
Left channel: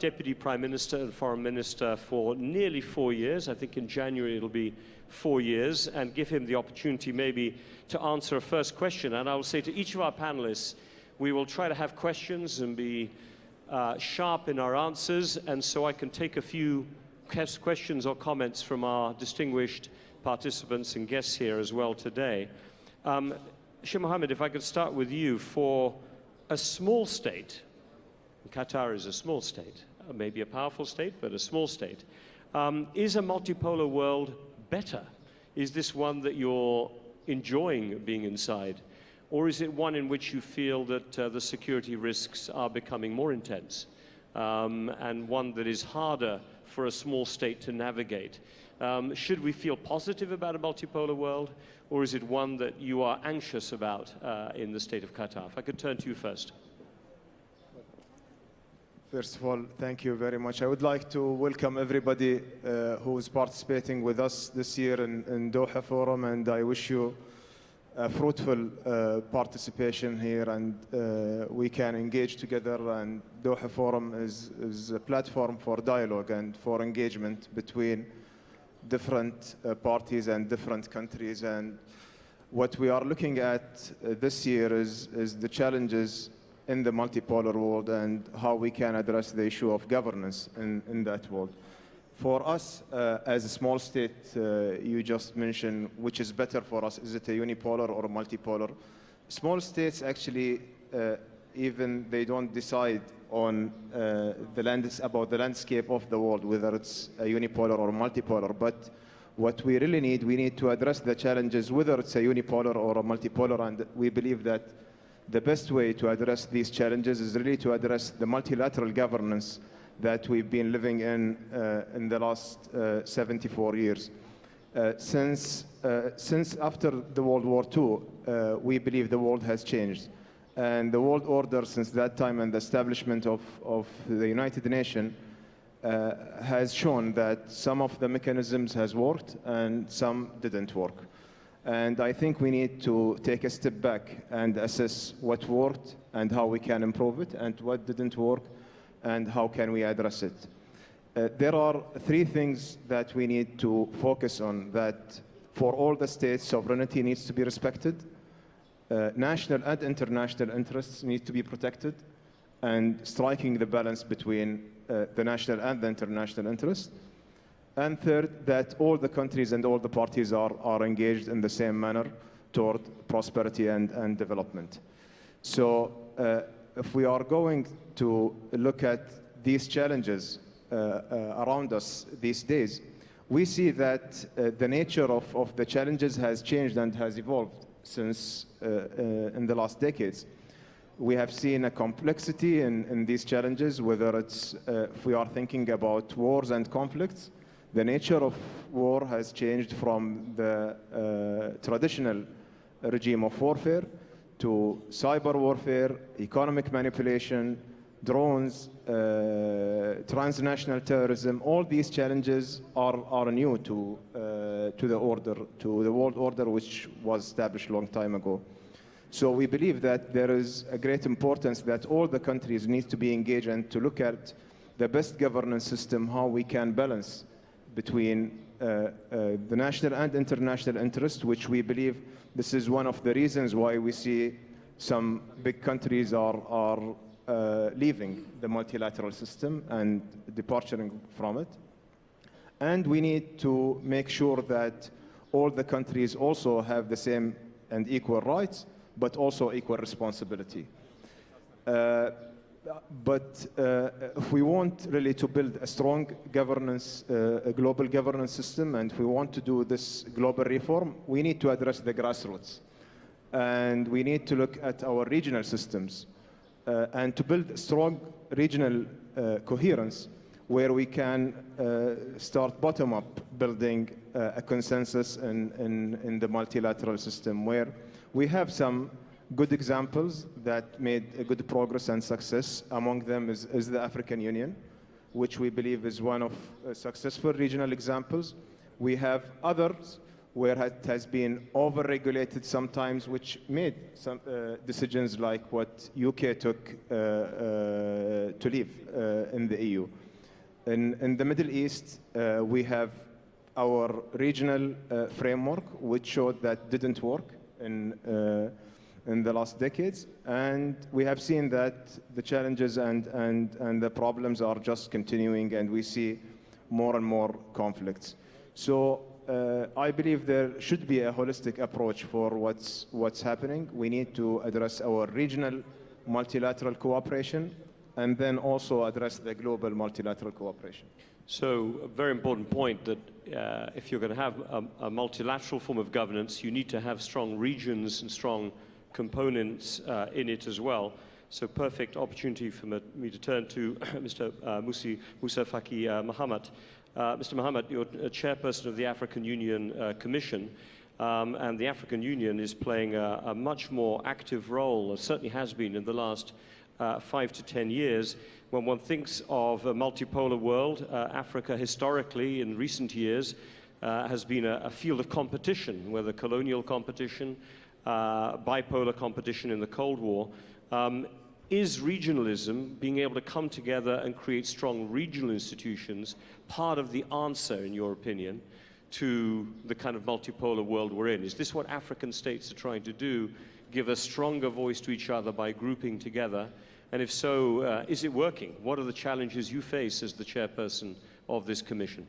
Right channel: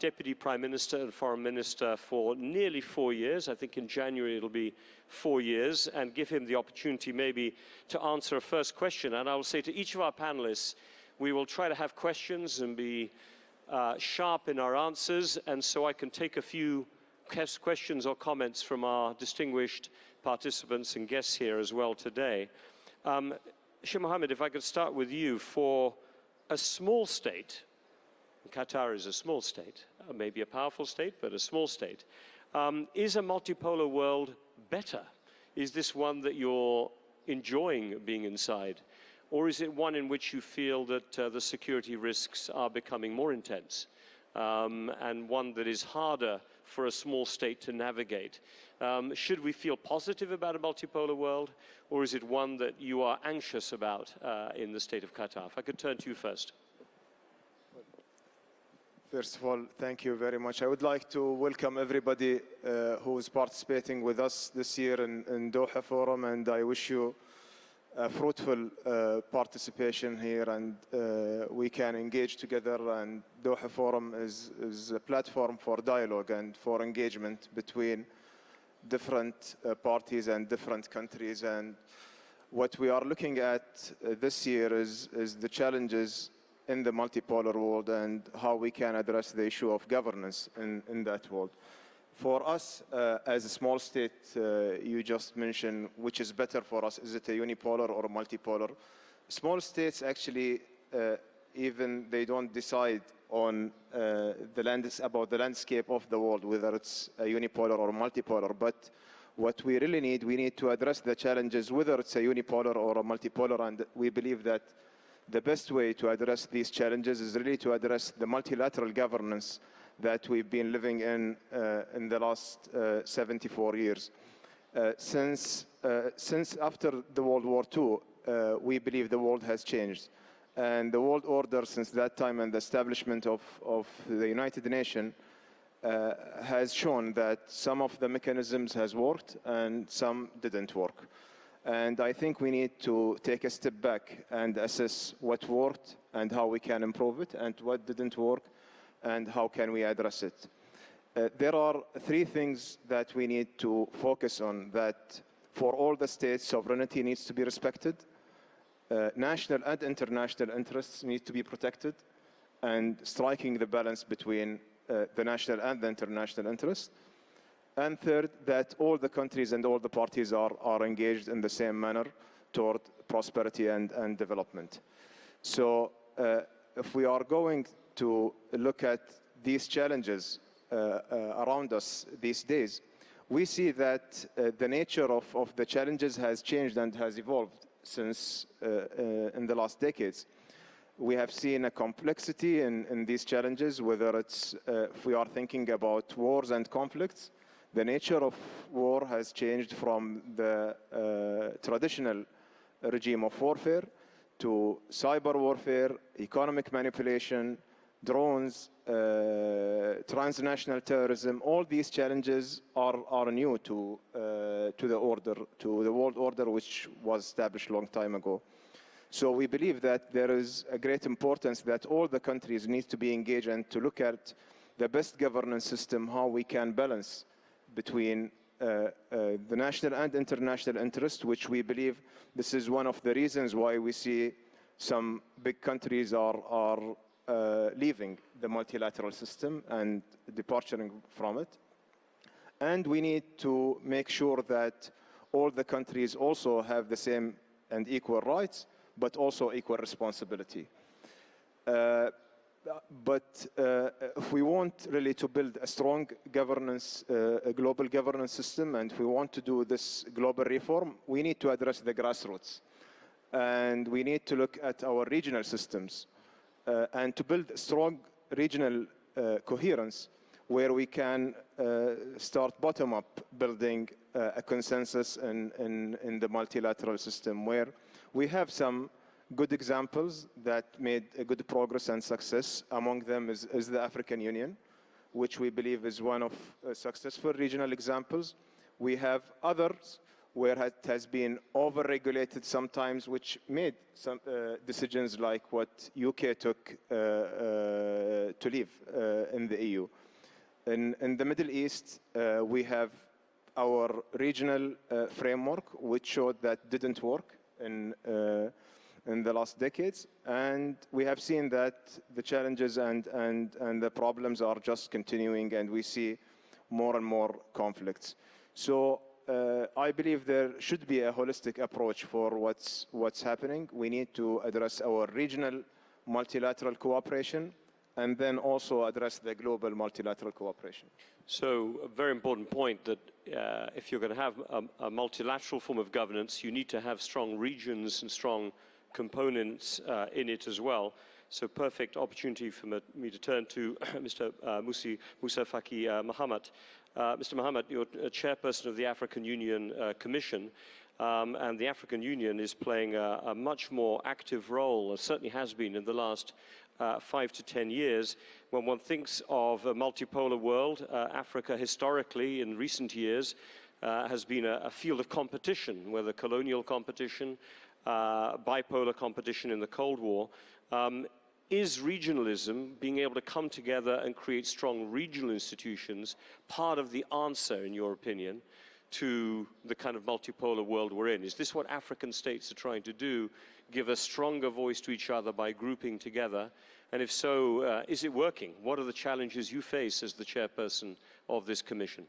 Deputy Prime Minister and Foreign Minister for nearly 4 years. I think in January it'll be 4 years, and give him the opportunity maybe to answer a first question. And I will say to each of our panelists, we will try to have questions and be sharp in our answers, and so I can take a few questions or comments from our distinguished participants and guests here as well today. Sheikh Mohammed, if I could start with you. For a small state, Qatar is a small state, maybe a powerful state, but a small state. Is a multipolar world better? Is this one that you're enjoying being inside? Or is it one in which you feel that the security risks are becoming more intense, and one that is harder for a small state to navigate? Should we feel positive about a multipolar world, or is it one that you are anxious about in the state of Qatar? If I could turn to you first. First of all, thank you very much. I would like to welcome everybody who is participating with us this year in Doha Forum, and I wish you a fruitful participation here, and we can engage together. And Doha Forum is a platform for dialogue and for engagement between different parties and different countries. And what we are looking at this year is the challenges in the multipolar world and how we can address the issue of governance in that world. For us, as a small state, you just mentioned which is better for us. Is it a unipolar or a multipolar? Small states actually, even they don't decide on about the landscape of the world, whether it's a unipolar or multipolar. But what we really need, we need to address the challenges, whether it's a unipolar or a multipolar. And we believe that the best way to address these challenges is really to address the multilateral governance that we've been living in the last 74 years. Since after the World War II, we believe the world has changed. And the world order since that time and the establishment of the United Nations has shown that some of the mechanisms has worked and some didn't work. And I think we need to take a step back and assess what worked and how we can improve it, and what didn't work and how can we address it. There are three things that we need to focus on. That for all the states, sovereignty needs to be respected. National and international interests need to be protected, and striking the balance between the national and the international interests. And third, that all the countries and all the parties are engaged in the same manner toward prosperity and development. So if we are going to look at these challenges around us these days, we see that the nature of the challenges has changed and has evolved since in the last decades. We have seen a complexity in these challenges, whether it's if we are thinking about wars and conflicts. The nature of war has changed from the traditional regime of warfare to cyber warfare, economic manipulation, drones, transnational terrorism. All these challenges are new to the world order, which was established a long time ago. So we believe that there is a great importance that all the countries need to be engaged and to look at the best governance system, how we can balance between the national and international interest, which we believe this is one of the reasons why we see some big countries are leaving the multilateral system and departing from it. And we need to make sure that all the countries also have the same and equal rights, but also equal responsibility. But if we want really to build a strong governance, a global governance system, and if we want to do this global reform, we need to address the grassroots. And we need to look at our regional systems and to build strong regional coherence where we can start bottom-up building a consensus in the multilateral system, where we have some good examples that made a good progress and success. Among them is the African Union, which we believe is one of successful regional examples. We have others where it has been over-regulated sometimes, which made some decisions like what UK took to leave in the EU. In the Middle East, we have our regional framework, which showed that didn't work in the last decades. And we have seen that the challenges and the problems are just continuing, and we see more and more conflicts. So I believe there should be a holistic approach for what's happening. We need to address our regional multilateral cooperation and then also address the global multilateral cooperation. So a very important point that if you're going to have a multilateral form of governance, you need to have strong regions and strong components in it as well. So perfect opportunity for me to turn to Mr. Musa Faki Mohammed. Mr. Mohammed, you're a chairperson of the African Union Commission, and the African Union is playing a much more active role, certainly has been in the last 5 to 10 years. When one thinks of a multipolar world, Africa historically in recent years has been a field of competition, whether colonial competition, bipolar competition in the Cold War. Is regionalism, being able to come together and create strong regional institutions, part of the answer, in your opinion, to the kind of multipolar world we're in? Is this what African states are trying to do, give a stronger voice to each other by grouping together? And if so, is it working? What are the challenges you face as the chairperson of this commission?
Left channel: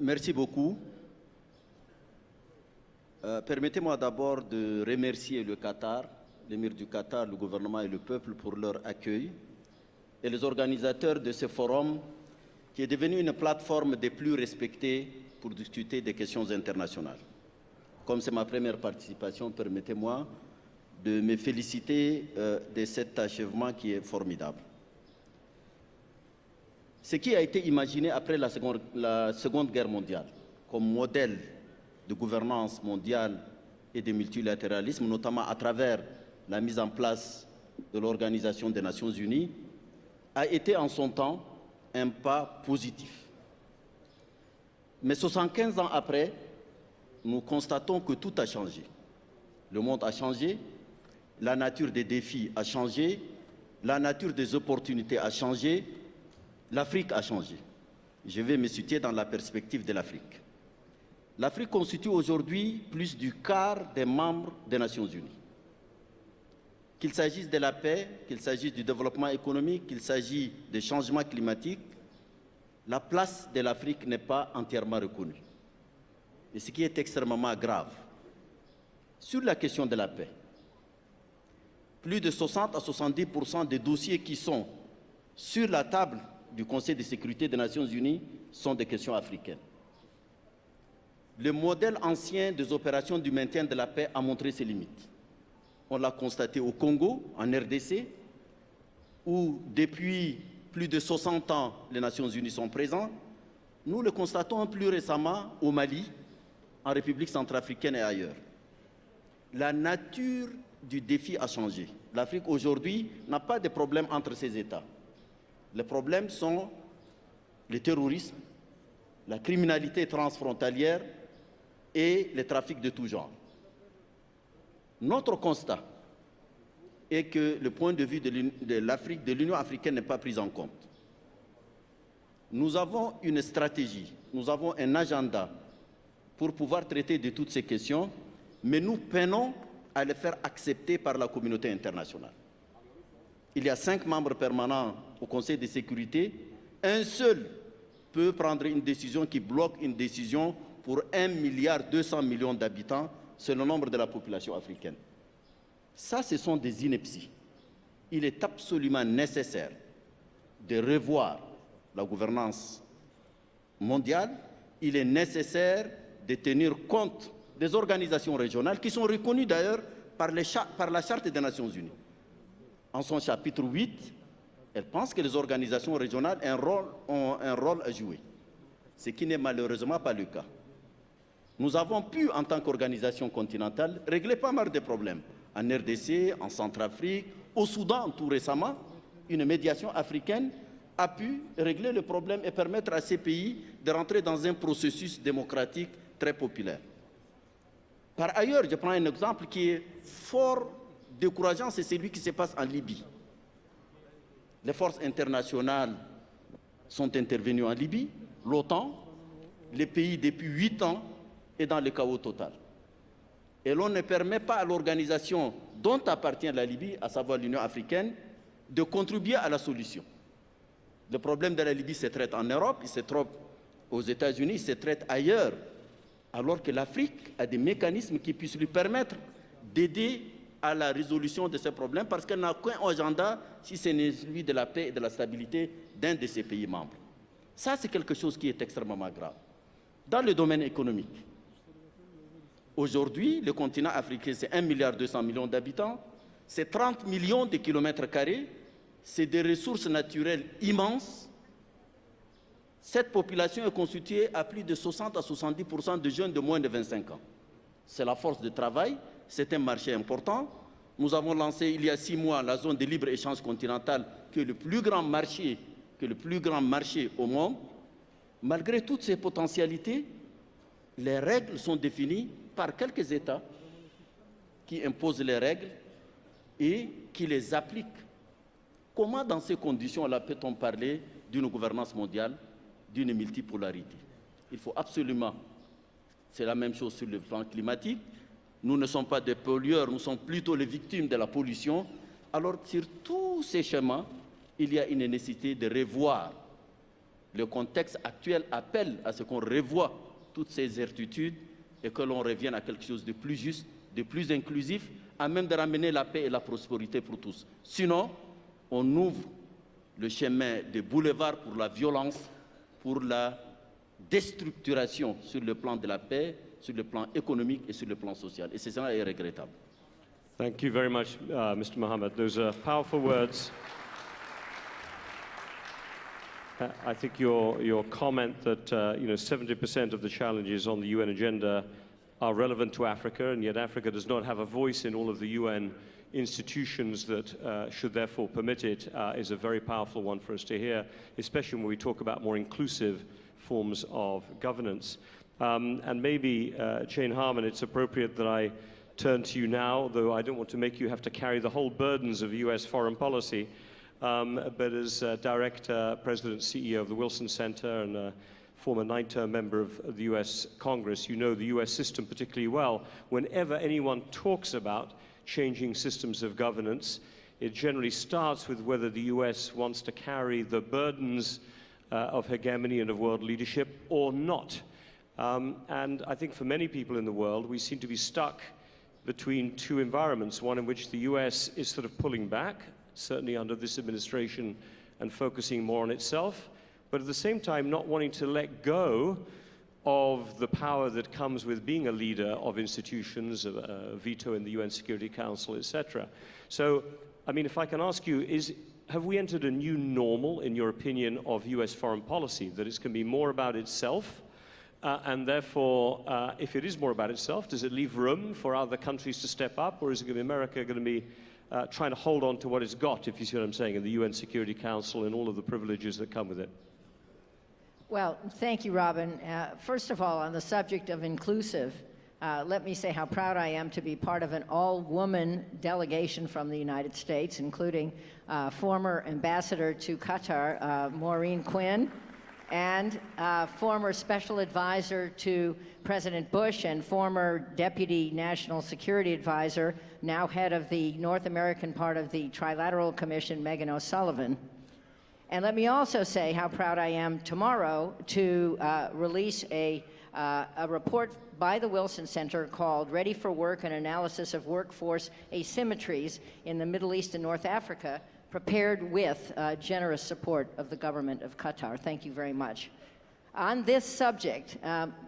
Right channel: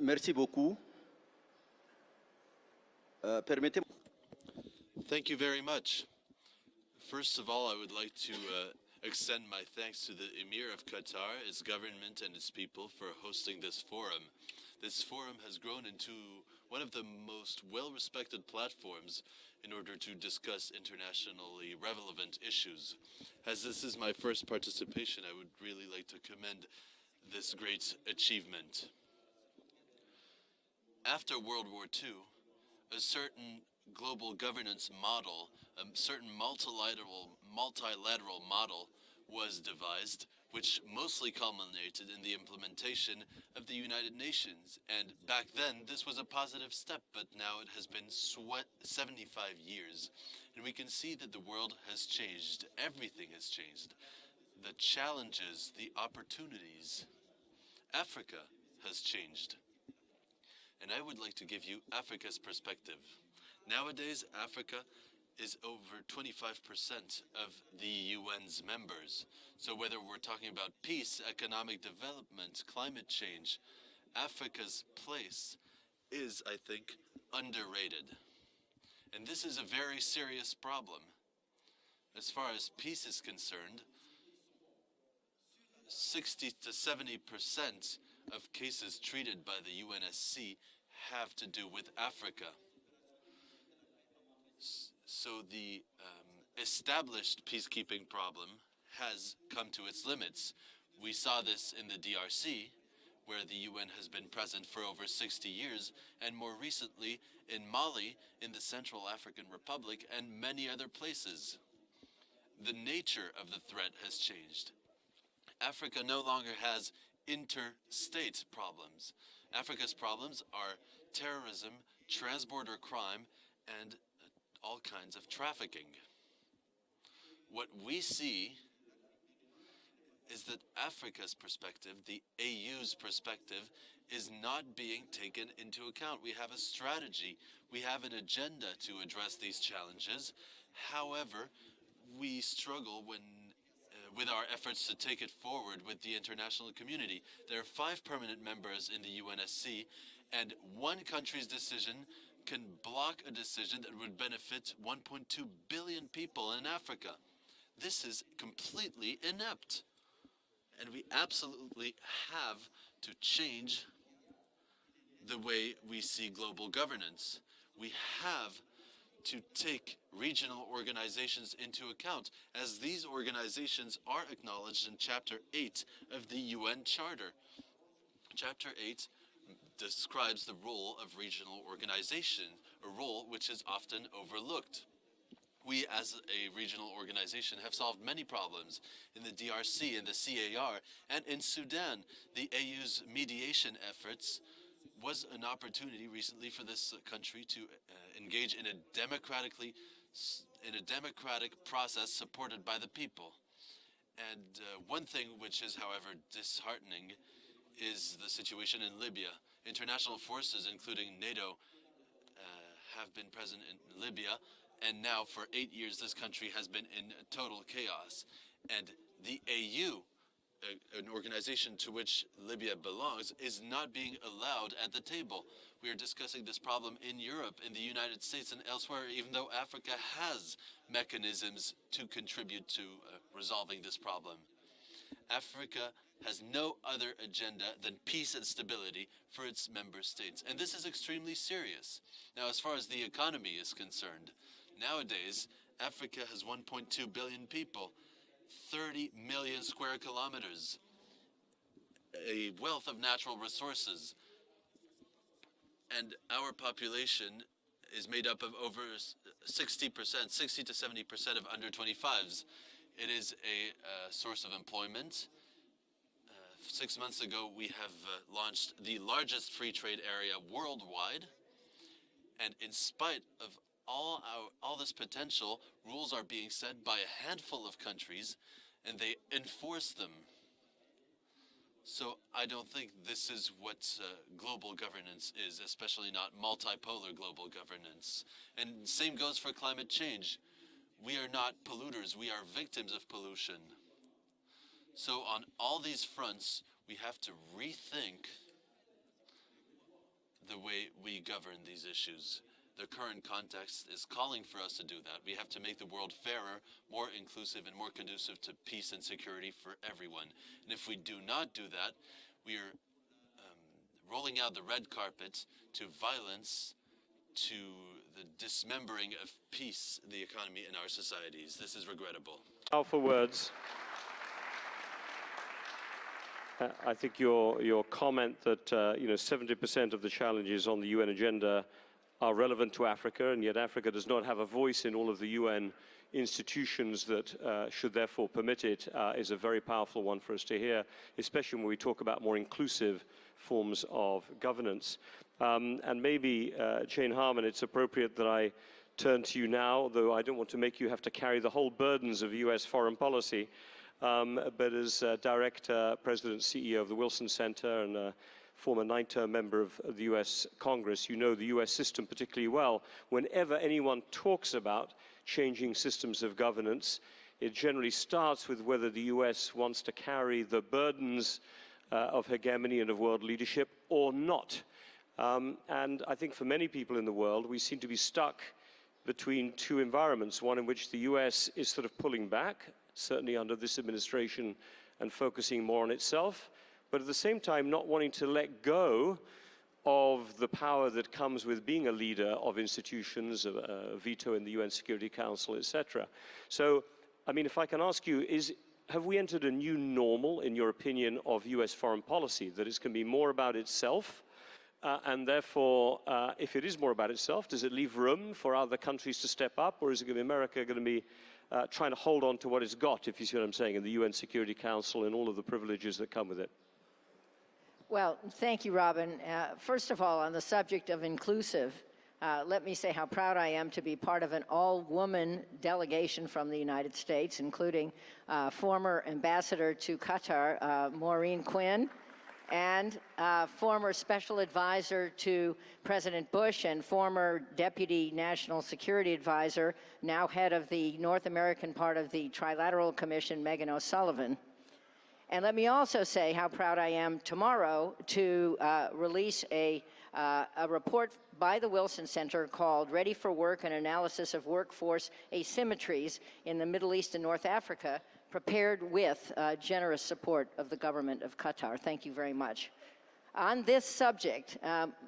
Merci beaucoup. Permettez-moi d'abord de remercier le Qatar, l'émir du Qatar, le gouvernement et le peuple pour leur accueil et les organisateurs de ce forum qui est devenu une plateforme des plus respectées pour discuter des questions internationales. Comme c'est ma première participation, permettez-moi de me féliciter de cet achèvement qui est formidable. Ce qui a été imaginé après la Seconde Guerre mondiale comme modèle de gouvernance mondiale et de multilatéralisme, notamment à travers la mise en place de l'Organisation des Nations Unies, a été en son temps un pas positif. Mais 75 ans après, nous constatons que tout a changé. Le monde a changé, la nature des défis a changé, la nature des opportunités a changé, l'Afrique a changé. Je vais me situer dans la perspective de l'Afrique. L'Afrique constitue aujourd'hui plus du quart des membres des Nations Unies. Qu'il s'agisse de la paix, qu'il s'agisse du développement économique, qu'il s'agisse des changements climatiques, la place de l'Afrique n'est pas entièrement reconnue. Et ce qui est extrêmement grave. Sur la question de la paix, plus de 60 à 70% des dossiers qui sont sur la table du Conseil de sécurité des Nations Unies sont des questions africaines. Le modèle ancien des opérations du maintien de la paix a montré ses limites. On l'a constaté au Congo, en RDC, où depuis plus de 60 ans, les Nations Unies sont présentes. Nous le constatons plus récemment au Mali, en République centrafricaine et ailleurs. La nature du défi a changé. L'Afrique aujourd'hui n'a pas de problème entre ses États. Les problèmes sont les terroristes, la criminalité transfrontalière et les trafics de tout genre. Notre constat est que le point de vue de l'Afrique, de l'Union africaine n'est pas pris en compte. Nous avons une stratégie, nous avons un agenda pour pouvoir traiter de toutes ces questions, mais nous peinons à les faire accepter par la communauté internationale. Il y a 5 membres permanents au Conseil de sécurité. Un seul peut prendre une décision qui bloque une décision pour 1,2 milliard d'habitants, c'est le nombre de la population africaine. Ça, ce sont des inepties. Il est absolument nécessaire de revoir la gouvernance mondiale. Il est nécessaire de tenir compte des organisations régionales qui sont reconnues d'ailleurs par la Charte des Nations Unies. En son chapitre 8, elle pense que les organisations régionales ont un rôle à jouer, ce qui n'est malheureusement pas le cas. Nous avons pu, en tant qu'organisation continentale, régler pas mal de problèmes. En RDC, en Centrafrique, au Soudan tout récemment, une médiation africaine a pu régler le problème et permettre à ces pays de rentrer dans un processus démocratique très populaire. Par ailleurs, je prends un exemple qui est fort décourageant, c'est celui qui se passe en Libye. Les forces internationales sont intervenues en Libye, l'OTAN, le pays depuis 8 ans est dans le chaos total. Et l'on ne permet pas à l'organisation dont appartient la Libye, à savoir l'Union africaine, de contribuer à la solution. Le problème de la Libye se traite en Europe, il se traite aux États-Unis, il se traite ailleurs, alors que l'Afrique a des mécanismes qui puissent lui permettre d'aider à la résolution de ces problèmes, parce qu'elle n'a qu'un agenda, si ce n'est celui de la paix et de la stabilité d'un de ses pays membres. Ça, c'est quelque chose qui est extrêmement grave. Dans le domaine économique, aujourd'hui, le continent africain, c'est 1,2 milliard d'habitants, c'est 30 millions de kilomètres carrés, c'est des ressources naturelles immenses. Cette population est constituée à plus de 60 à 70% de jeunes de moins de 25 ans. C'est la force de travail, c'est un marché important. Nous avons lancé il y a 6 mois la zone de libre-échange continentale, qui est le plus grand marché au monde. Malgré toutes ces potentialités, les règles sont définies par quelques États qui imposent les règles et qui les appliquent. Comment, dans ces conditions-là, peut-on parler d'une gouvernance mondiale, d'une multipolarité? Il faut absolument, c'est la même chose sur le plan climatique. Nous ne sommes pas des pollueurs, nous sommes plutôt les victimes de la pollution. Alors, sur tous ces schémas, il y a une nécessité de revoir. Le contexte actuel appelle à ce qu'on revoie toutes ces certitudes et que l'on revienne à quelque chose de plus juste, de plus inclusif, à même de ramener la paix et la prospérité pour tous. Sinon, on ouvre le chemin des boulevards pour la violence, pour la déstructuration sur le plan de la paix, sur le plan économique et sur le plan social. Et c'est est regrettable. Thank you very much, Mr. Mohammed. Those are powerful words. I think your comment that 70% of the challenges on the UN agenda are relevant to Africa, and yet Africa does not have a voice in all of the UN institutions that should therefore permit it, is a very powerful one for us to hear, especially when we talk about more inclusive forms of governance. And maybe, Jane Harman, it's appropriate that I turn to you now, though I don't want to make you have to carry the whole burdens of US foreign policy. But as Director, President, CEO of the Wilson Center and a former 9-term member of the US Congress, you know the US system particularly well. Whenever anyone talks about changing systems of governance, it generally starts with whether the US wants to carry the burdens of hegemony and of world leadership or not. And I think for many people in the world, we seem to be stuck between two environments, one in which the US is sort of pulling back, certainly under this administration, and focusing more on itself, but at the same time not wanting to let go of the power that comes with being a leader of institutions, a veto in the UN Security Council, etc. So, I mean, if I can ask you, have we entered a new normal, in your opinion, of US foreign policy, that it's going to be more about itself, and therefore, if it is more about itself, does it leave room for other countries to step up, or is it going to be America going to be trying to hold on to what it's got, if you see what I'm saying, in the UN Security Council and all of the privileges that come with it? Well, thank you, Robin. First of all, on the subject of inclusive, let me say how proud I am to be part of an all-woman delegation from the United States, including former ambassador to Qatar, Maureen Quinn, and former special advisor to President Bush and former deputy national security advisor, now head of the North American part of the Trilateral Commission, Megan O'Sullivan. And let me also say how proud I am tomorrow to release a report by the Wilson Center called Ready for Work, an Analysis of Workforce Asymmetries in the Middle East and North Africa, prepared with generous support of the government of Qatar. Thank you very much. On this subject,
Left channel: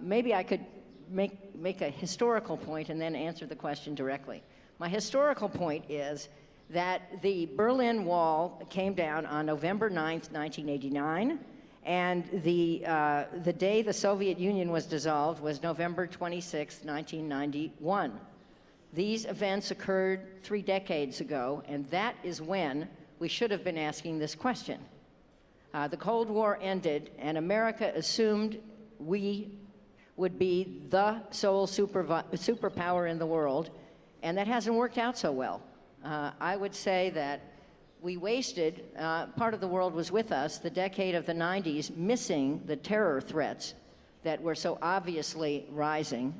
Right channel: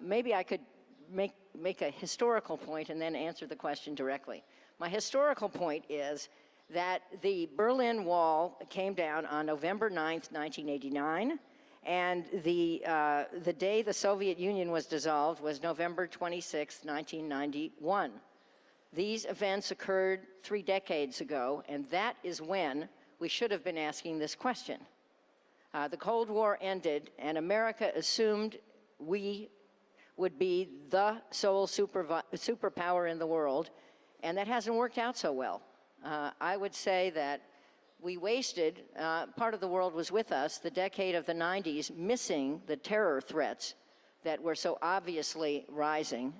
maybe I could make a historical point and then answer the question directly. My historical point is that the Berlin Wall came down on November 9th, 1989, and the day the Soviet Union was dissolved was November 26th, 1991. These events occurred 3 decades ago, and that is when we should have been asking this question. The Cold War ended, and America assumed we would be the sole superpower in the world, and that hasn't worked out so well. I would say that we wasted, part of the world was with us, the decade of the 90s, missing the terror threats that were so obviously rising.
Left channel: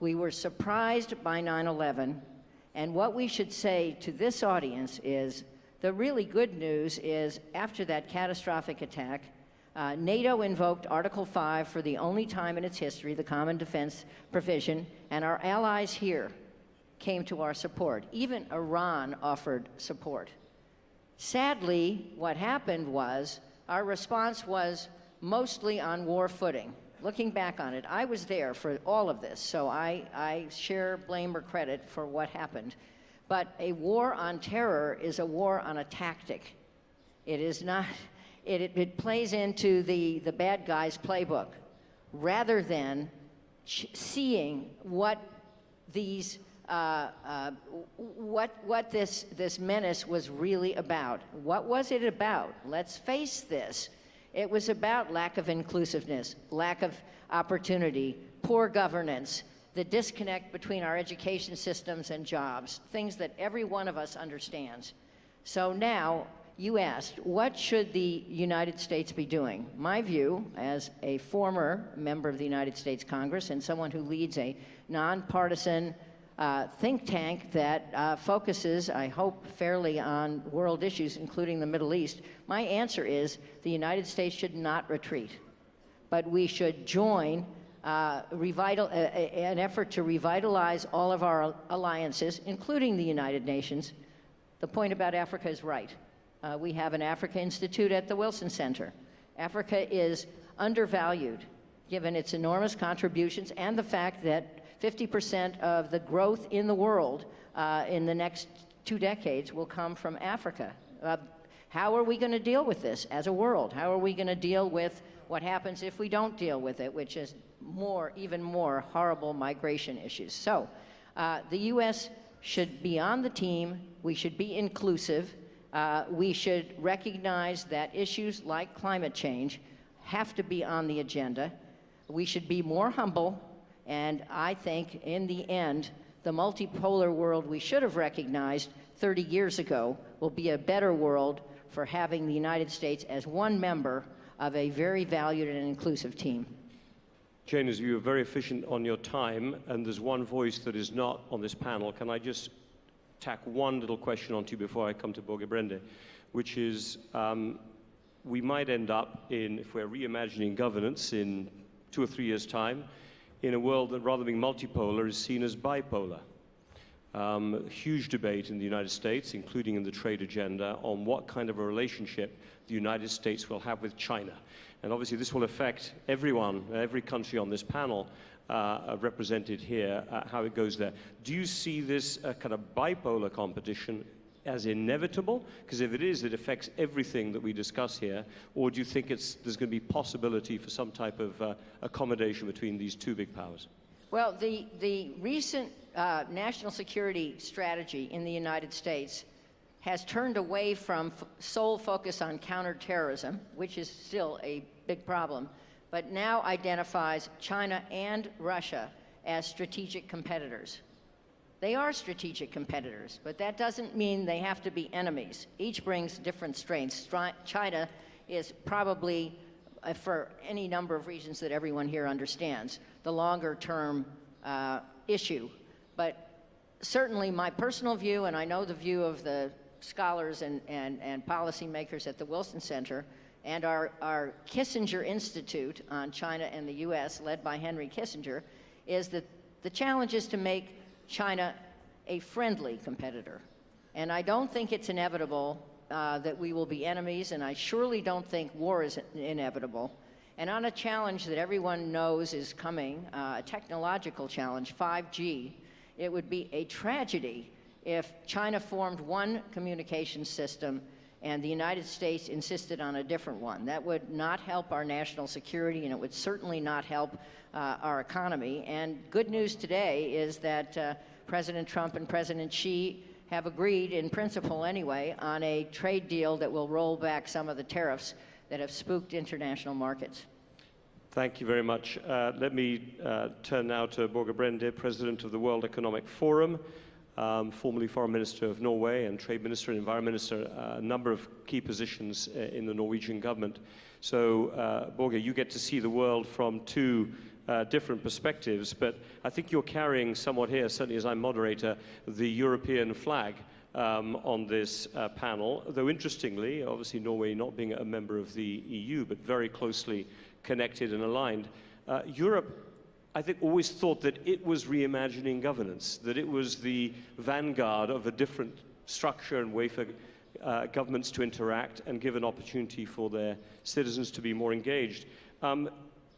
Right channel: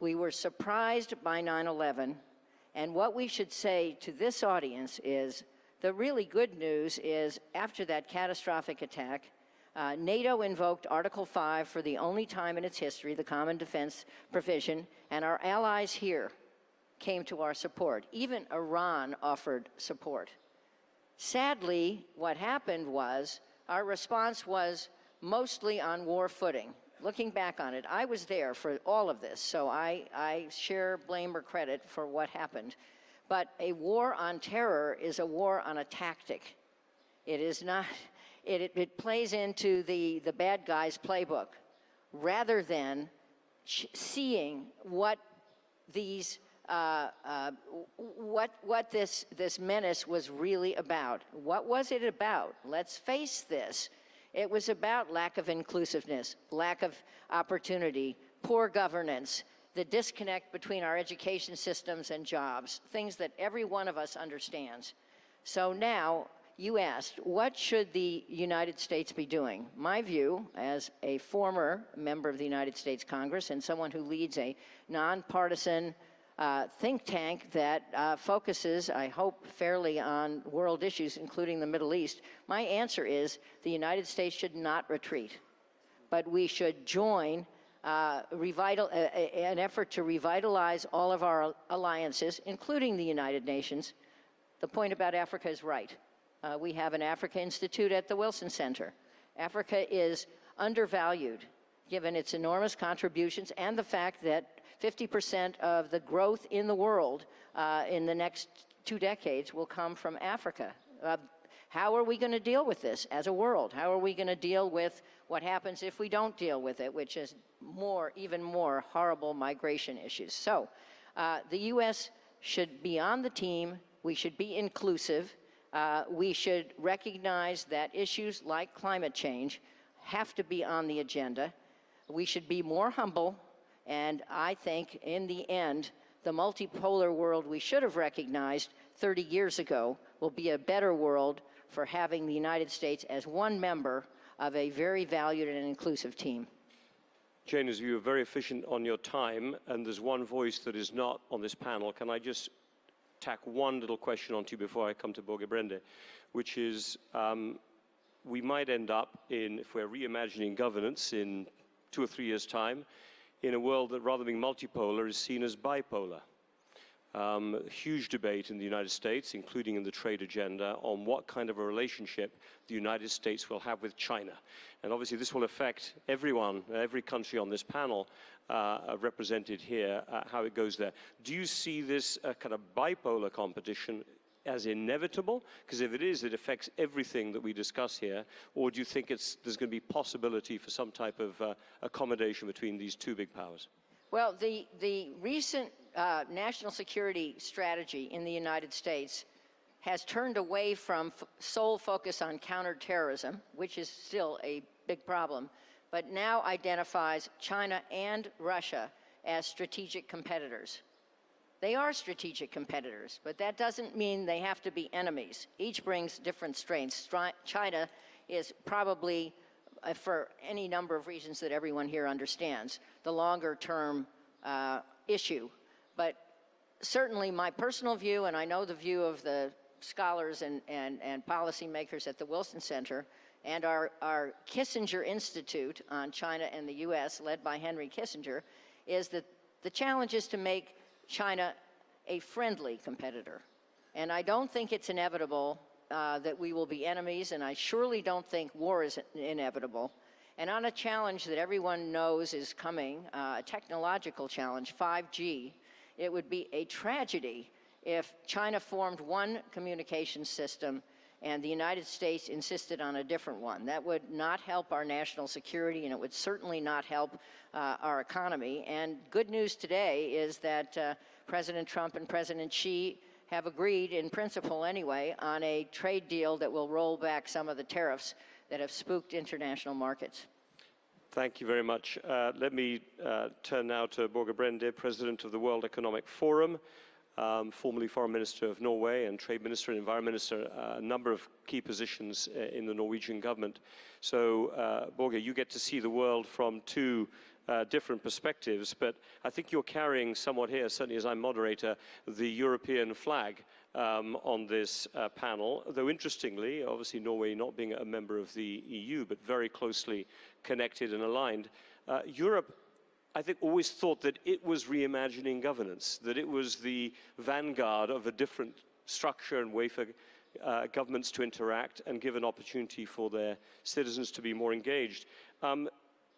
We were surprised by 9/11, and what we should say to this audience is, the really good news is, after that catastrophic attack, NATO invoked Article 5 for the only time in its history, the Common Defense Provision, and our allies here came to our support. Even Iran offered support. Sadly, what happened was our response was mostly on war footing. Looking back on it, I was there for all of this, so I share blame or credit for what happened. But a war on terror is a war on a tactic. It is not, it plays into the bad guy's playbook, rather than seeing what these what this menace was really about. What was it about? Let's face this. It was about lack of inclusiveness, lack of opportunity, poor governance, the disconnect between our education systems and jobs, things that every one of us understands. So now, you asked, what should the United States be doing? My view, as a former member of the United States Congress and someone who leads a nonpartisan think tank that focuses, I hope, fairly on world issues, including the Middle East, my answer is the United States should not retreat, but we should join an effort to revitalize all of our alliances, including the United Nations. The point about Africa is right. We have an Africa Institute at the Wilson Center. Africa is undervalued, given its enormous contributions and the fact that 50% of the growth in the world in the next 2 decades will come from Africa. How are we going to deal with this as a world? How are we going to deal with what happens if we don't deal with it, which is even more horrible migration issues? So the U.S. should be on the team. We should be inclusive. We should recognize that issues like climate change have to be on the agenda. We should be more humble. And I think, in the end, the multipolar world we should have recognized 30 years ago will be a better world for having the United States as one member of a very valued and inclusive team. Jane, as you were very efficient on your time, and there's one voice that is not on this panel, can I just tack one little question onto you before I come to Boge Brende, which is, we might end up in, if we're reimagining governance in 2 or 3 years' time, in a world that, rather than being multipolar, is seen as bipolar. Huge debate in the United States, including in the trade agenda, on what kind of a relationship the United States will have with China. And obviously this will affect everyone, every country on this panel represented here, how it goes there. Do you see this kind of bipolar competition as inevitable? Because if it is, it affects everything that we discuss here. Or do you think there's going to be possibility for some type of accommodation between these 2 big powers? Well, the recent national security strategy in the United States has turned away from sole focus on counterterrorism, which is still a big problem, but now identifies China and Russia as strategic competitors. They are strategic competitors, but that doesn't mean they have to be enemies. Each brings different strengths. China is probably, for any number of reasons that everyone here understands, the longer-term issue. But certainly my personal view, and I know the view of the scholars and policymakers at the Wilson Center, and our Kissinger Institute on China and the U.S., led by Henry Kissinger, is that the challenge is to make China a friendly competitor. And I don't think it's inevitable that we will be enemies, and I surely don't think war is inevitable. And on a challenge that everyone knows is coming, a technological challenge, 5G, It would be a tragedy if China formed one communication system and the United States insisted on a different one. That would not help our national security, and it would certainly not help our economy. And good news today is that President Trump and President Xi have agreed, in principle anyway, on a trade deal that will roll back some of the tariffs that have spooked international markets. Thank you very much. Let me turn now to Børge Brende, President of the World Economic Forum, formerly Foreign Minister of Norway and Trade Minister and Environment Minister, a number of key positions in the Norwegian government. So, Børge, you get to see the world from two different perspectives, but I think you're carrying somewhat here, certainly as I'm moderator, the European flag on this panel, though interestingly, obviously Norway not being a member of the EU, but very closely connected and aligned. Europe, I think, always thought that it was reimagining governance, that it was the vanguard of a different structure and way for governments to interact and give an opportunity for their citizens to be more engaged.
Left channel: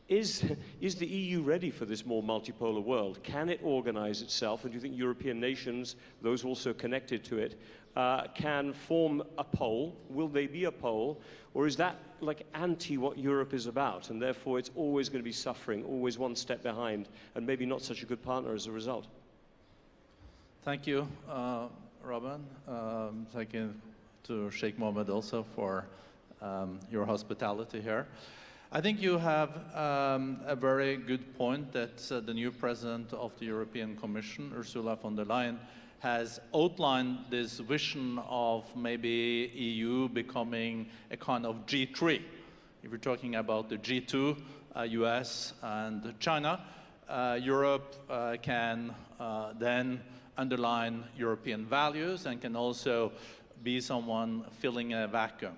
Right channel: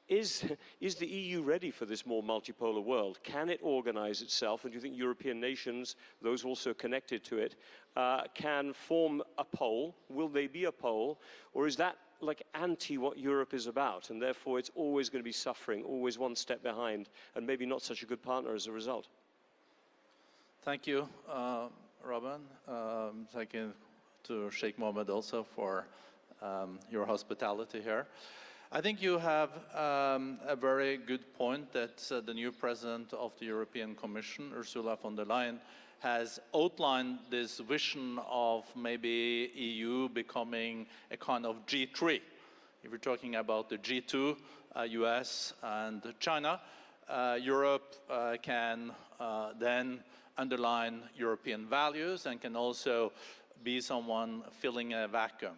Is the EU ready for this more multipolar world? Can it organize itself? And do you think European nations, those also connected to it, can form a pole? Will they be a pole? Or is that like anti what Europe is about, and therefore it's always going to be suffering, always one step behind, and maybe not such a good partner as a result? Thank you, Robin. Thank you to Sheikh Mohammed also for your hospitality here. I think you have a very good point that the new president of the European Commission, Ursula von der Leyen, has outlined this vision of maybe EU becoming a kind of G3. If you're talking about the G2, US and China, Europe can then underline European values and can also be someone filling a vacuum.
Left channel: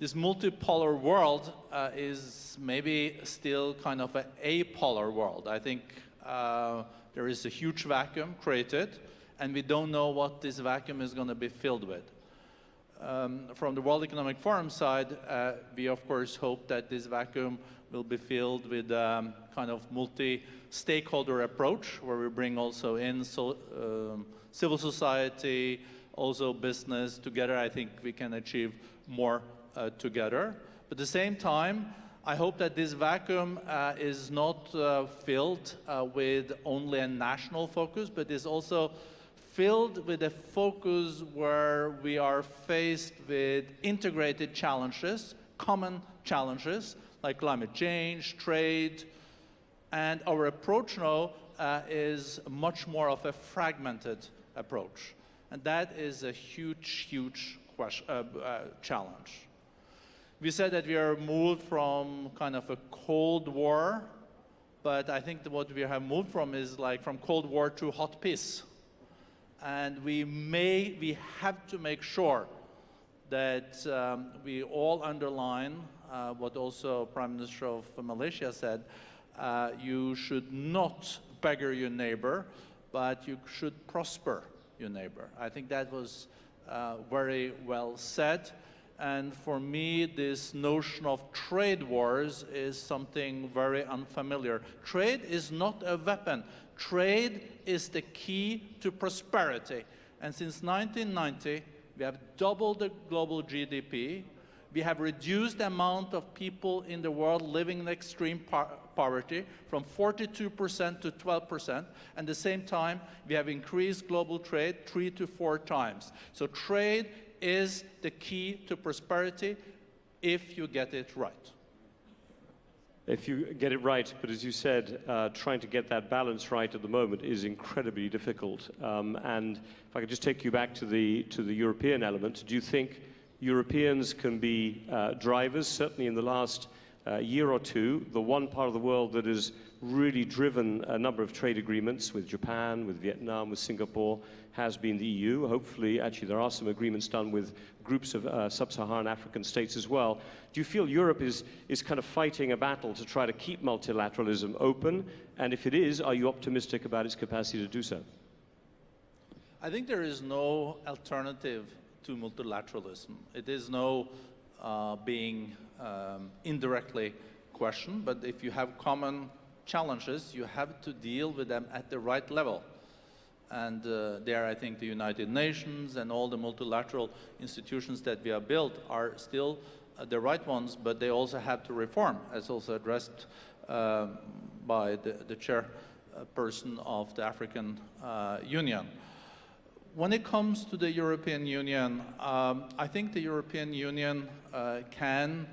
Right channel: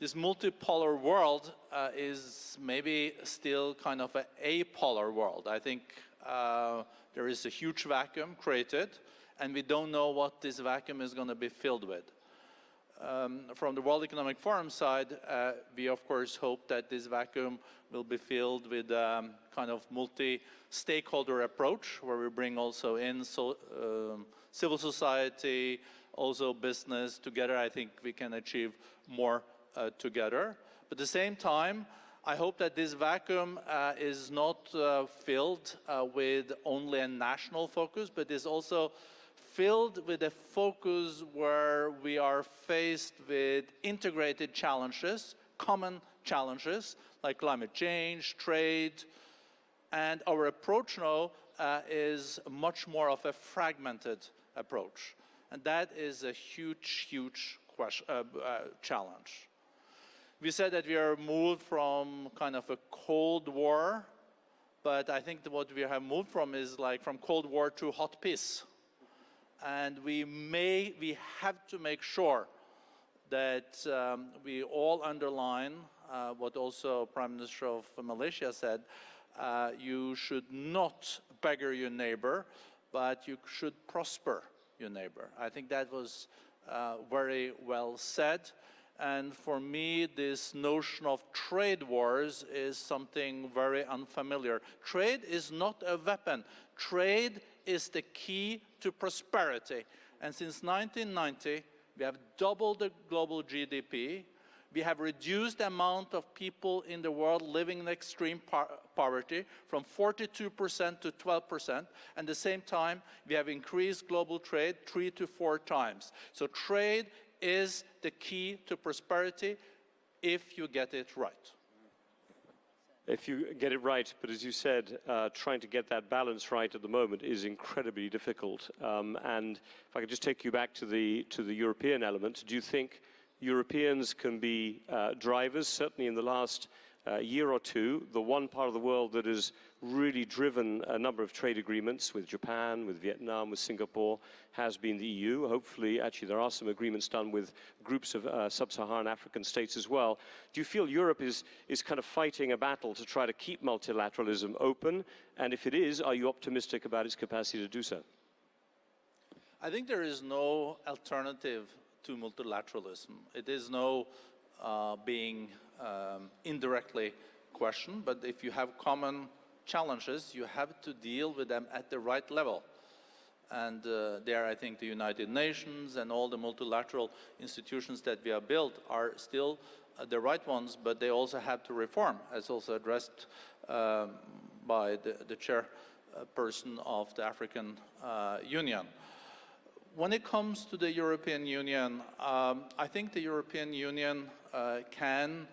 This multipolar world is maybe still kind of an apolar world. I think there is a huge vacuum created, and we don't know what this vacuum is going to be filled with. From the World Economic Forum side, we of course hope that this vacuum will be filled with kind of multi-stakeholder approach, where we bring also in civil society, also business together. I think we can achieve more together. But at the same time, I hope that this vacuum is not filled with only a national focus, but is also filled with a focus where we are faced with integrated challenges, common challenges, like climate change, trade, and our approach now is much more of a fragmented approach. And that is a huge, huge challenge. We said that we are moved from kind of a Cold War, but I think that what we have moved from is like from Cold War to hot peace. And we have to make sure that we all underline what also Prime Minister of Malaysia said, you should not beggar your neighbor, but you should prosper your neighbor. I think that was very well said. And for me, this notion of trade wars is something very unfamiliar. Trade is not a weapon. Trade is the key to prosperity. And since 1990, we have doubled the global GDP. We have reduced the amount of people in the world living in extreme poverty from 42% to 12%. And at the same time, we have increased global trade 3 to 4 times. So trade is the key to prosperity if you get it right. If you get it right, but as you said, trying to get that balance right at the moment is incredibly difficult. And if I could just take you back to the European element, do you think Europeans can be drivers? Certainly in the last year or two, the one part of the world that has really driven a number of trade agreements with Japan, with Vietnam, with Singapore, has been the EU. Hopefully, actually, there are some agreements done with groups of sub-Saharan African states as well. Do you feel Europe is kind of fighting a battle to try to keep multilateralism open? And if it is, are you optimistic about its capacity to do so? I think there is no alternative to multilateralism. It is no being indirectly questioned, but if you have common challenges, you have to deal with them at the right level. And there, I think the United Nations and all the multilateral institutions that we have built are still the right ones, but they also have to reform, as also addressed by the chairperson of the African Union. When it comes to the European Union, I think the European Union can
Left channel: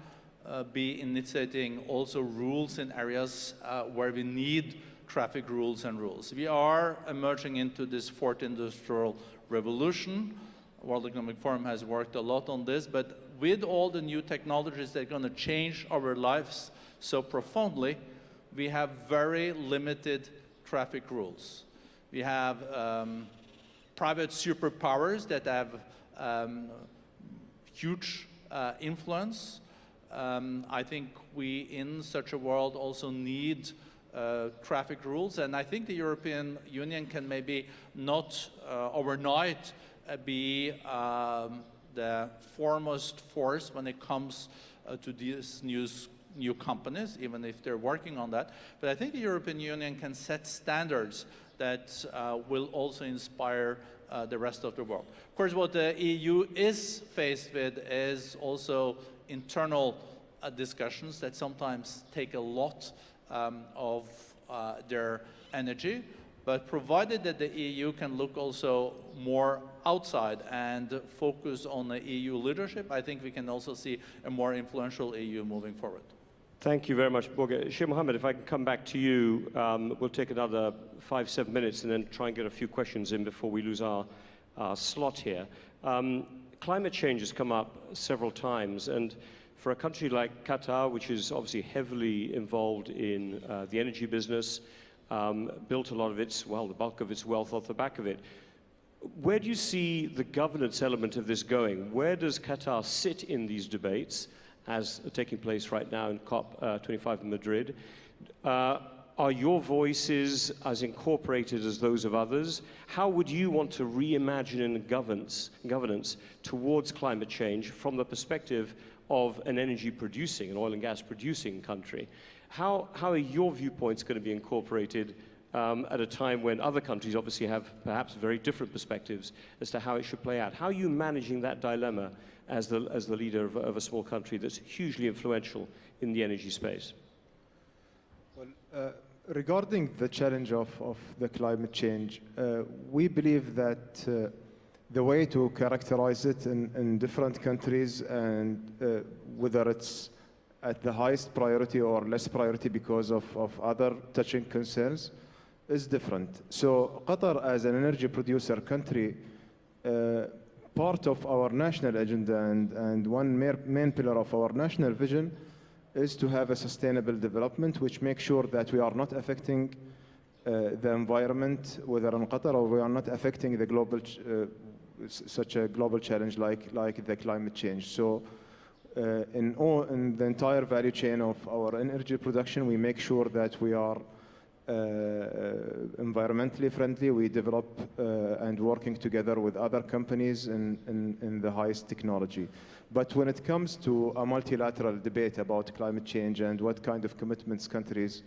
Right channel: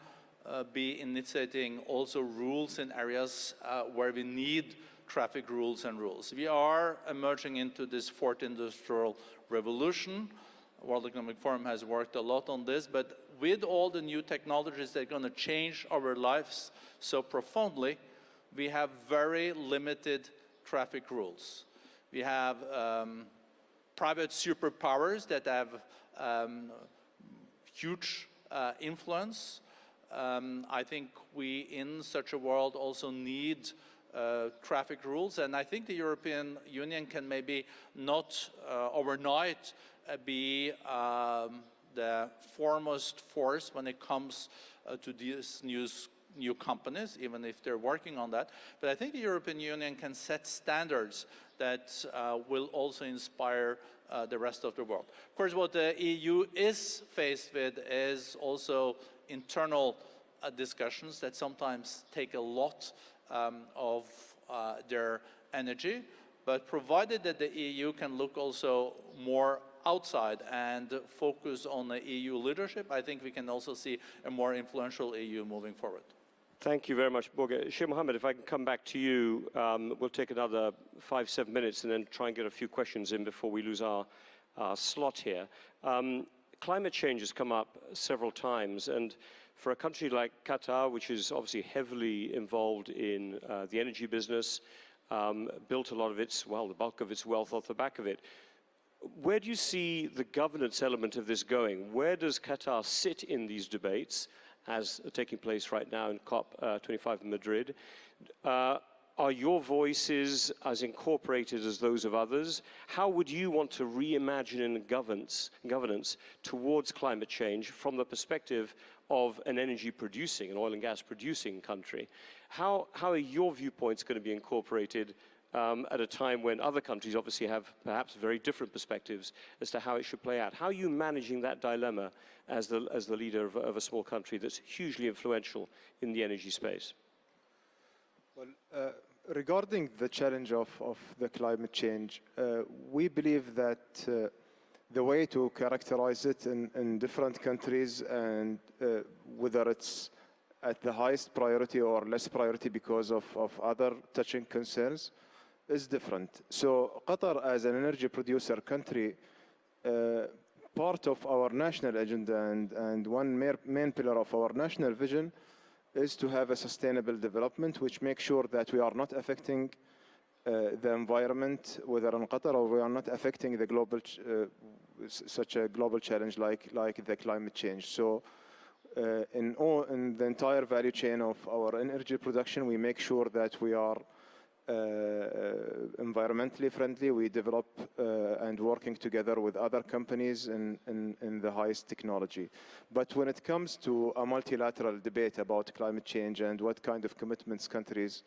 be initiating also rules in areas where we need traffic rules and rules. We are emerging into this fourth industrial revolution. World Economic Forum has worked a lot on this, but with all the new technologies that are going to change our lives so profoundly, we have very limited traffic rules. We have private superpowers that have huge influence. I think we, in such a world, also need traffic rules, and I think the European Union can maybe not overnight be the foremost force when it comes to these new companies, even if they're working on that. But I think the European Union can set standards that will also inspire the rest of the world. Of course, what the EU is faced with is also internal discussions that sometimes take a lot of their energy, but provided that the EU can look also more outside and focus on the EU leadership, I think we can also see a more influential EU moving forward. Thank you very much, Borge. Sheikh Mohammed, if I can come back to you, we'll take another 5-7 minutes and then try and get a few questions in before we lose our slot here. Climate change has come up several times, and for a country like Qatar, which is obviously heavily involved in the energy business, built a lot of its, well, the bulk of its wealth off the back of it, where do you see the governance element of this going? Where does Qatar sit in these debates, as are taking place right now in COP25 in Madrid? Are your voices as incorporated as those of others? How would you want to reimagine governance towards climate change from the perspective of an energy producing, an oil and gas producing country? How are your viewpoints going to be incorporated at a time when other countries obviously have perhaps very different perspectives as to how it should play out? How are you managing that dilemma as the leader of a small country that's hugely influential in the energy space? Well, regarding the challenge of the climate change, we believe that the way to characterize it in different countries, and whether it's at the highest priority or less priority because of other touching concerns, is different. So Qatar, as an energy producer country, part of our national agenda and one main pillar of our national vision is to have a sustainable development which makes sure that we are not affecting the environment, whether in Qatar, or we are not affecting the global, such a global challenge like the climate change. So in the entire value chain of our energy production, we make sure that we are environmentally friendly. We develop and working together with other companies in the highest technology. But when it comes to a multilateral debate about climate change and what kind of commitments countries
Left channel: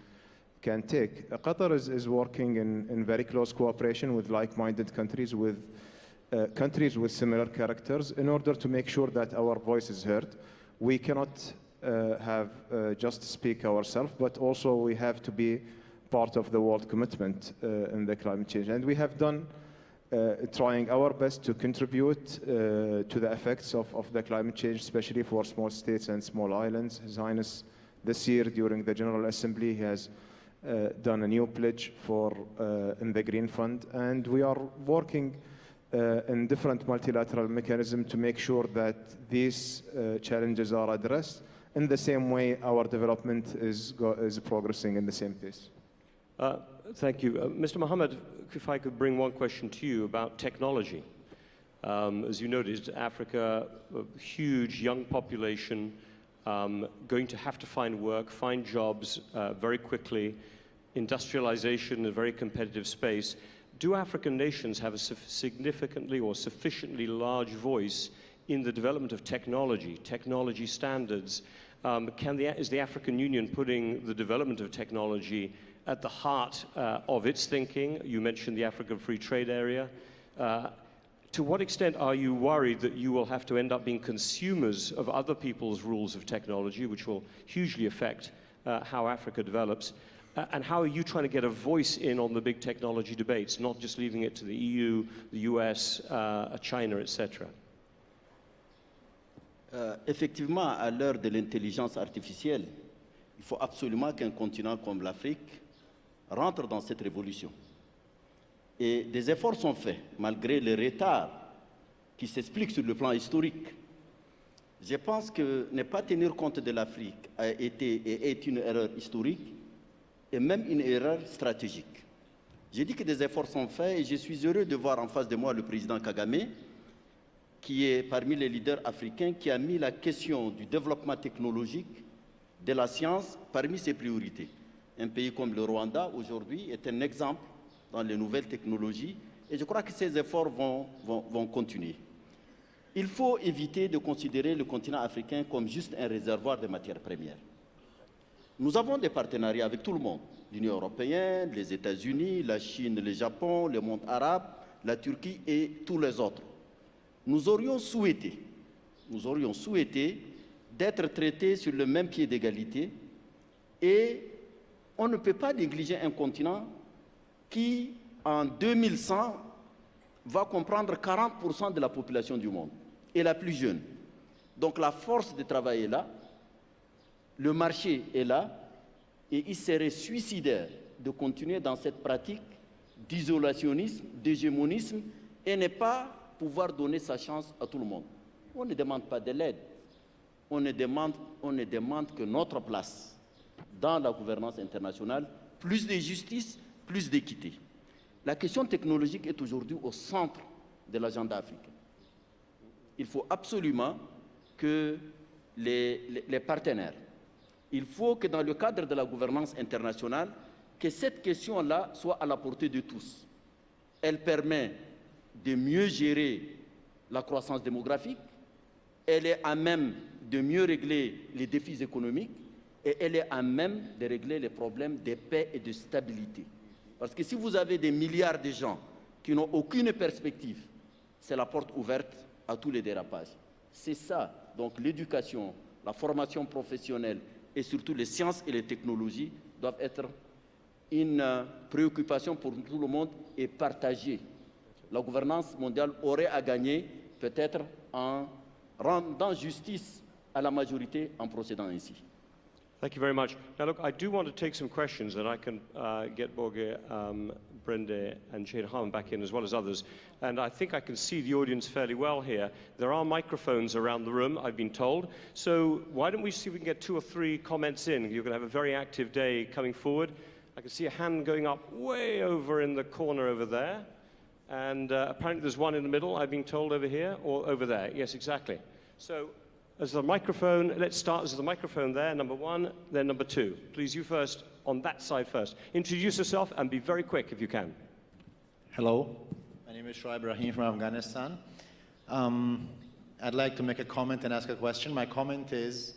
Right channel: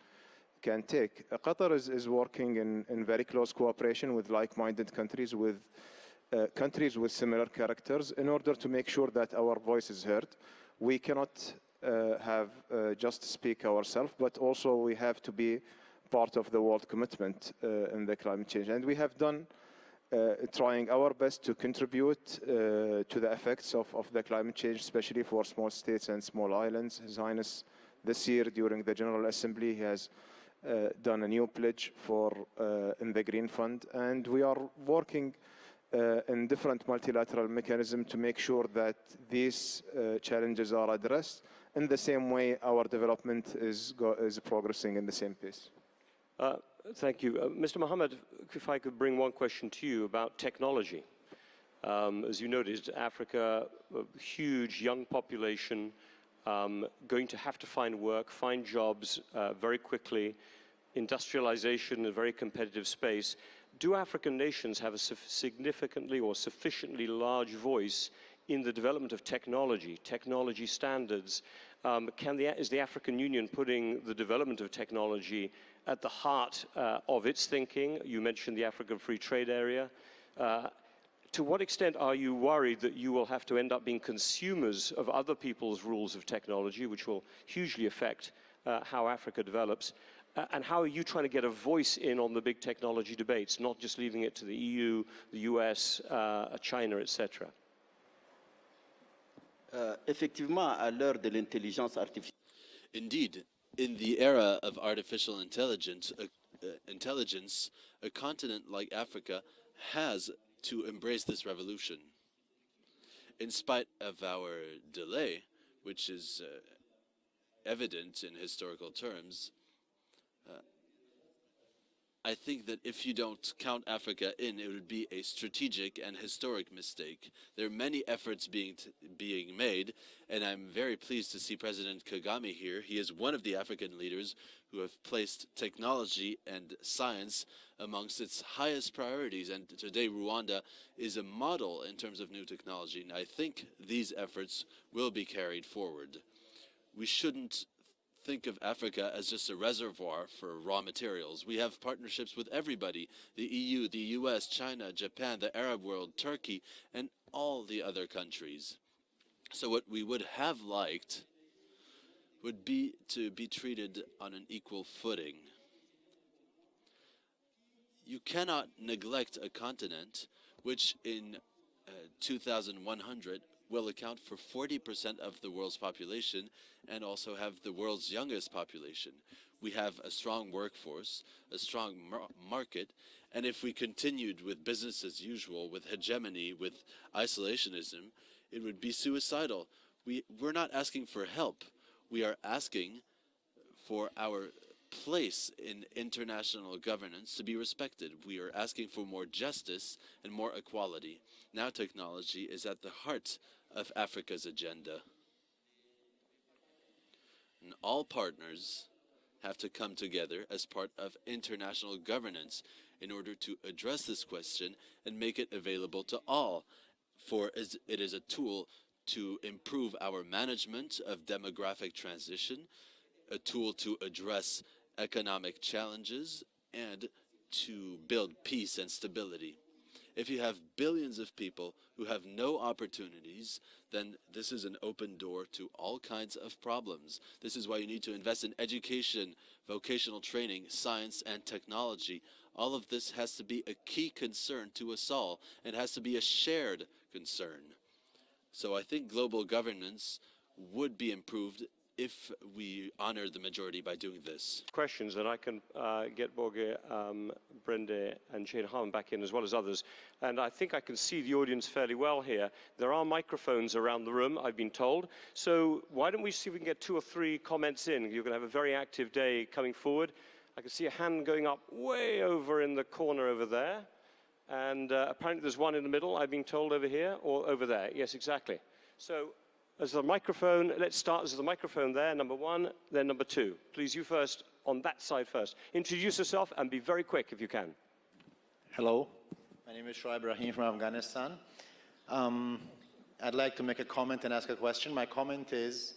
can take, Qatar is working in very close cooperation with like-minded countries, with countries with similar characters, in order to make sure that our voice is heard. We cannot have just speak ourselves, but also we have to be part of the world commitment in the climate change. And we have done trying our best to contribute to the effects of the climate change, especially for small states and small islands. His Highness, this year during the General Assembly, he has done a new pledge for in the Green Fund, and we are working in different multilateral mechanisms to make sure that these challenges are addressed in the same way our development is progressing in the same pace. Thank you. Mr. Mohammed, if I could bring one question to you about technology. As you noted, Africa, a huge young population, going to have to find work, find jobs very quickly, industrialization in a very competitive space. Do African nations have a significantly or sufficiently large voice in the development of technology standards? Is the African Union putting the development of technology at the heart of its thinking. You mentioned the African Free Trade Area. To what extent are you worried that you will have to end up being consumers of other people's rules of technology, which will hugely affect how Africa develops? And how are you trying to get a voice in on the big technology debates, not just leaving it to the EU, the US, China, etc.? Effectivement, à l'heure de l'intelligence artificielle, il faut absolument qu'un continent comme l'Afrique rentre dans cette révolution. Et des efforts sont faits, malgré le retard qui s'explique sur le plan historique. Je pense que ne pas tenir compte de l'Afrique est une erreur historique et même une erreur stratégique. J'ai dit que des efforts sont faits et je suis heureux de voir en face de moi le président Kagame, qui est parmi les leaders africains, qui a mis la question du développement technologique de la science parmi ses priorités. Un pays comme le Rwanda, aujourd'hui, est un exemple dans les nouvelles technologies, et je crois que ces efforts vont continuer. Il faut éviter de considérer le continent africain comme juste un réservoir de matières premières. Nous avons des partenariats avec tout le monde, l'Union européenne, les États-Unis, la Chine, le Japon, le monde arabe, la Turquie et tous les autres. Nous aurions souhaité d'être traités sur le même pied d'égalité, et on ne peut pas négliger un continent qui, en 2100, va comprendre 40% de la population du monde, et la plus jeune. Donc la force de travail est là, le marché est là, et il serait suicidaire de continuer dans cette pratique d'isolationnisme, d'hégémonisme, et ne pas pouvoir donner sa chance à tout le monde. On ne demande pas de l'aide, on ne demande que notre place dans la gouvernance internationale, plus de justice, plus d'équité. La question technologique est aujourd'hui au centre de l'agenda africain. Il faut absolument que les partenaires, il faut que dans le cadre de la gouvernance internationale, que cette question-là soit à la portée de tous. Elle permet de mieux gérer la croissance démographique, elle est à même de mieux régler les défis économiques, et elle est à même de régler les problèmes de paix et de stabilité. Parce que si vous avez des milliards de gens qui n'ont aucune perspective, c'est la porte ouverte à tous les dérapages. C'est ça. Donc l'éducation, la formation professionnelle et surtout les sciences et les technologies doivent être une préoccupation pour tout le monde et partagée. La gouvernance mondiale aurait à gagner peut-être en rendant justice à la majorité en procédant ainsi. Thank you very much. Now, look, I do want to take some questions, and I can get Borge, Brende, and Shane Harman back in, as well as others. And I think I can see the audience fairly well here. There are microphones around the room, I've been told. So why don't we see if we can get 2 or 3 comments in? You're going to have a very active day coming forward. I can see a hand going up way over in the corner over there. And apparently there's one in the middle, I've been told, over here, or over there. Yes, exactly. So there's the microphone. Let's start. There's the microphone there, number 1, then number 2. Please, you first, on that side first. Introduce yourself and be very quick if you can. Hello, my name is Shoaib Rahim from Afghanistan. I'd like to make a comment and ask a question. My comment is,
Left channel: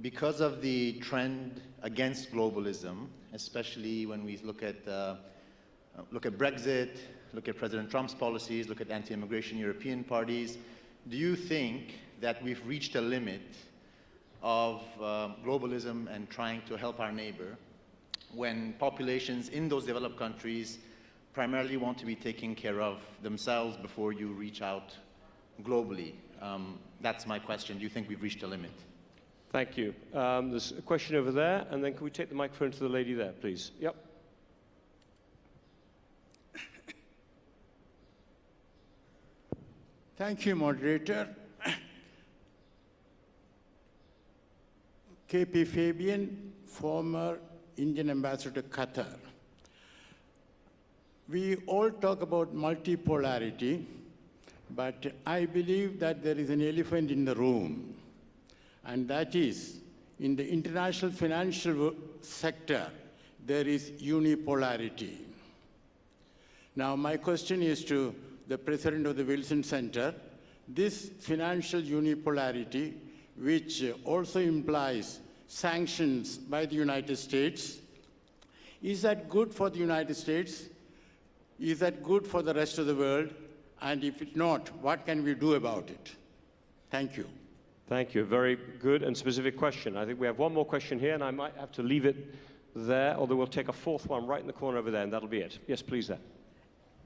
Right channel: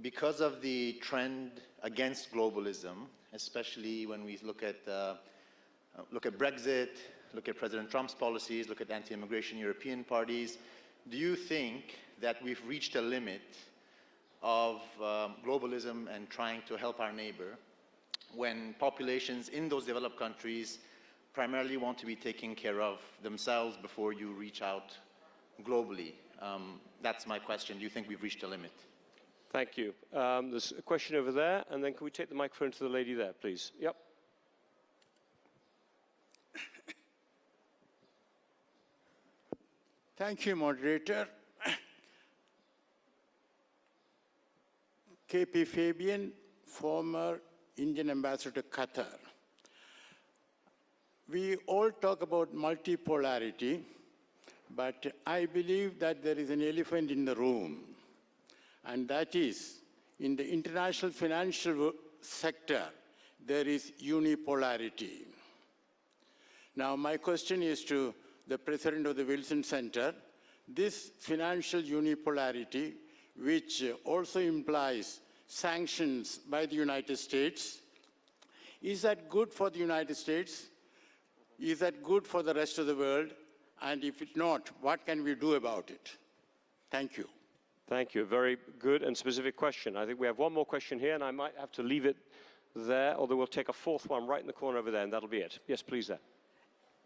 because of the trend against globalism, especially when we look at Brexit, look at President Trump's policies, look at anti-immigration European parties, do you think that we've reached a limit of globalism and trying to help our neighbor when populations in those developed countries primarily want to be taking care of themselves before you reach out globally? That's my question. Do you think we've reached a limit? Thank you. There's a question over there, and then can we take the microphone to the lady there, please? Yep. Thank you, moderator. KP Fabian, former Indian ambassador to Qatar. We all talk about multipolarity, but I believe that there is an elephant in the room, and that is, in the international financial sector, there is unipolarity. Now, my question is to the president of the Wilson Center. This financial unipolarity, which also implies sanctions by the United States, Is that good for the United States? Is that good for the rest of the world? And if it's not, what can we do about it? Thank you. Thank you. Very good and specific question. I think we have one more question here, and I might have to leave it there, although we'll take a fourth one right in the corner over there, and that'll be it. Yes, please, there.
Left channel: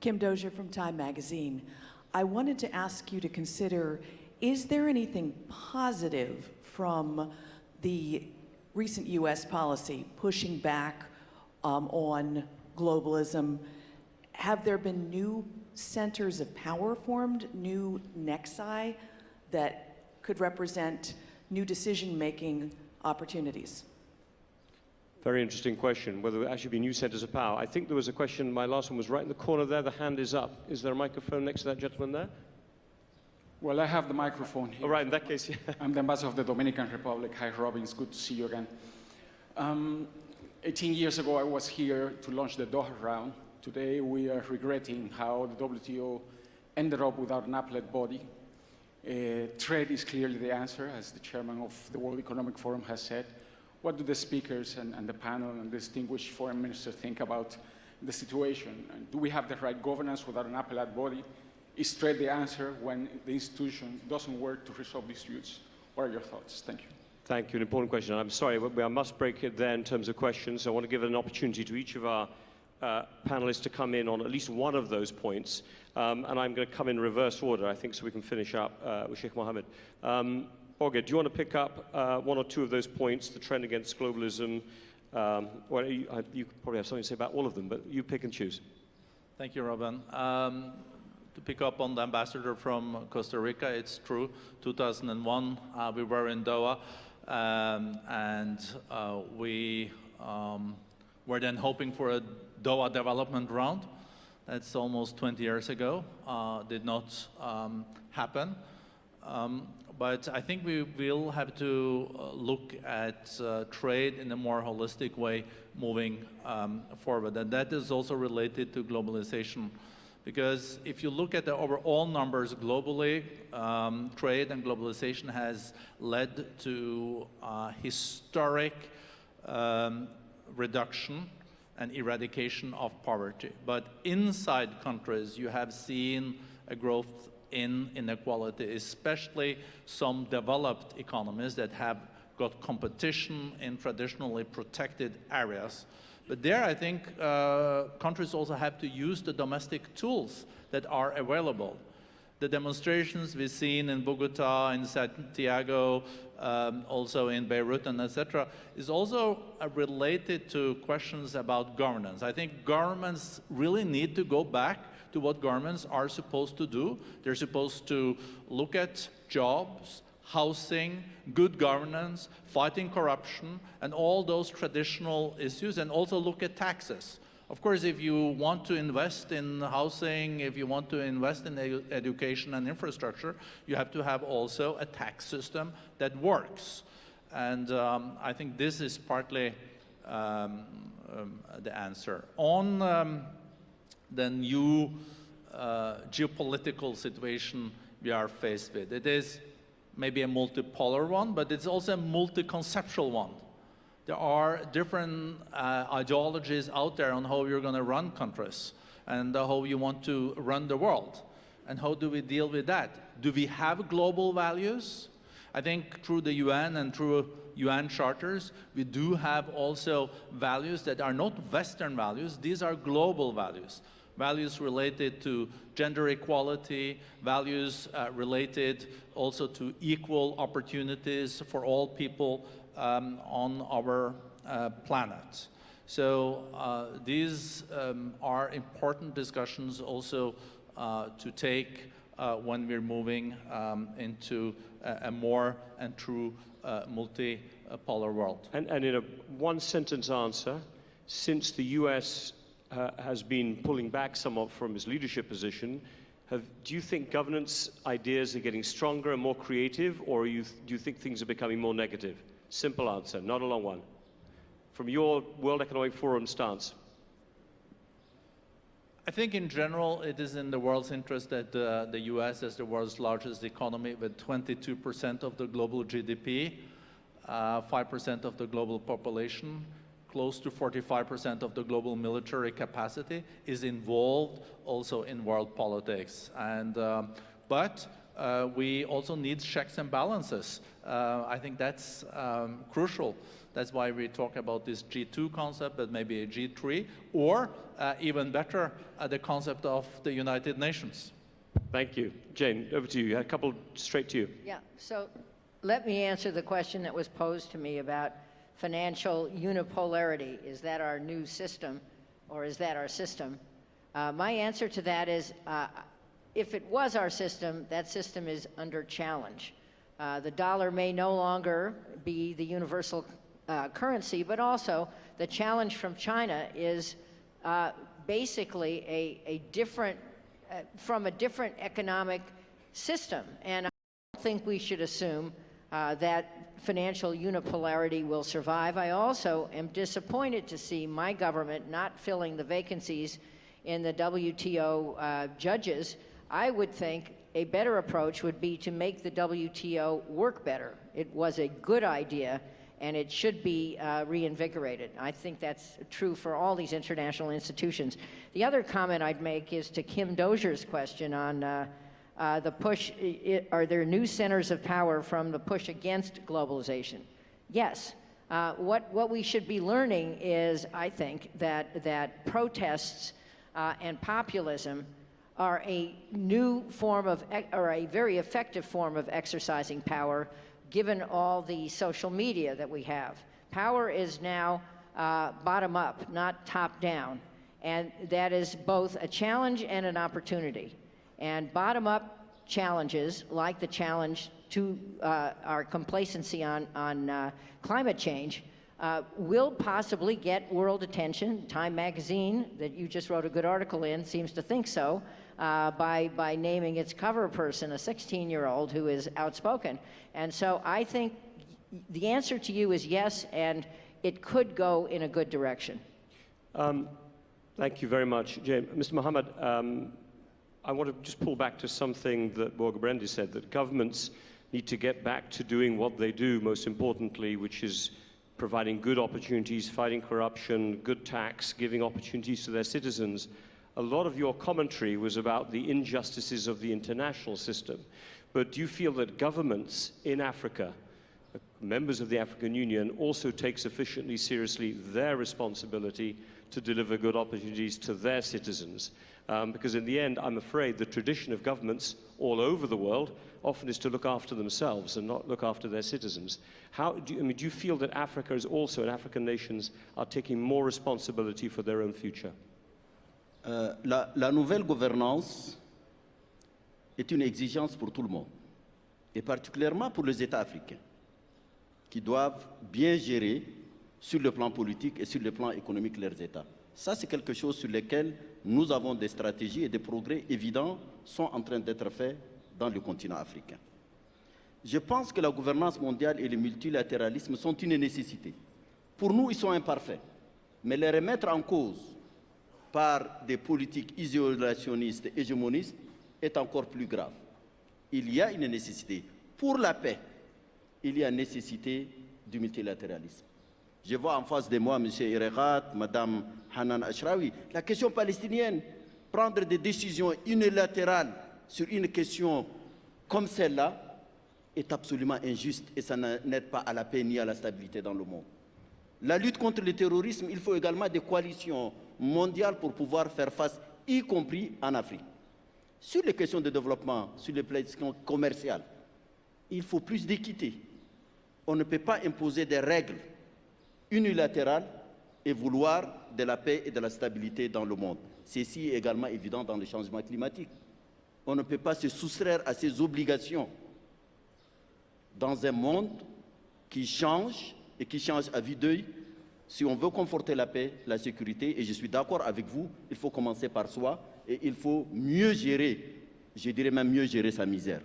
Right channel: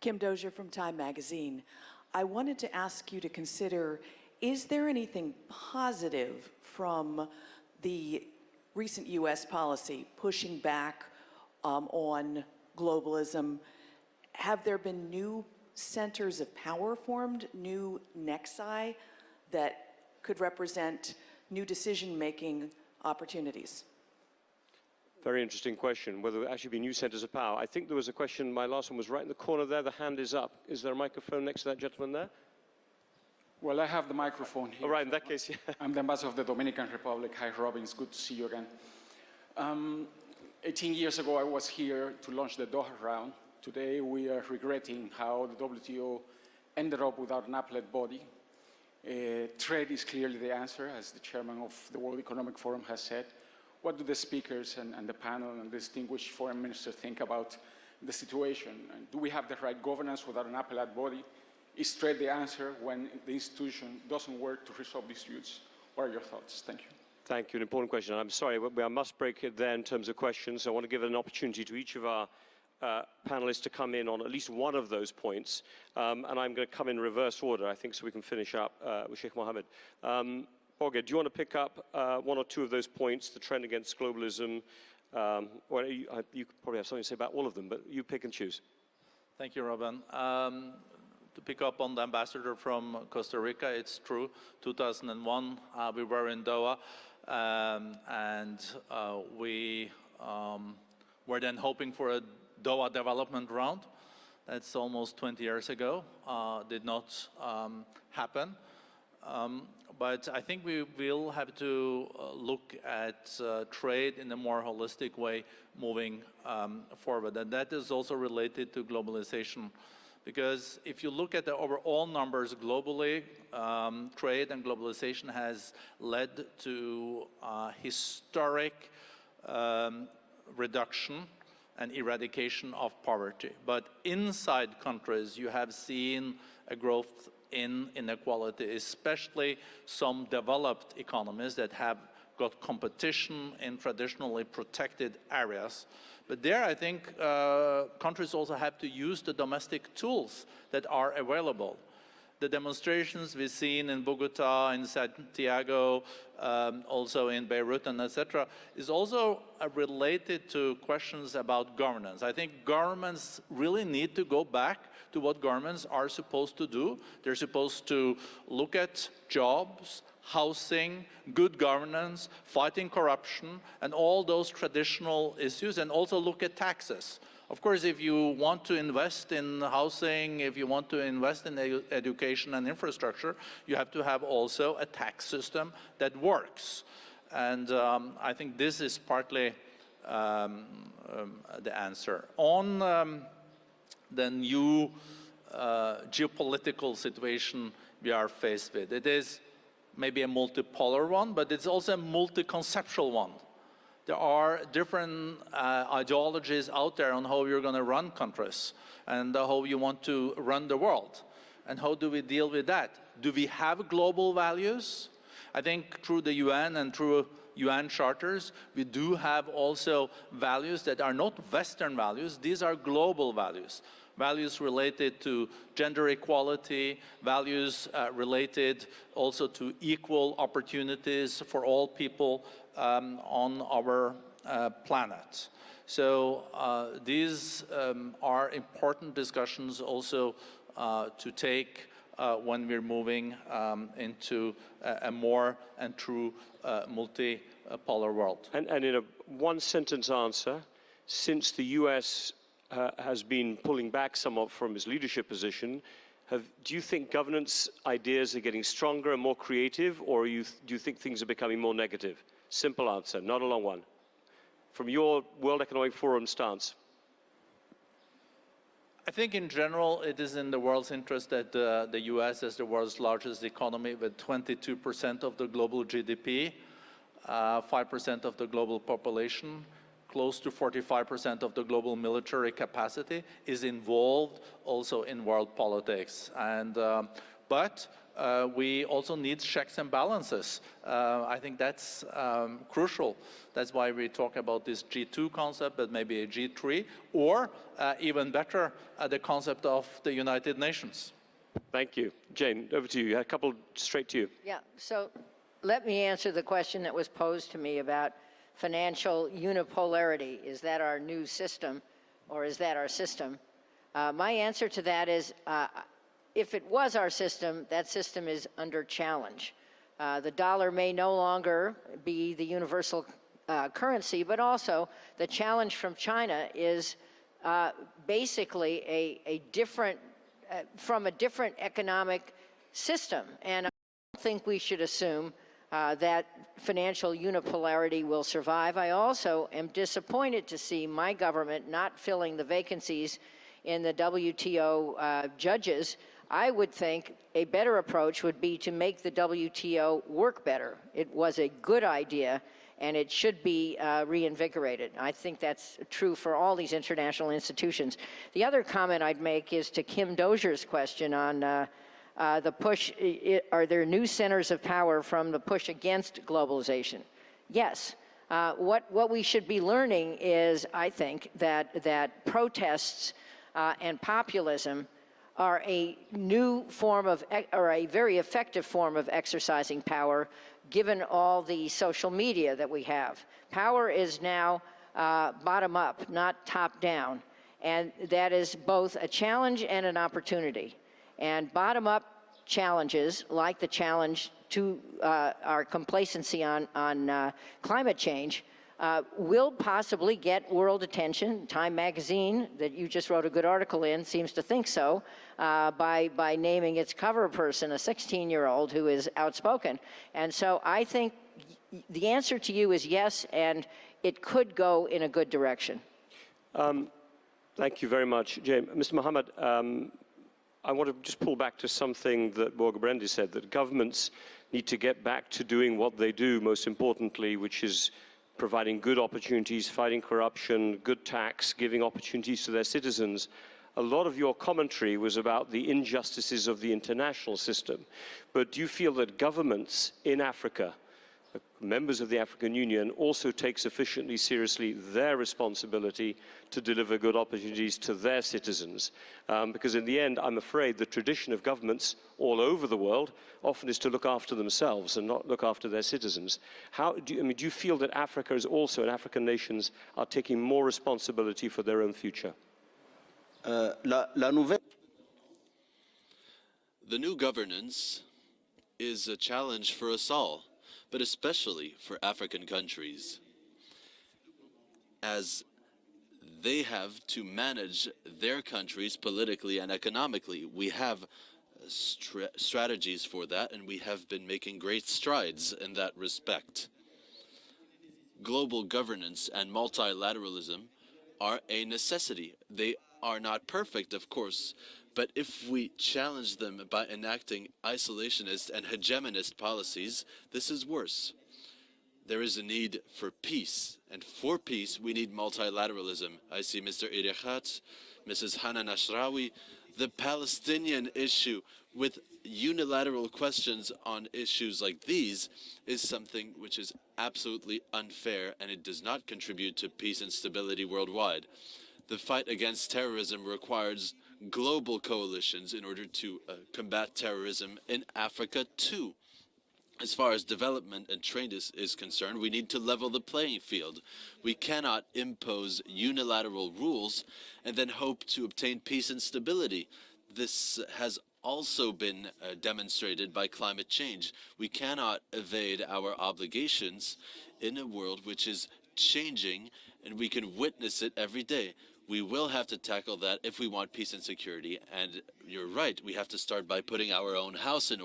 Kim Dozier from Time Magazine. I wanted to ask you to consider, is there anything positive from the recent U.S. policy pushing back on globalism? Have there been new centers of power formed, new nexi that could represent new decision-making opportunities? Very interesting question, whether there actually be new centers of power. I think there was a question, my last one was right in the corner there, the hand is up. Is there a microphone next to that gentleman there? Well, I have the microphone here. All right, in that case, yeah. I'm the ambassador of the Dominican Republic. Hi, Robin, it's good to see you again. 18 years ago, I was here to launch the Doha round. Today, we are regretting how the WTO ended up without an appellate body. Trade is clearly the answer, as the chairman of the World Economic Forum has said. What do the speakers and the panel and the distinguished foreign minister think about the situation? And do we have the right governance without an appellate body? Is trade the answer when the institution doesn't work to resolve disputes? What are your thoughts? Thank you. Thank you, an important question. I'm sorry, I must break it there in terms of questions. I want to give an opportunity to each of our panelists to come in on at least one of those points. And I'm going to come in reverse order, I think, so we can finish up with Sheikh Mohammed. Olga, do you want to pick up one or two of those points, the trend against globalism? Well, you probably have something to say about all of them, but you pick and choose. Thank you, Robin. To pick up on the ambassador from Costa Rica, it's true. 2001, we were in Doha, and we were then hoping for a Doha development round. That's almost 20 years ago. Did not happen. But I think we will have to look at trade in a more holistic way moving forward. And that is also related to globalization. Because if you look at the overall numbers globally, trade and globalization has led to historic reduction and eradication of poverty. But inside countries, you have seen a growth in inequality, especially some developed economies that have got competition in traditionally protected areas. But there, I think countries also have to use the domestic tools that are available. The demonstrations we've seen in Bogota, in Santiago, also in Beirut, and etc., is also related to questions about governance. I think governments really need to go back to what governments are supposed to do. They're supposed to look at jobs, housing, good governance, fighting corruption, and all those traditional issues, and also look at taxes. Of course, if you want to invest in housing, if you want to invest in education and infrastructure, you have to have also a tax system that works. And I think this is partly the answer. On the new geopolitical situation we are faced with, it is maybe a multipolar one, but it's also a multi-conceptual one. There are different ideologies out there on how you're going to run countries and how you want to run the world. And how do we deal with that? Do we have global values? I think through the UN and through UN charters, we do have also values that are not Western values. These are global values. Values related to gender equality, values related also to equal opportunities for all people on our planet. So these are important discussions also to take when we're moving into a more and true multipolar world. And in a one-sentence answer, since the US has been pulling back somewhat from its leadership position, do you think governance ideas are getting stronger and more creative, or do you think things are becoming more negative? Simple answer, not a long one. From your World Economic Forum stance. I think in general it is in the world's interest that the US, as the world's largest economy with 22% of the global GDP, 5% of the global population, close to 45% of the global military capacity is involved also in world politics. And, but we also need checks and balances. I think that's crucial. That's why we talk about this G2 concept, but maybe a G3, or even better, the concept of the United Nations. Thank you. Jane, over to you. A couple straight to you. Yeah, so let me answer the question that was posed to me about financial unipolarity. Is that our new system, or is that our system? My answer to that is, if it was our system, that system is under challenge. The dollar may no longer be the universal currency, but also the challenge from China is basically a different, from a different economic system. And I don't think we should assume that financial unipolarity will survive. I also am disappointed to see my government not filling the vacancies in the WTO judges. I would think a better approach would be to make the WTO work better. It was a good idea, and it should be reinvigorated. I think that's true for all these international institutions. The other comment I'd make is to Kim Dozier's question on the push, are there new centers of power from the push against globalization? Yes. What we should be learning is, I think, that protests and populism are a new form of, or a very effective form of exercising power, given all the social media that we have. Power is now bottom up, not top down. And that is both a challenge and an opportunity. And bottom up challenges, like the challenge to our complacency on climate change, will possibly get world attention. Time magazine, that you just wrote a good article in, seems to think so, by naming its cover person a 16-year-old who is outspoken. And so I think the answer to you is yes, and it could go in a good direction. Thank you very much, Jane. Mr. Mohammed, I want to just pull back to something that Borga Brendi said, that governments need to get back to doing what they do most importantly, which is providing good opportunities, fighting corruption, good tax, giving opportunities to their citizens. A lot of your commentary was about the injustices of the international system. But do you feel that governments in Africa, members of the African Union, also take sufficiently seriously their responsibility to deliver good opportunities to their citizens? Because in the end, I'm afraid the tradition of governments all over the world often is to look after themselves and not look after their citizens. How do you feel that Africa is also, and African nations are taking more responsibility for their own future? La nouvelle gouvernance est une exigence pour tout le monde, et particulièrement pour les États africains, qui doivent bien gérer sur le plan politique et sur le plan économique leurs États. Ça, c'est quelque chose sur lequel nous avons des stratégies et des progrès évidents sont en train d'être faits dans le continent africain. Je pense que la gouvernance mondiale et le multilatéralisme sont une nécessité. Pour nous, ils sont imparfaits, mais les remettre en cause par des politiques isolationnistes et hégémonistes est encore plus grave. Il y a une nécessité. Pour la paix, il y a nécessité du multilatéralisme. Je vois en face de moi M. Irekat, Mme Hanan Ashrawi. La question palestinienne, prendre des décisions unilatérales sur une question comme celle-là est absolument injuste et ça n'aide pas à la paix ni à la stabilité dans le monde. La lutte contre le terrorisme, il faut également des coalitions mondiales pour pouvoir faire face, y compris en Afrique. Sur les questions de développement, sur les questions commerciales, il faut plus d'équité. On ne peut pas imposer des règles unilatérales et vouloir de la paix et de la stabilité dans le monde. Ceci est également évident dans le changement climatique. On ne peut pas se soustraire à ces obligations dans un monde qui change et qui change à vue d'œil. Si on veut conforter la paix, la sécurité, et je suis d'accord avec vous, il faut commencer par soi et il faut mieux gérer, je dirais même mieux gérer sa misère.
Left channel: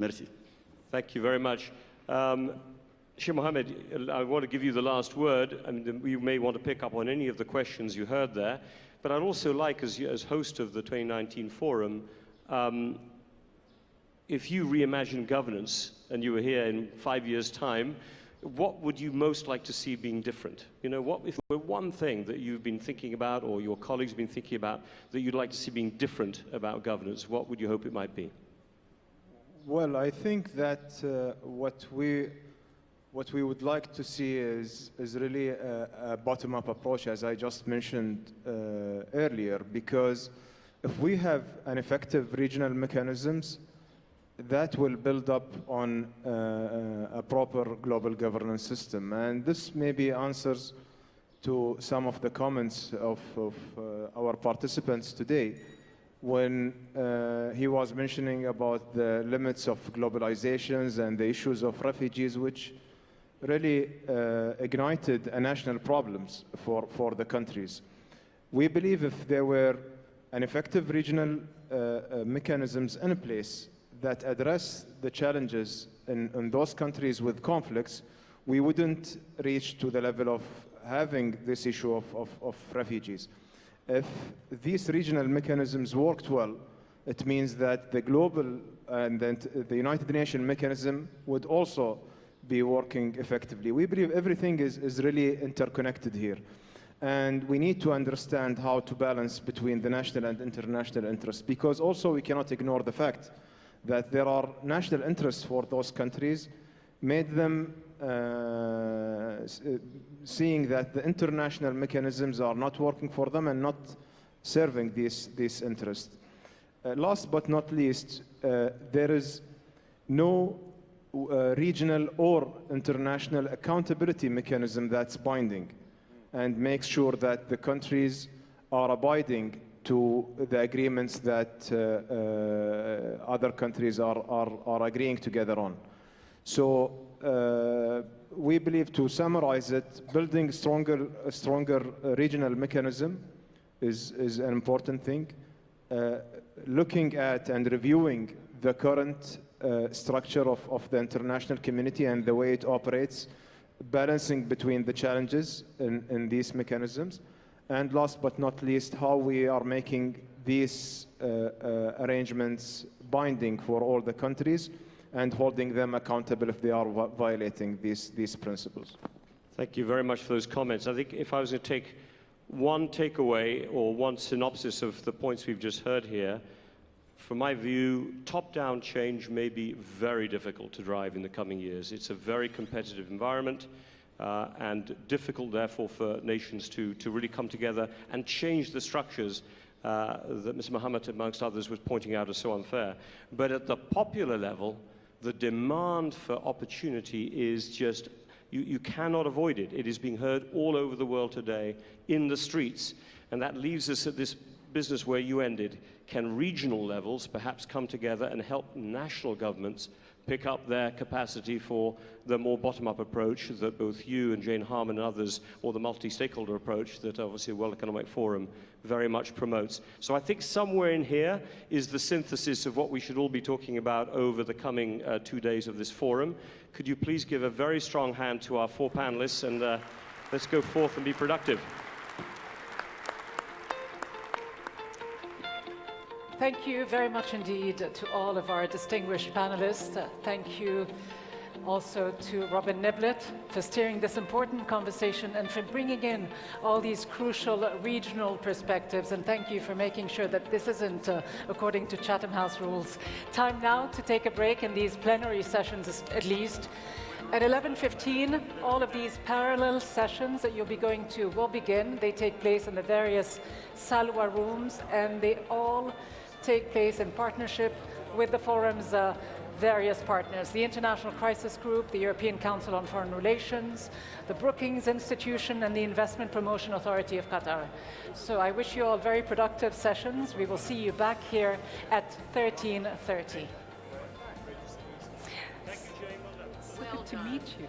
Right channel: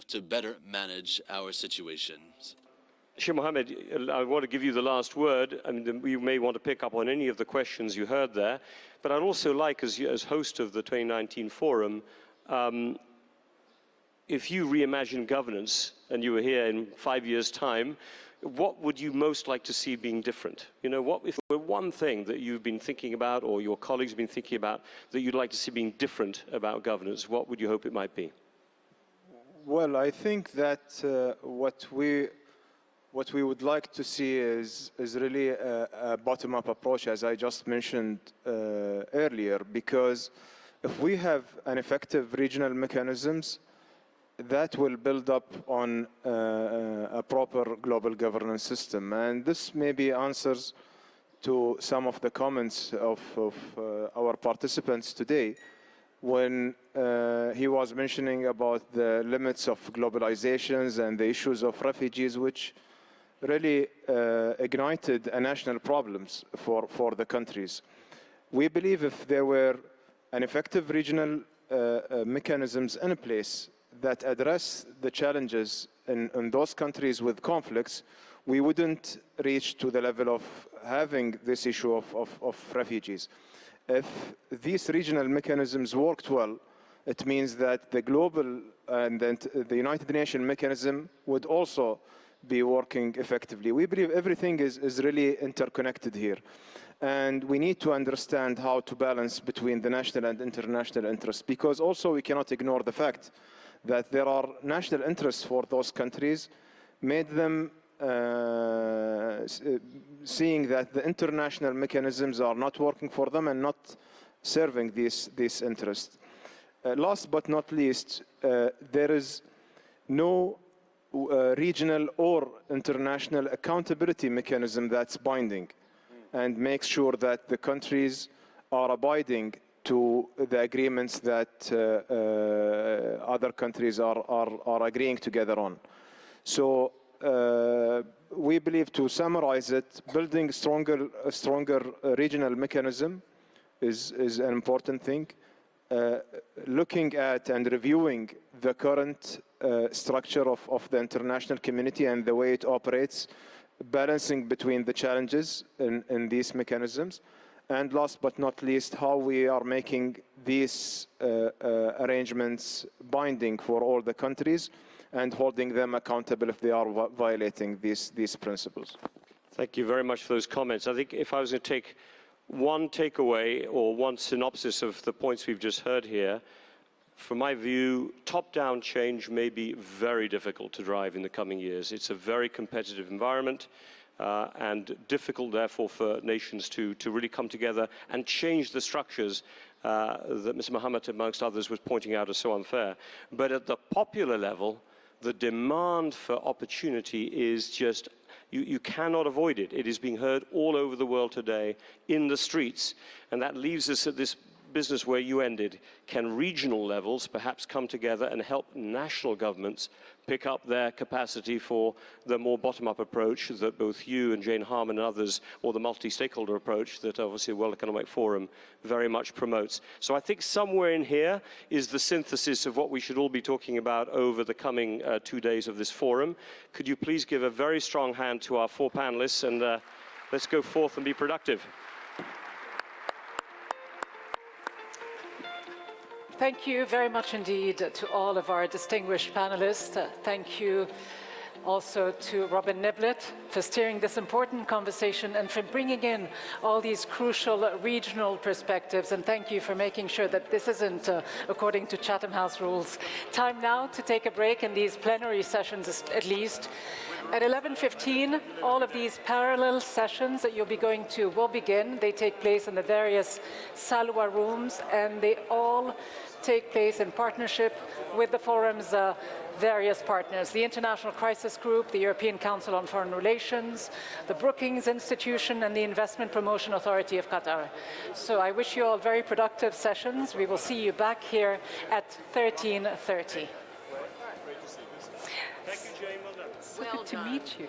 Merci. Thank you very much. Sheikh Mohammed, I want to give you the last word. I mean, you may want to pick up on any of the questions you heard there, but I'd also like, as host of the 2019 forum, if you reimagine governance and you were here in 5 years' time, what would you most like to see being different? You know, what if there were one thing that you've been thinking about or your colleagues have been thinking about that you'd like to see being different about governance? What would you hope it might be? Well, I think that what we would like to see is really a bottom-up approach, as I just mentioned earlier, because if we have an effective regional mechanisms, that will build up on a proper global governance system. And this maybe answers to some of the comments of our participants today when he was mentioning about the limits of globalizations and the issues of refugees, which really ignited a national problems for the countries. We believe if there were an effective regional mechanisms in place that address the challenges in those countries with conflicts, we wouldn't reach to the level of having this issue of refugees. If these regional mechanisms worked well, it means that the global and the United Nations mechanism would also be working effectively. We believe everything is really interconnected here. And we need to understand how to balance between the national and international interests, because also we cannot ignore the fact that there are national interests for those countries, made them seeing that the international mechanisms are not working for them and not serving these interests. Last but not least, there is no regional or international accountability mechanism that's binding and makes sure that the countries are abiding to the agreements that other countries are agreeing together on. So we believe, to summarize it, building a stronger regional mechanism is an important thing. Looking at and reviewing the current structure of the international community and the way it operates, balancing between the challenges in these mechanisms. And last but not least, how we are making these arrangements binding for all the countries and holding them accountable if they are violating these principles. Thank you very much for those comments. I think if I was to take one takeaway or one synopsis of the points we've just heard here, from my view, top-down change may be very difficult to drive in the coming years. It's a very competitive environment. And difficult, therefore, for nations to really come together and change the structures that Mr. Mohammed, amongst others, was pointing out are so unfair. But at the popular level, the demand for opportunity is just, you cannot avoid it. It is being heard all over the world today in the streets. And that leaves us at this business where you ended. Can regional levels perhaps come together and help national governments pick up their capacity for the more bottom-up approach that both you and Jane Harman and others, or the multi-stakeholder approach that obviously a World Economic Forum very much promotes. So I think somewhere in here is the synthesis of what we should all be talking about over the coming 2 days of this forum. Could you please give a very strong hand to our 4 panelists, and let's go forth and be productive. Thank you very much indeed to all of our distinguished panelists. Thank you also to Robin Niblett for steering this important conversation and for bringing in all these crucial regional perspectives. And thank you for making sure that this isn't according to Chatham House rules. Time now to take a break in these plenary sessions at least. At 11:15, all of these parallel sessions that you'll be going to will begin. They take place in the various Salwa rooms, and they all take place in partnership with the forum's various partners, the International Crisis Group, the European Council on Foreign Relations, the Brookings Institution, and the Investment Promotion Authority of Qatar. So I wish you all very productive sessions. We will see you back here at 13:30. Thank you, Jane. So good to meet you.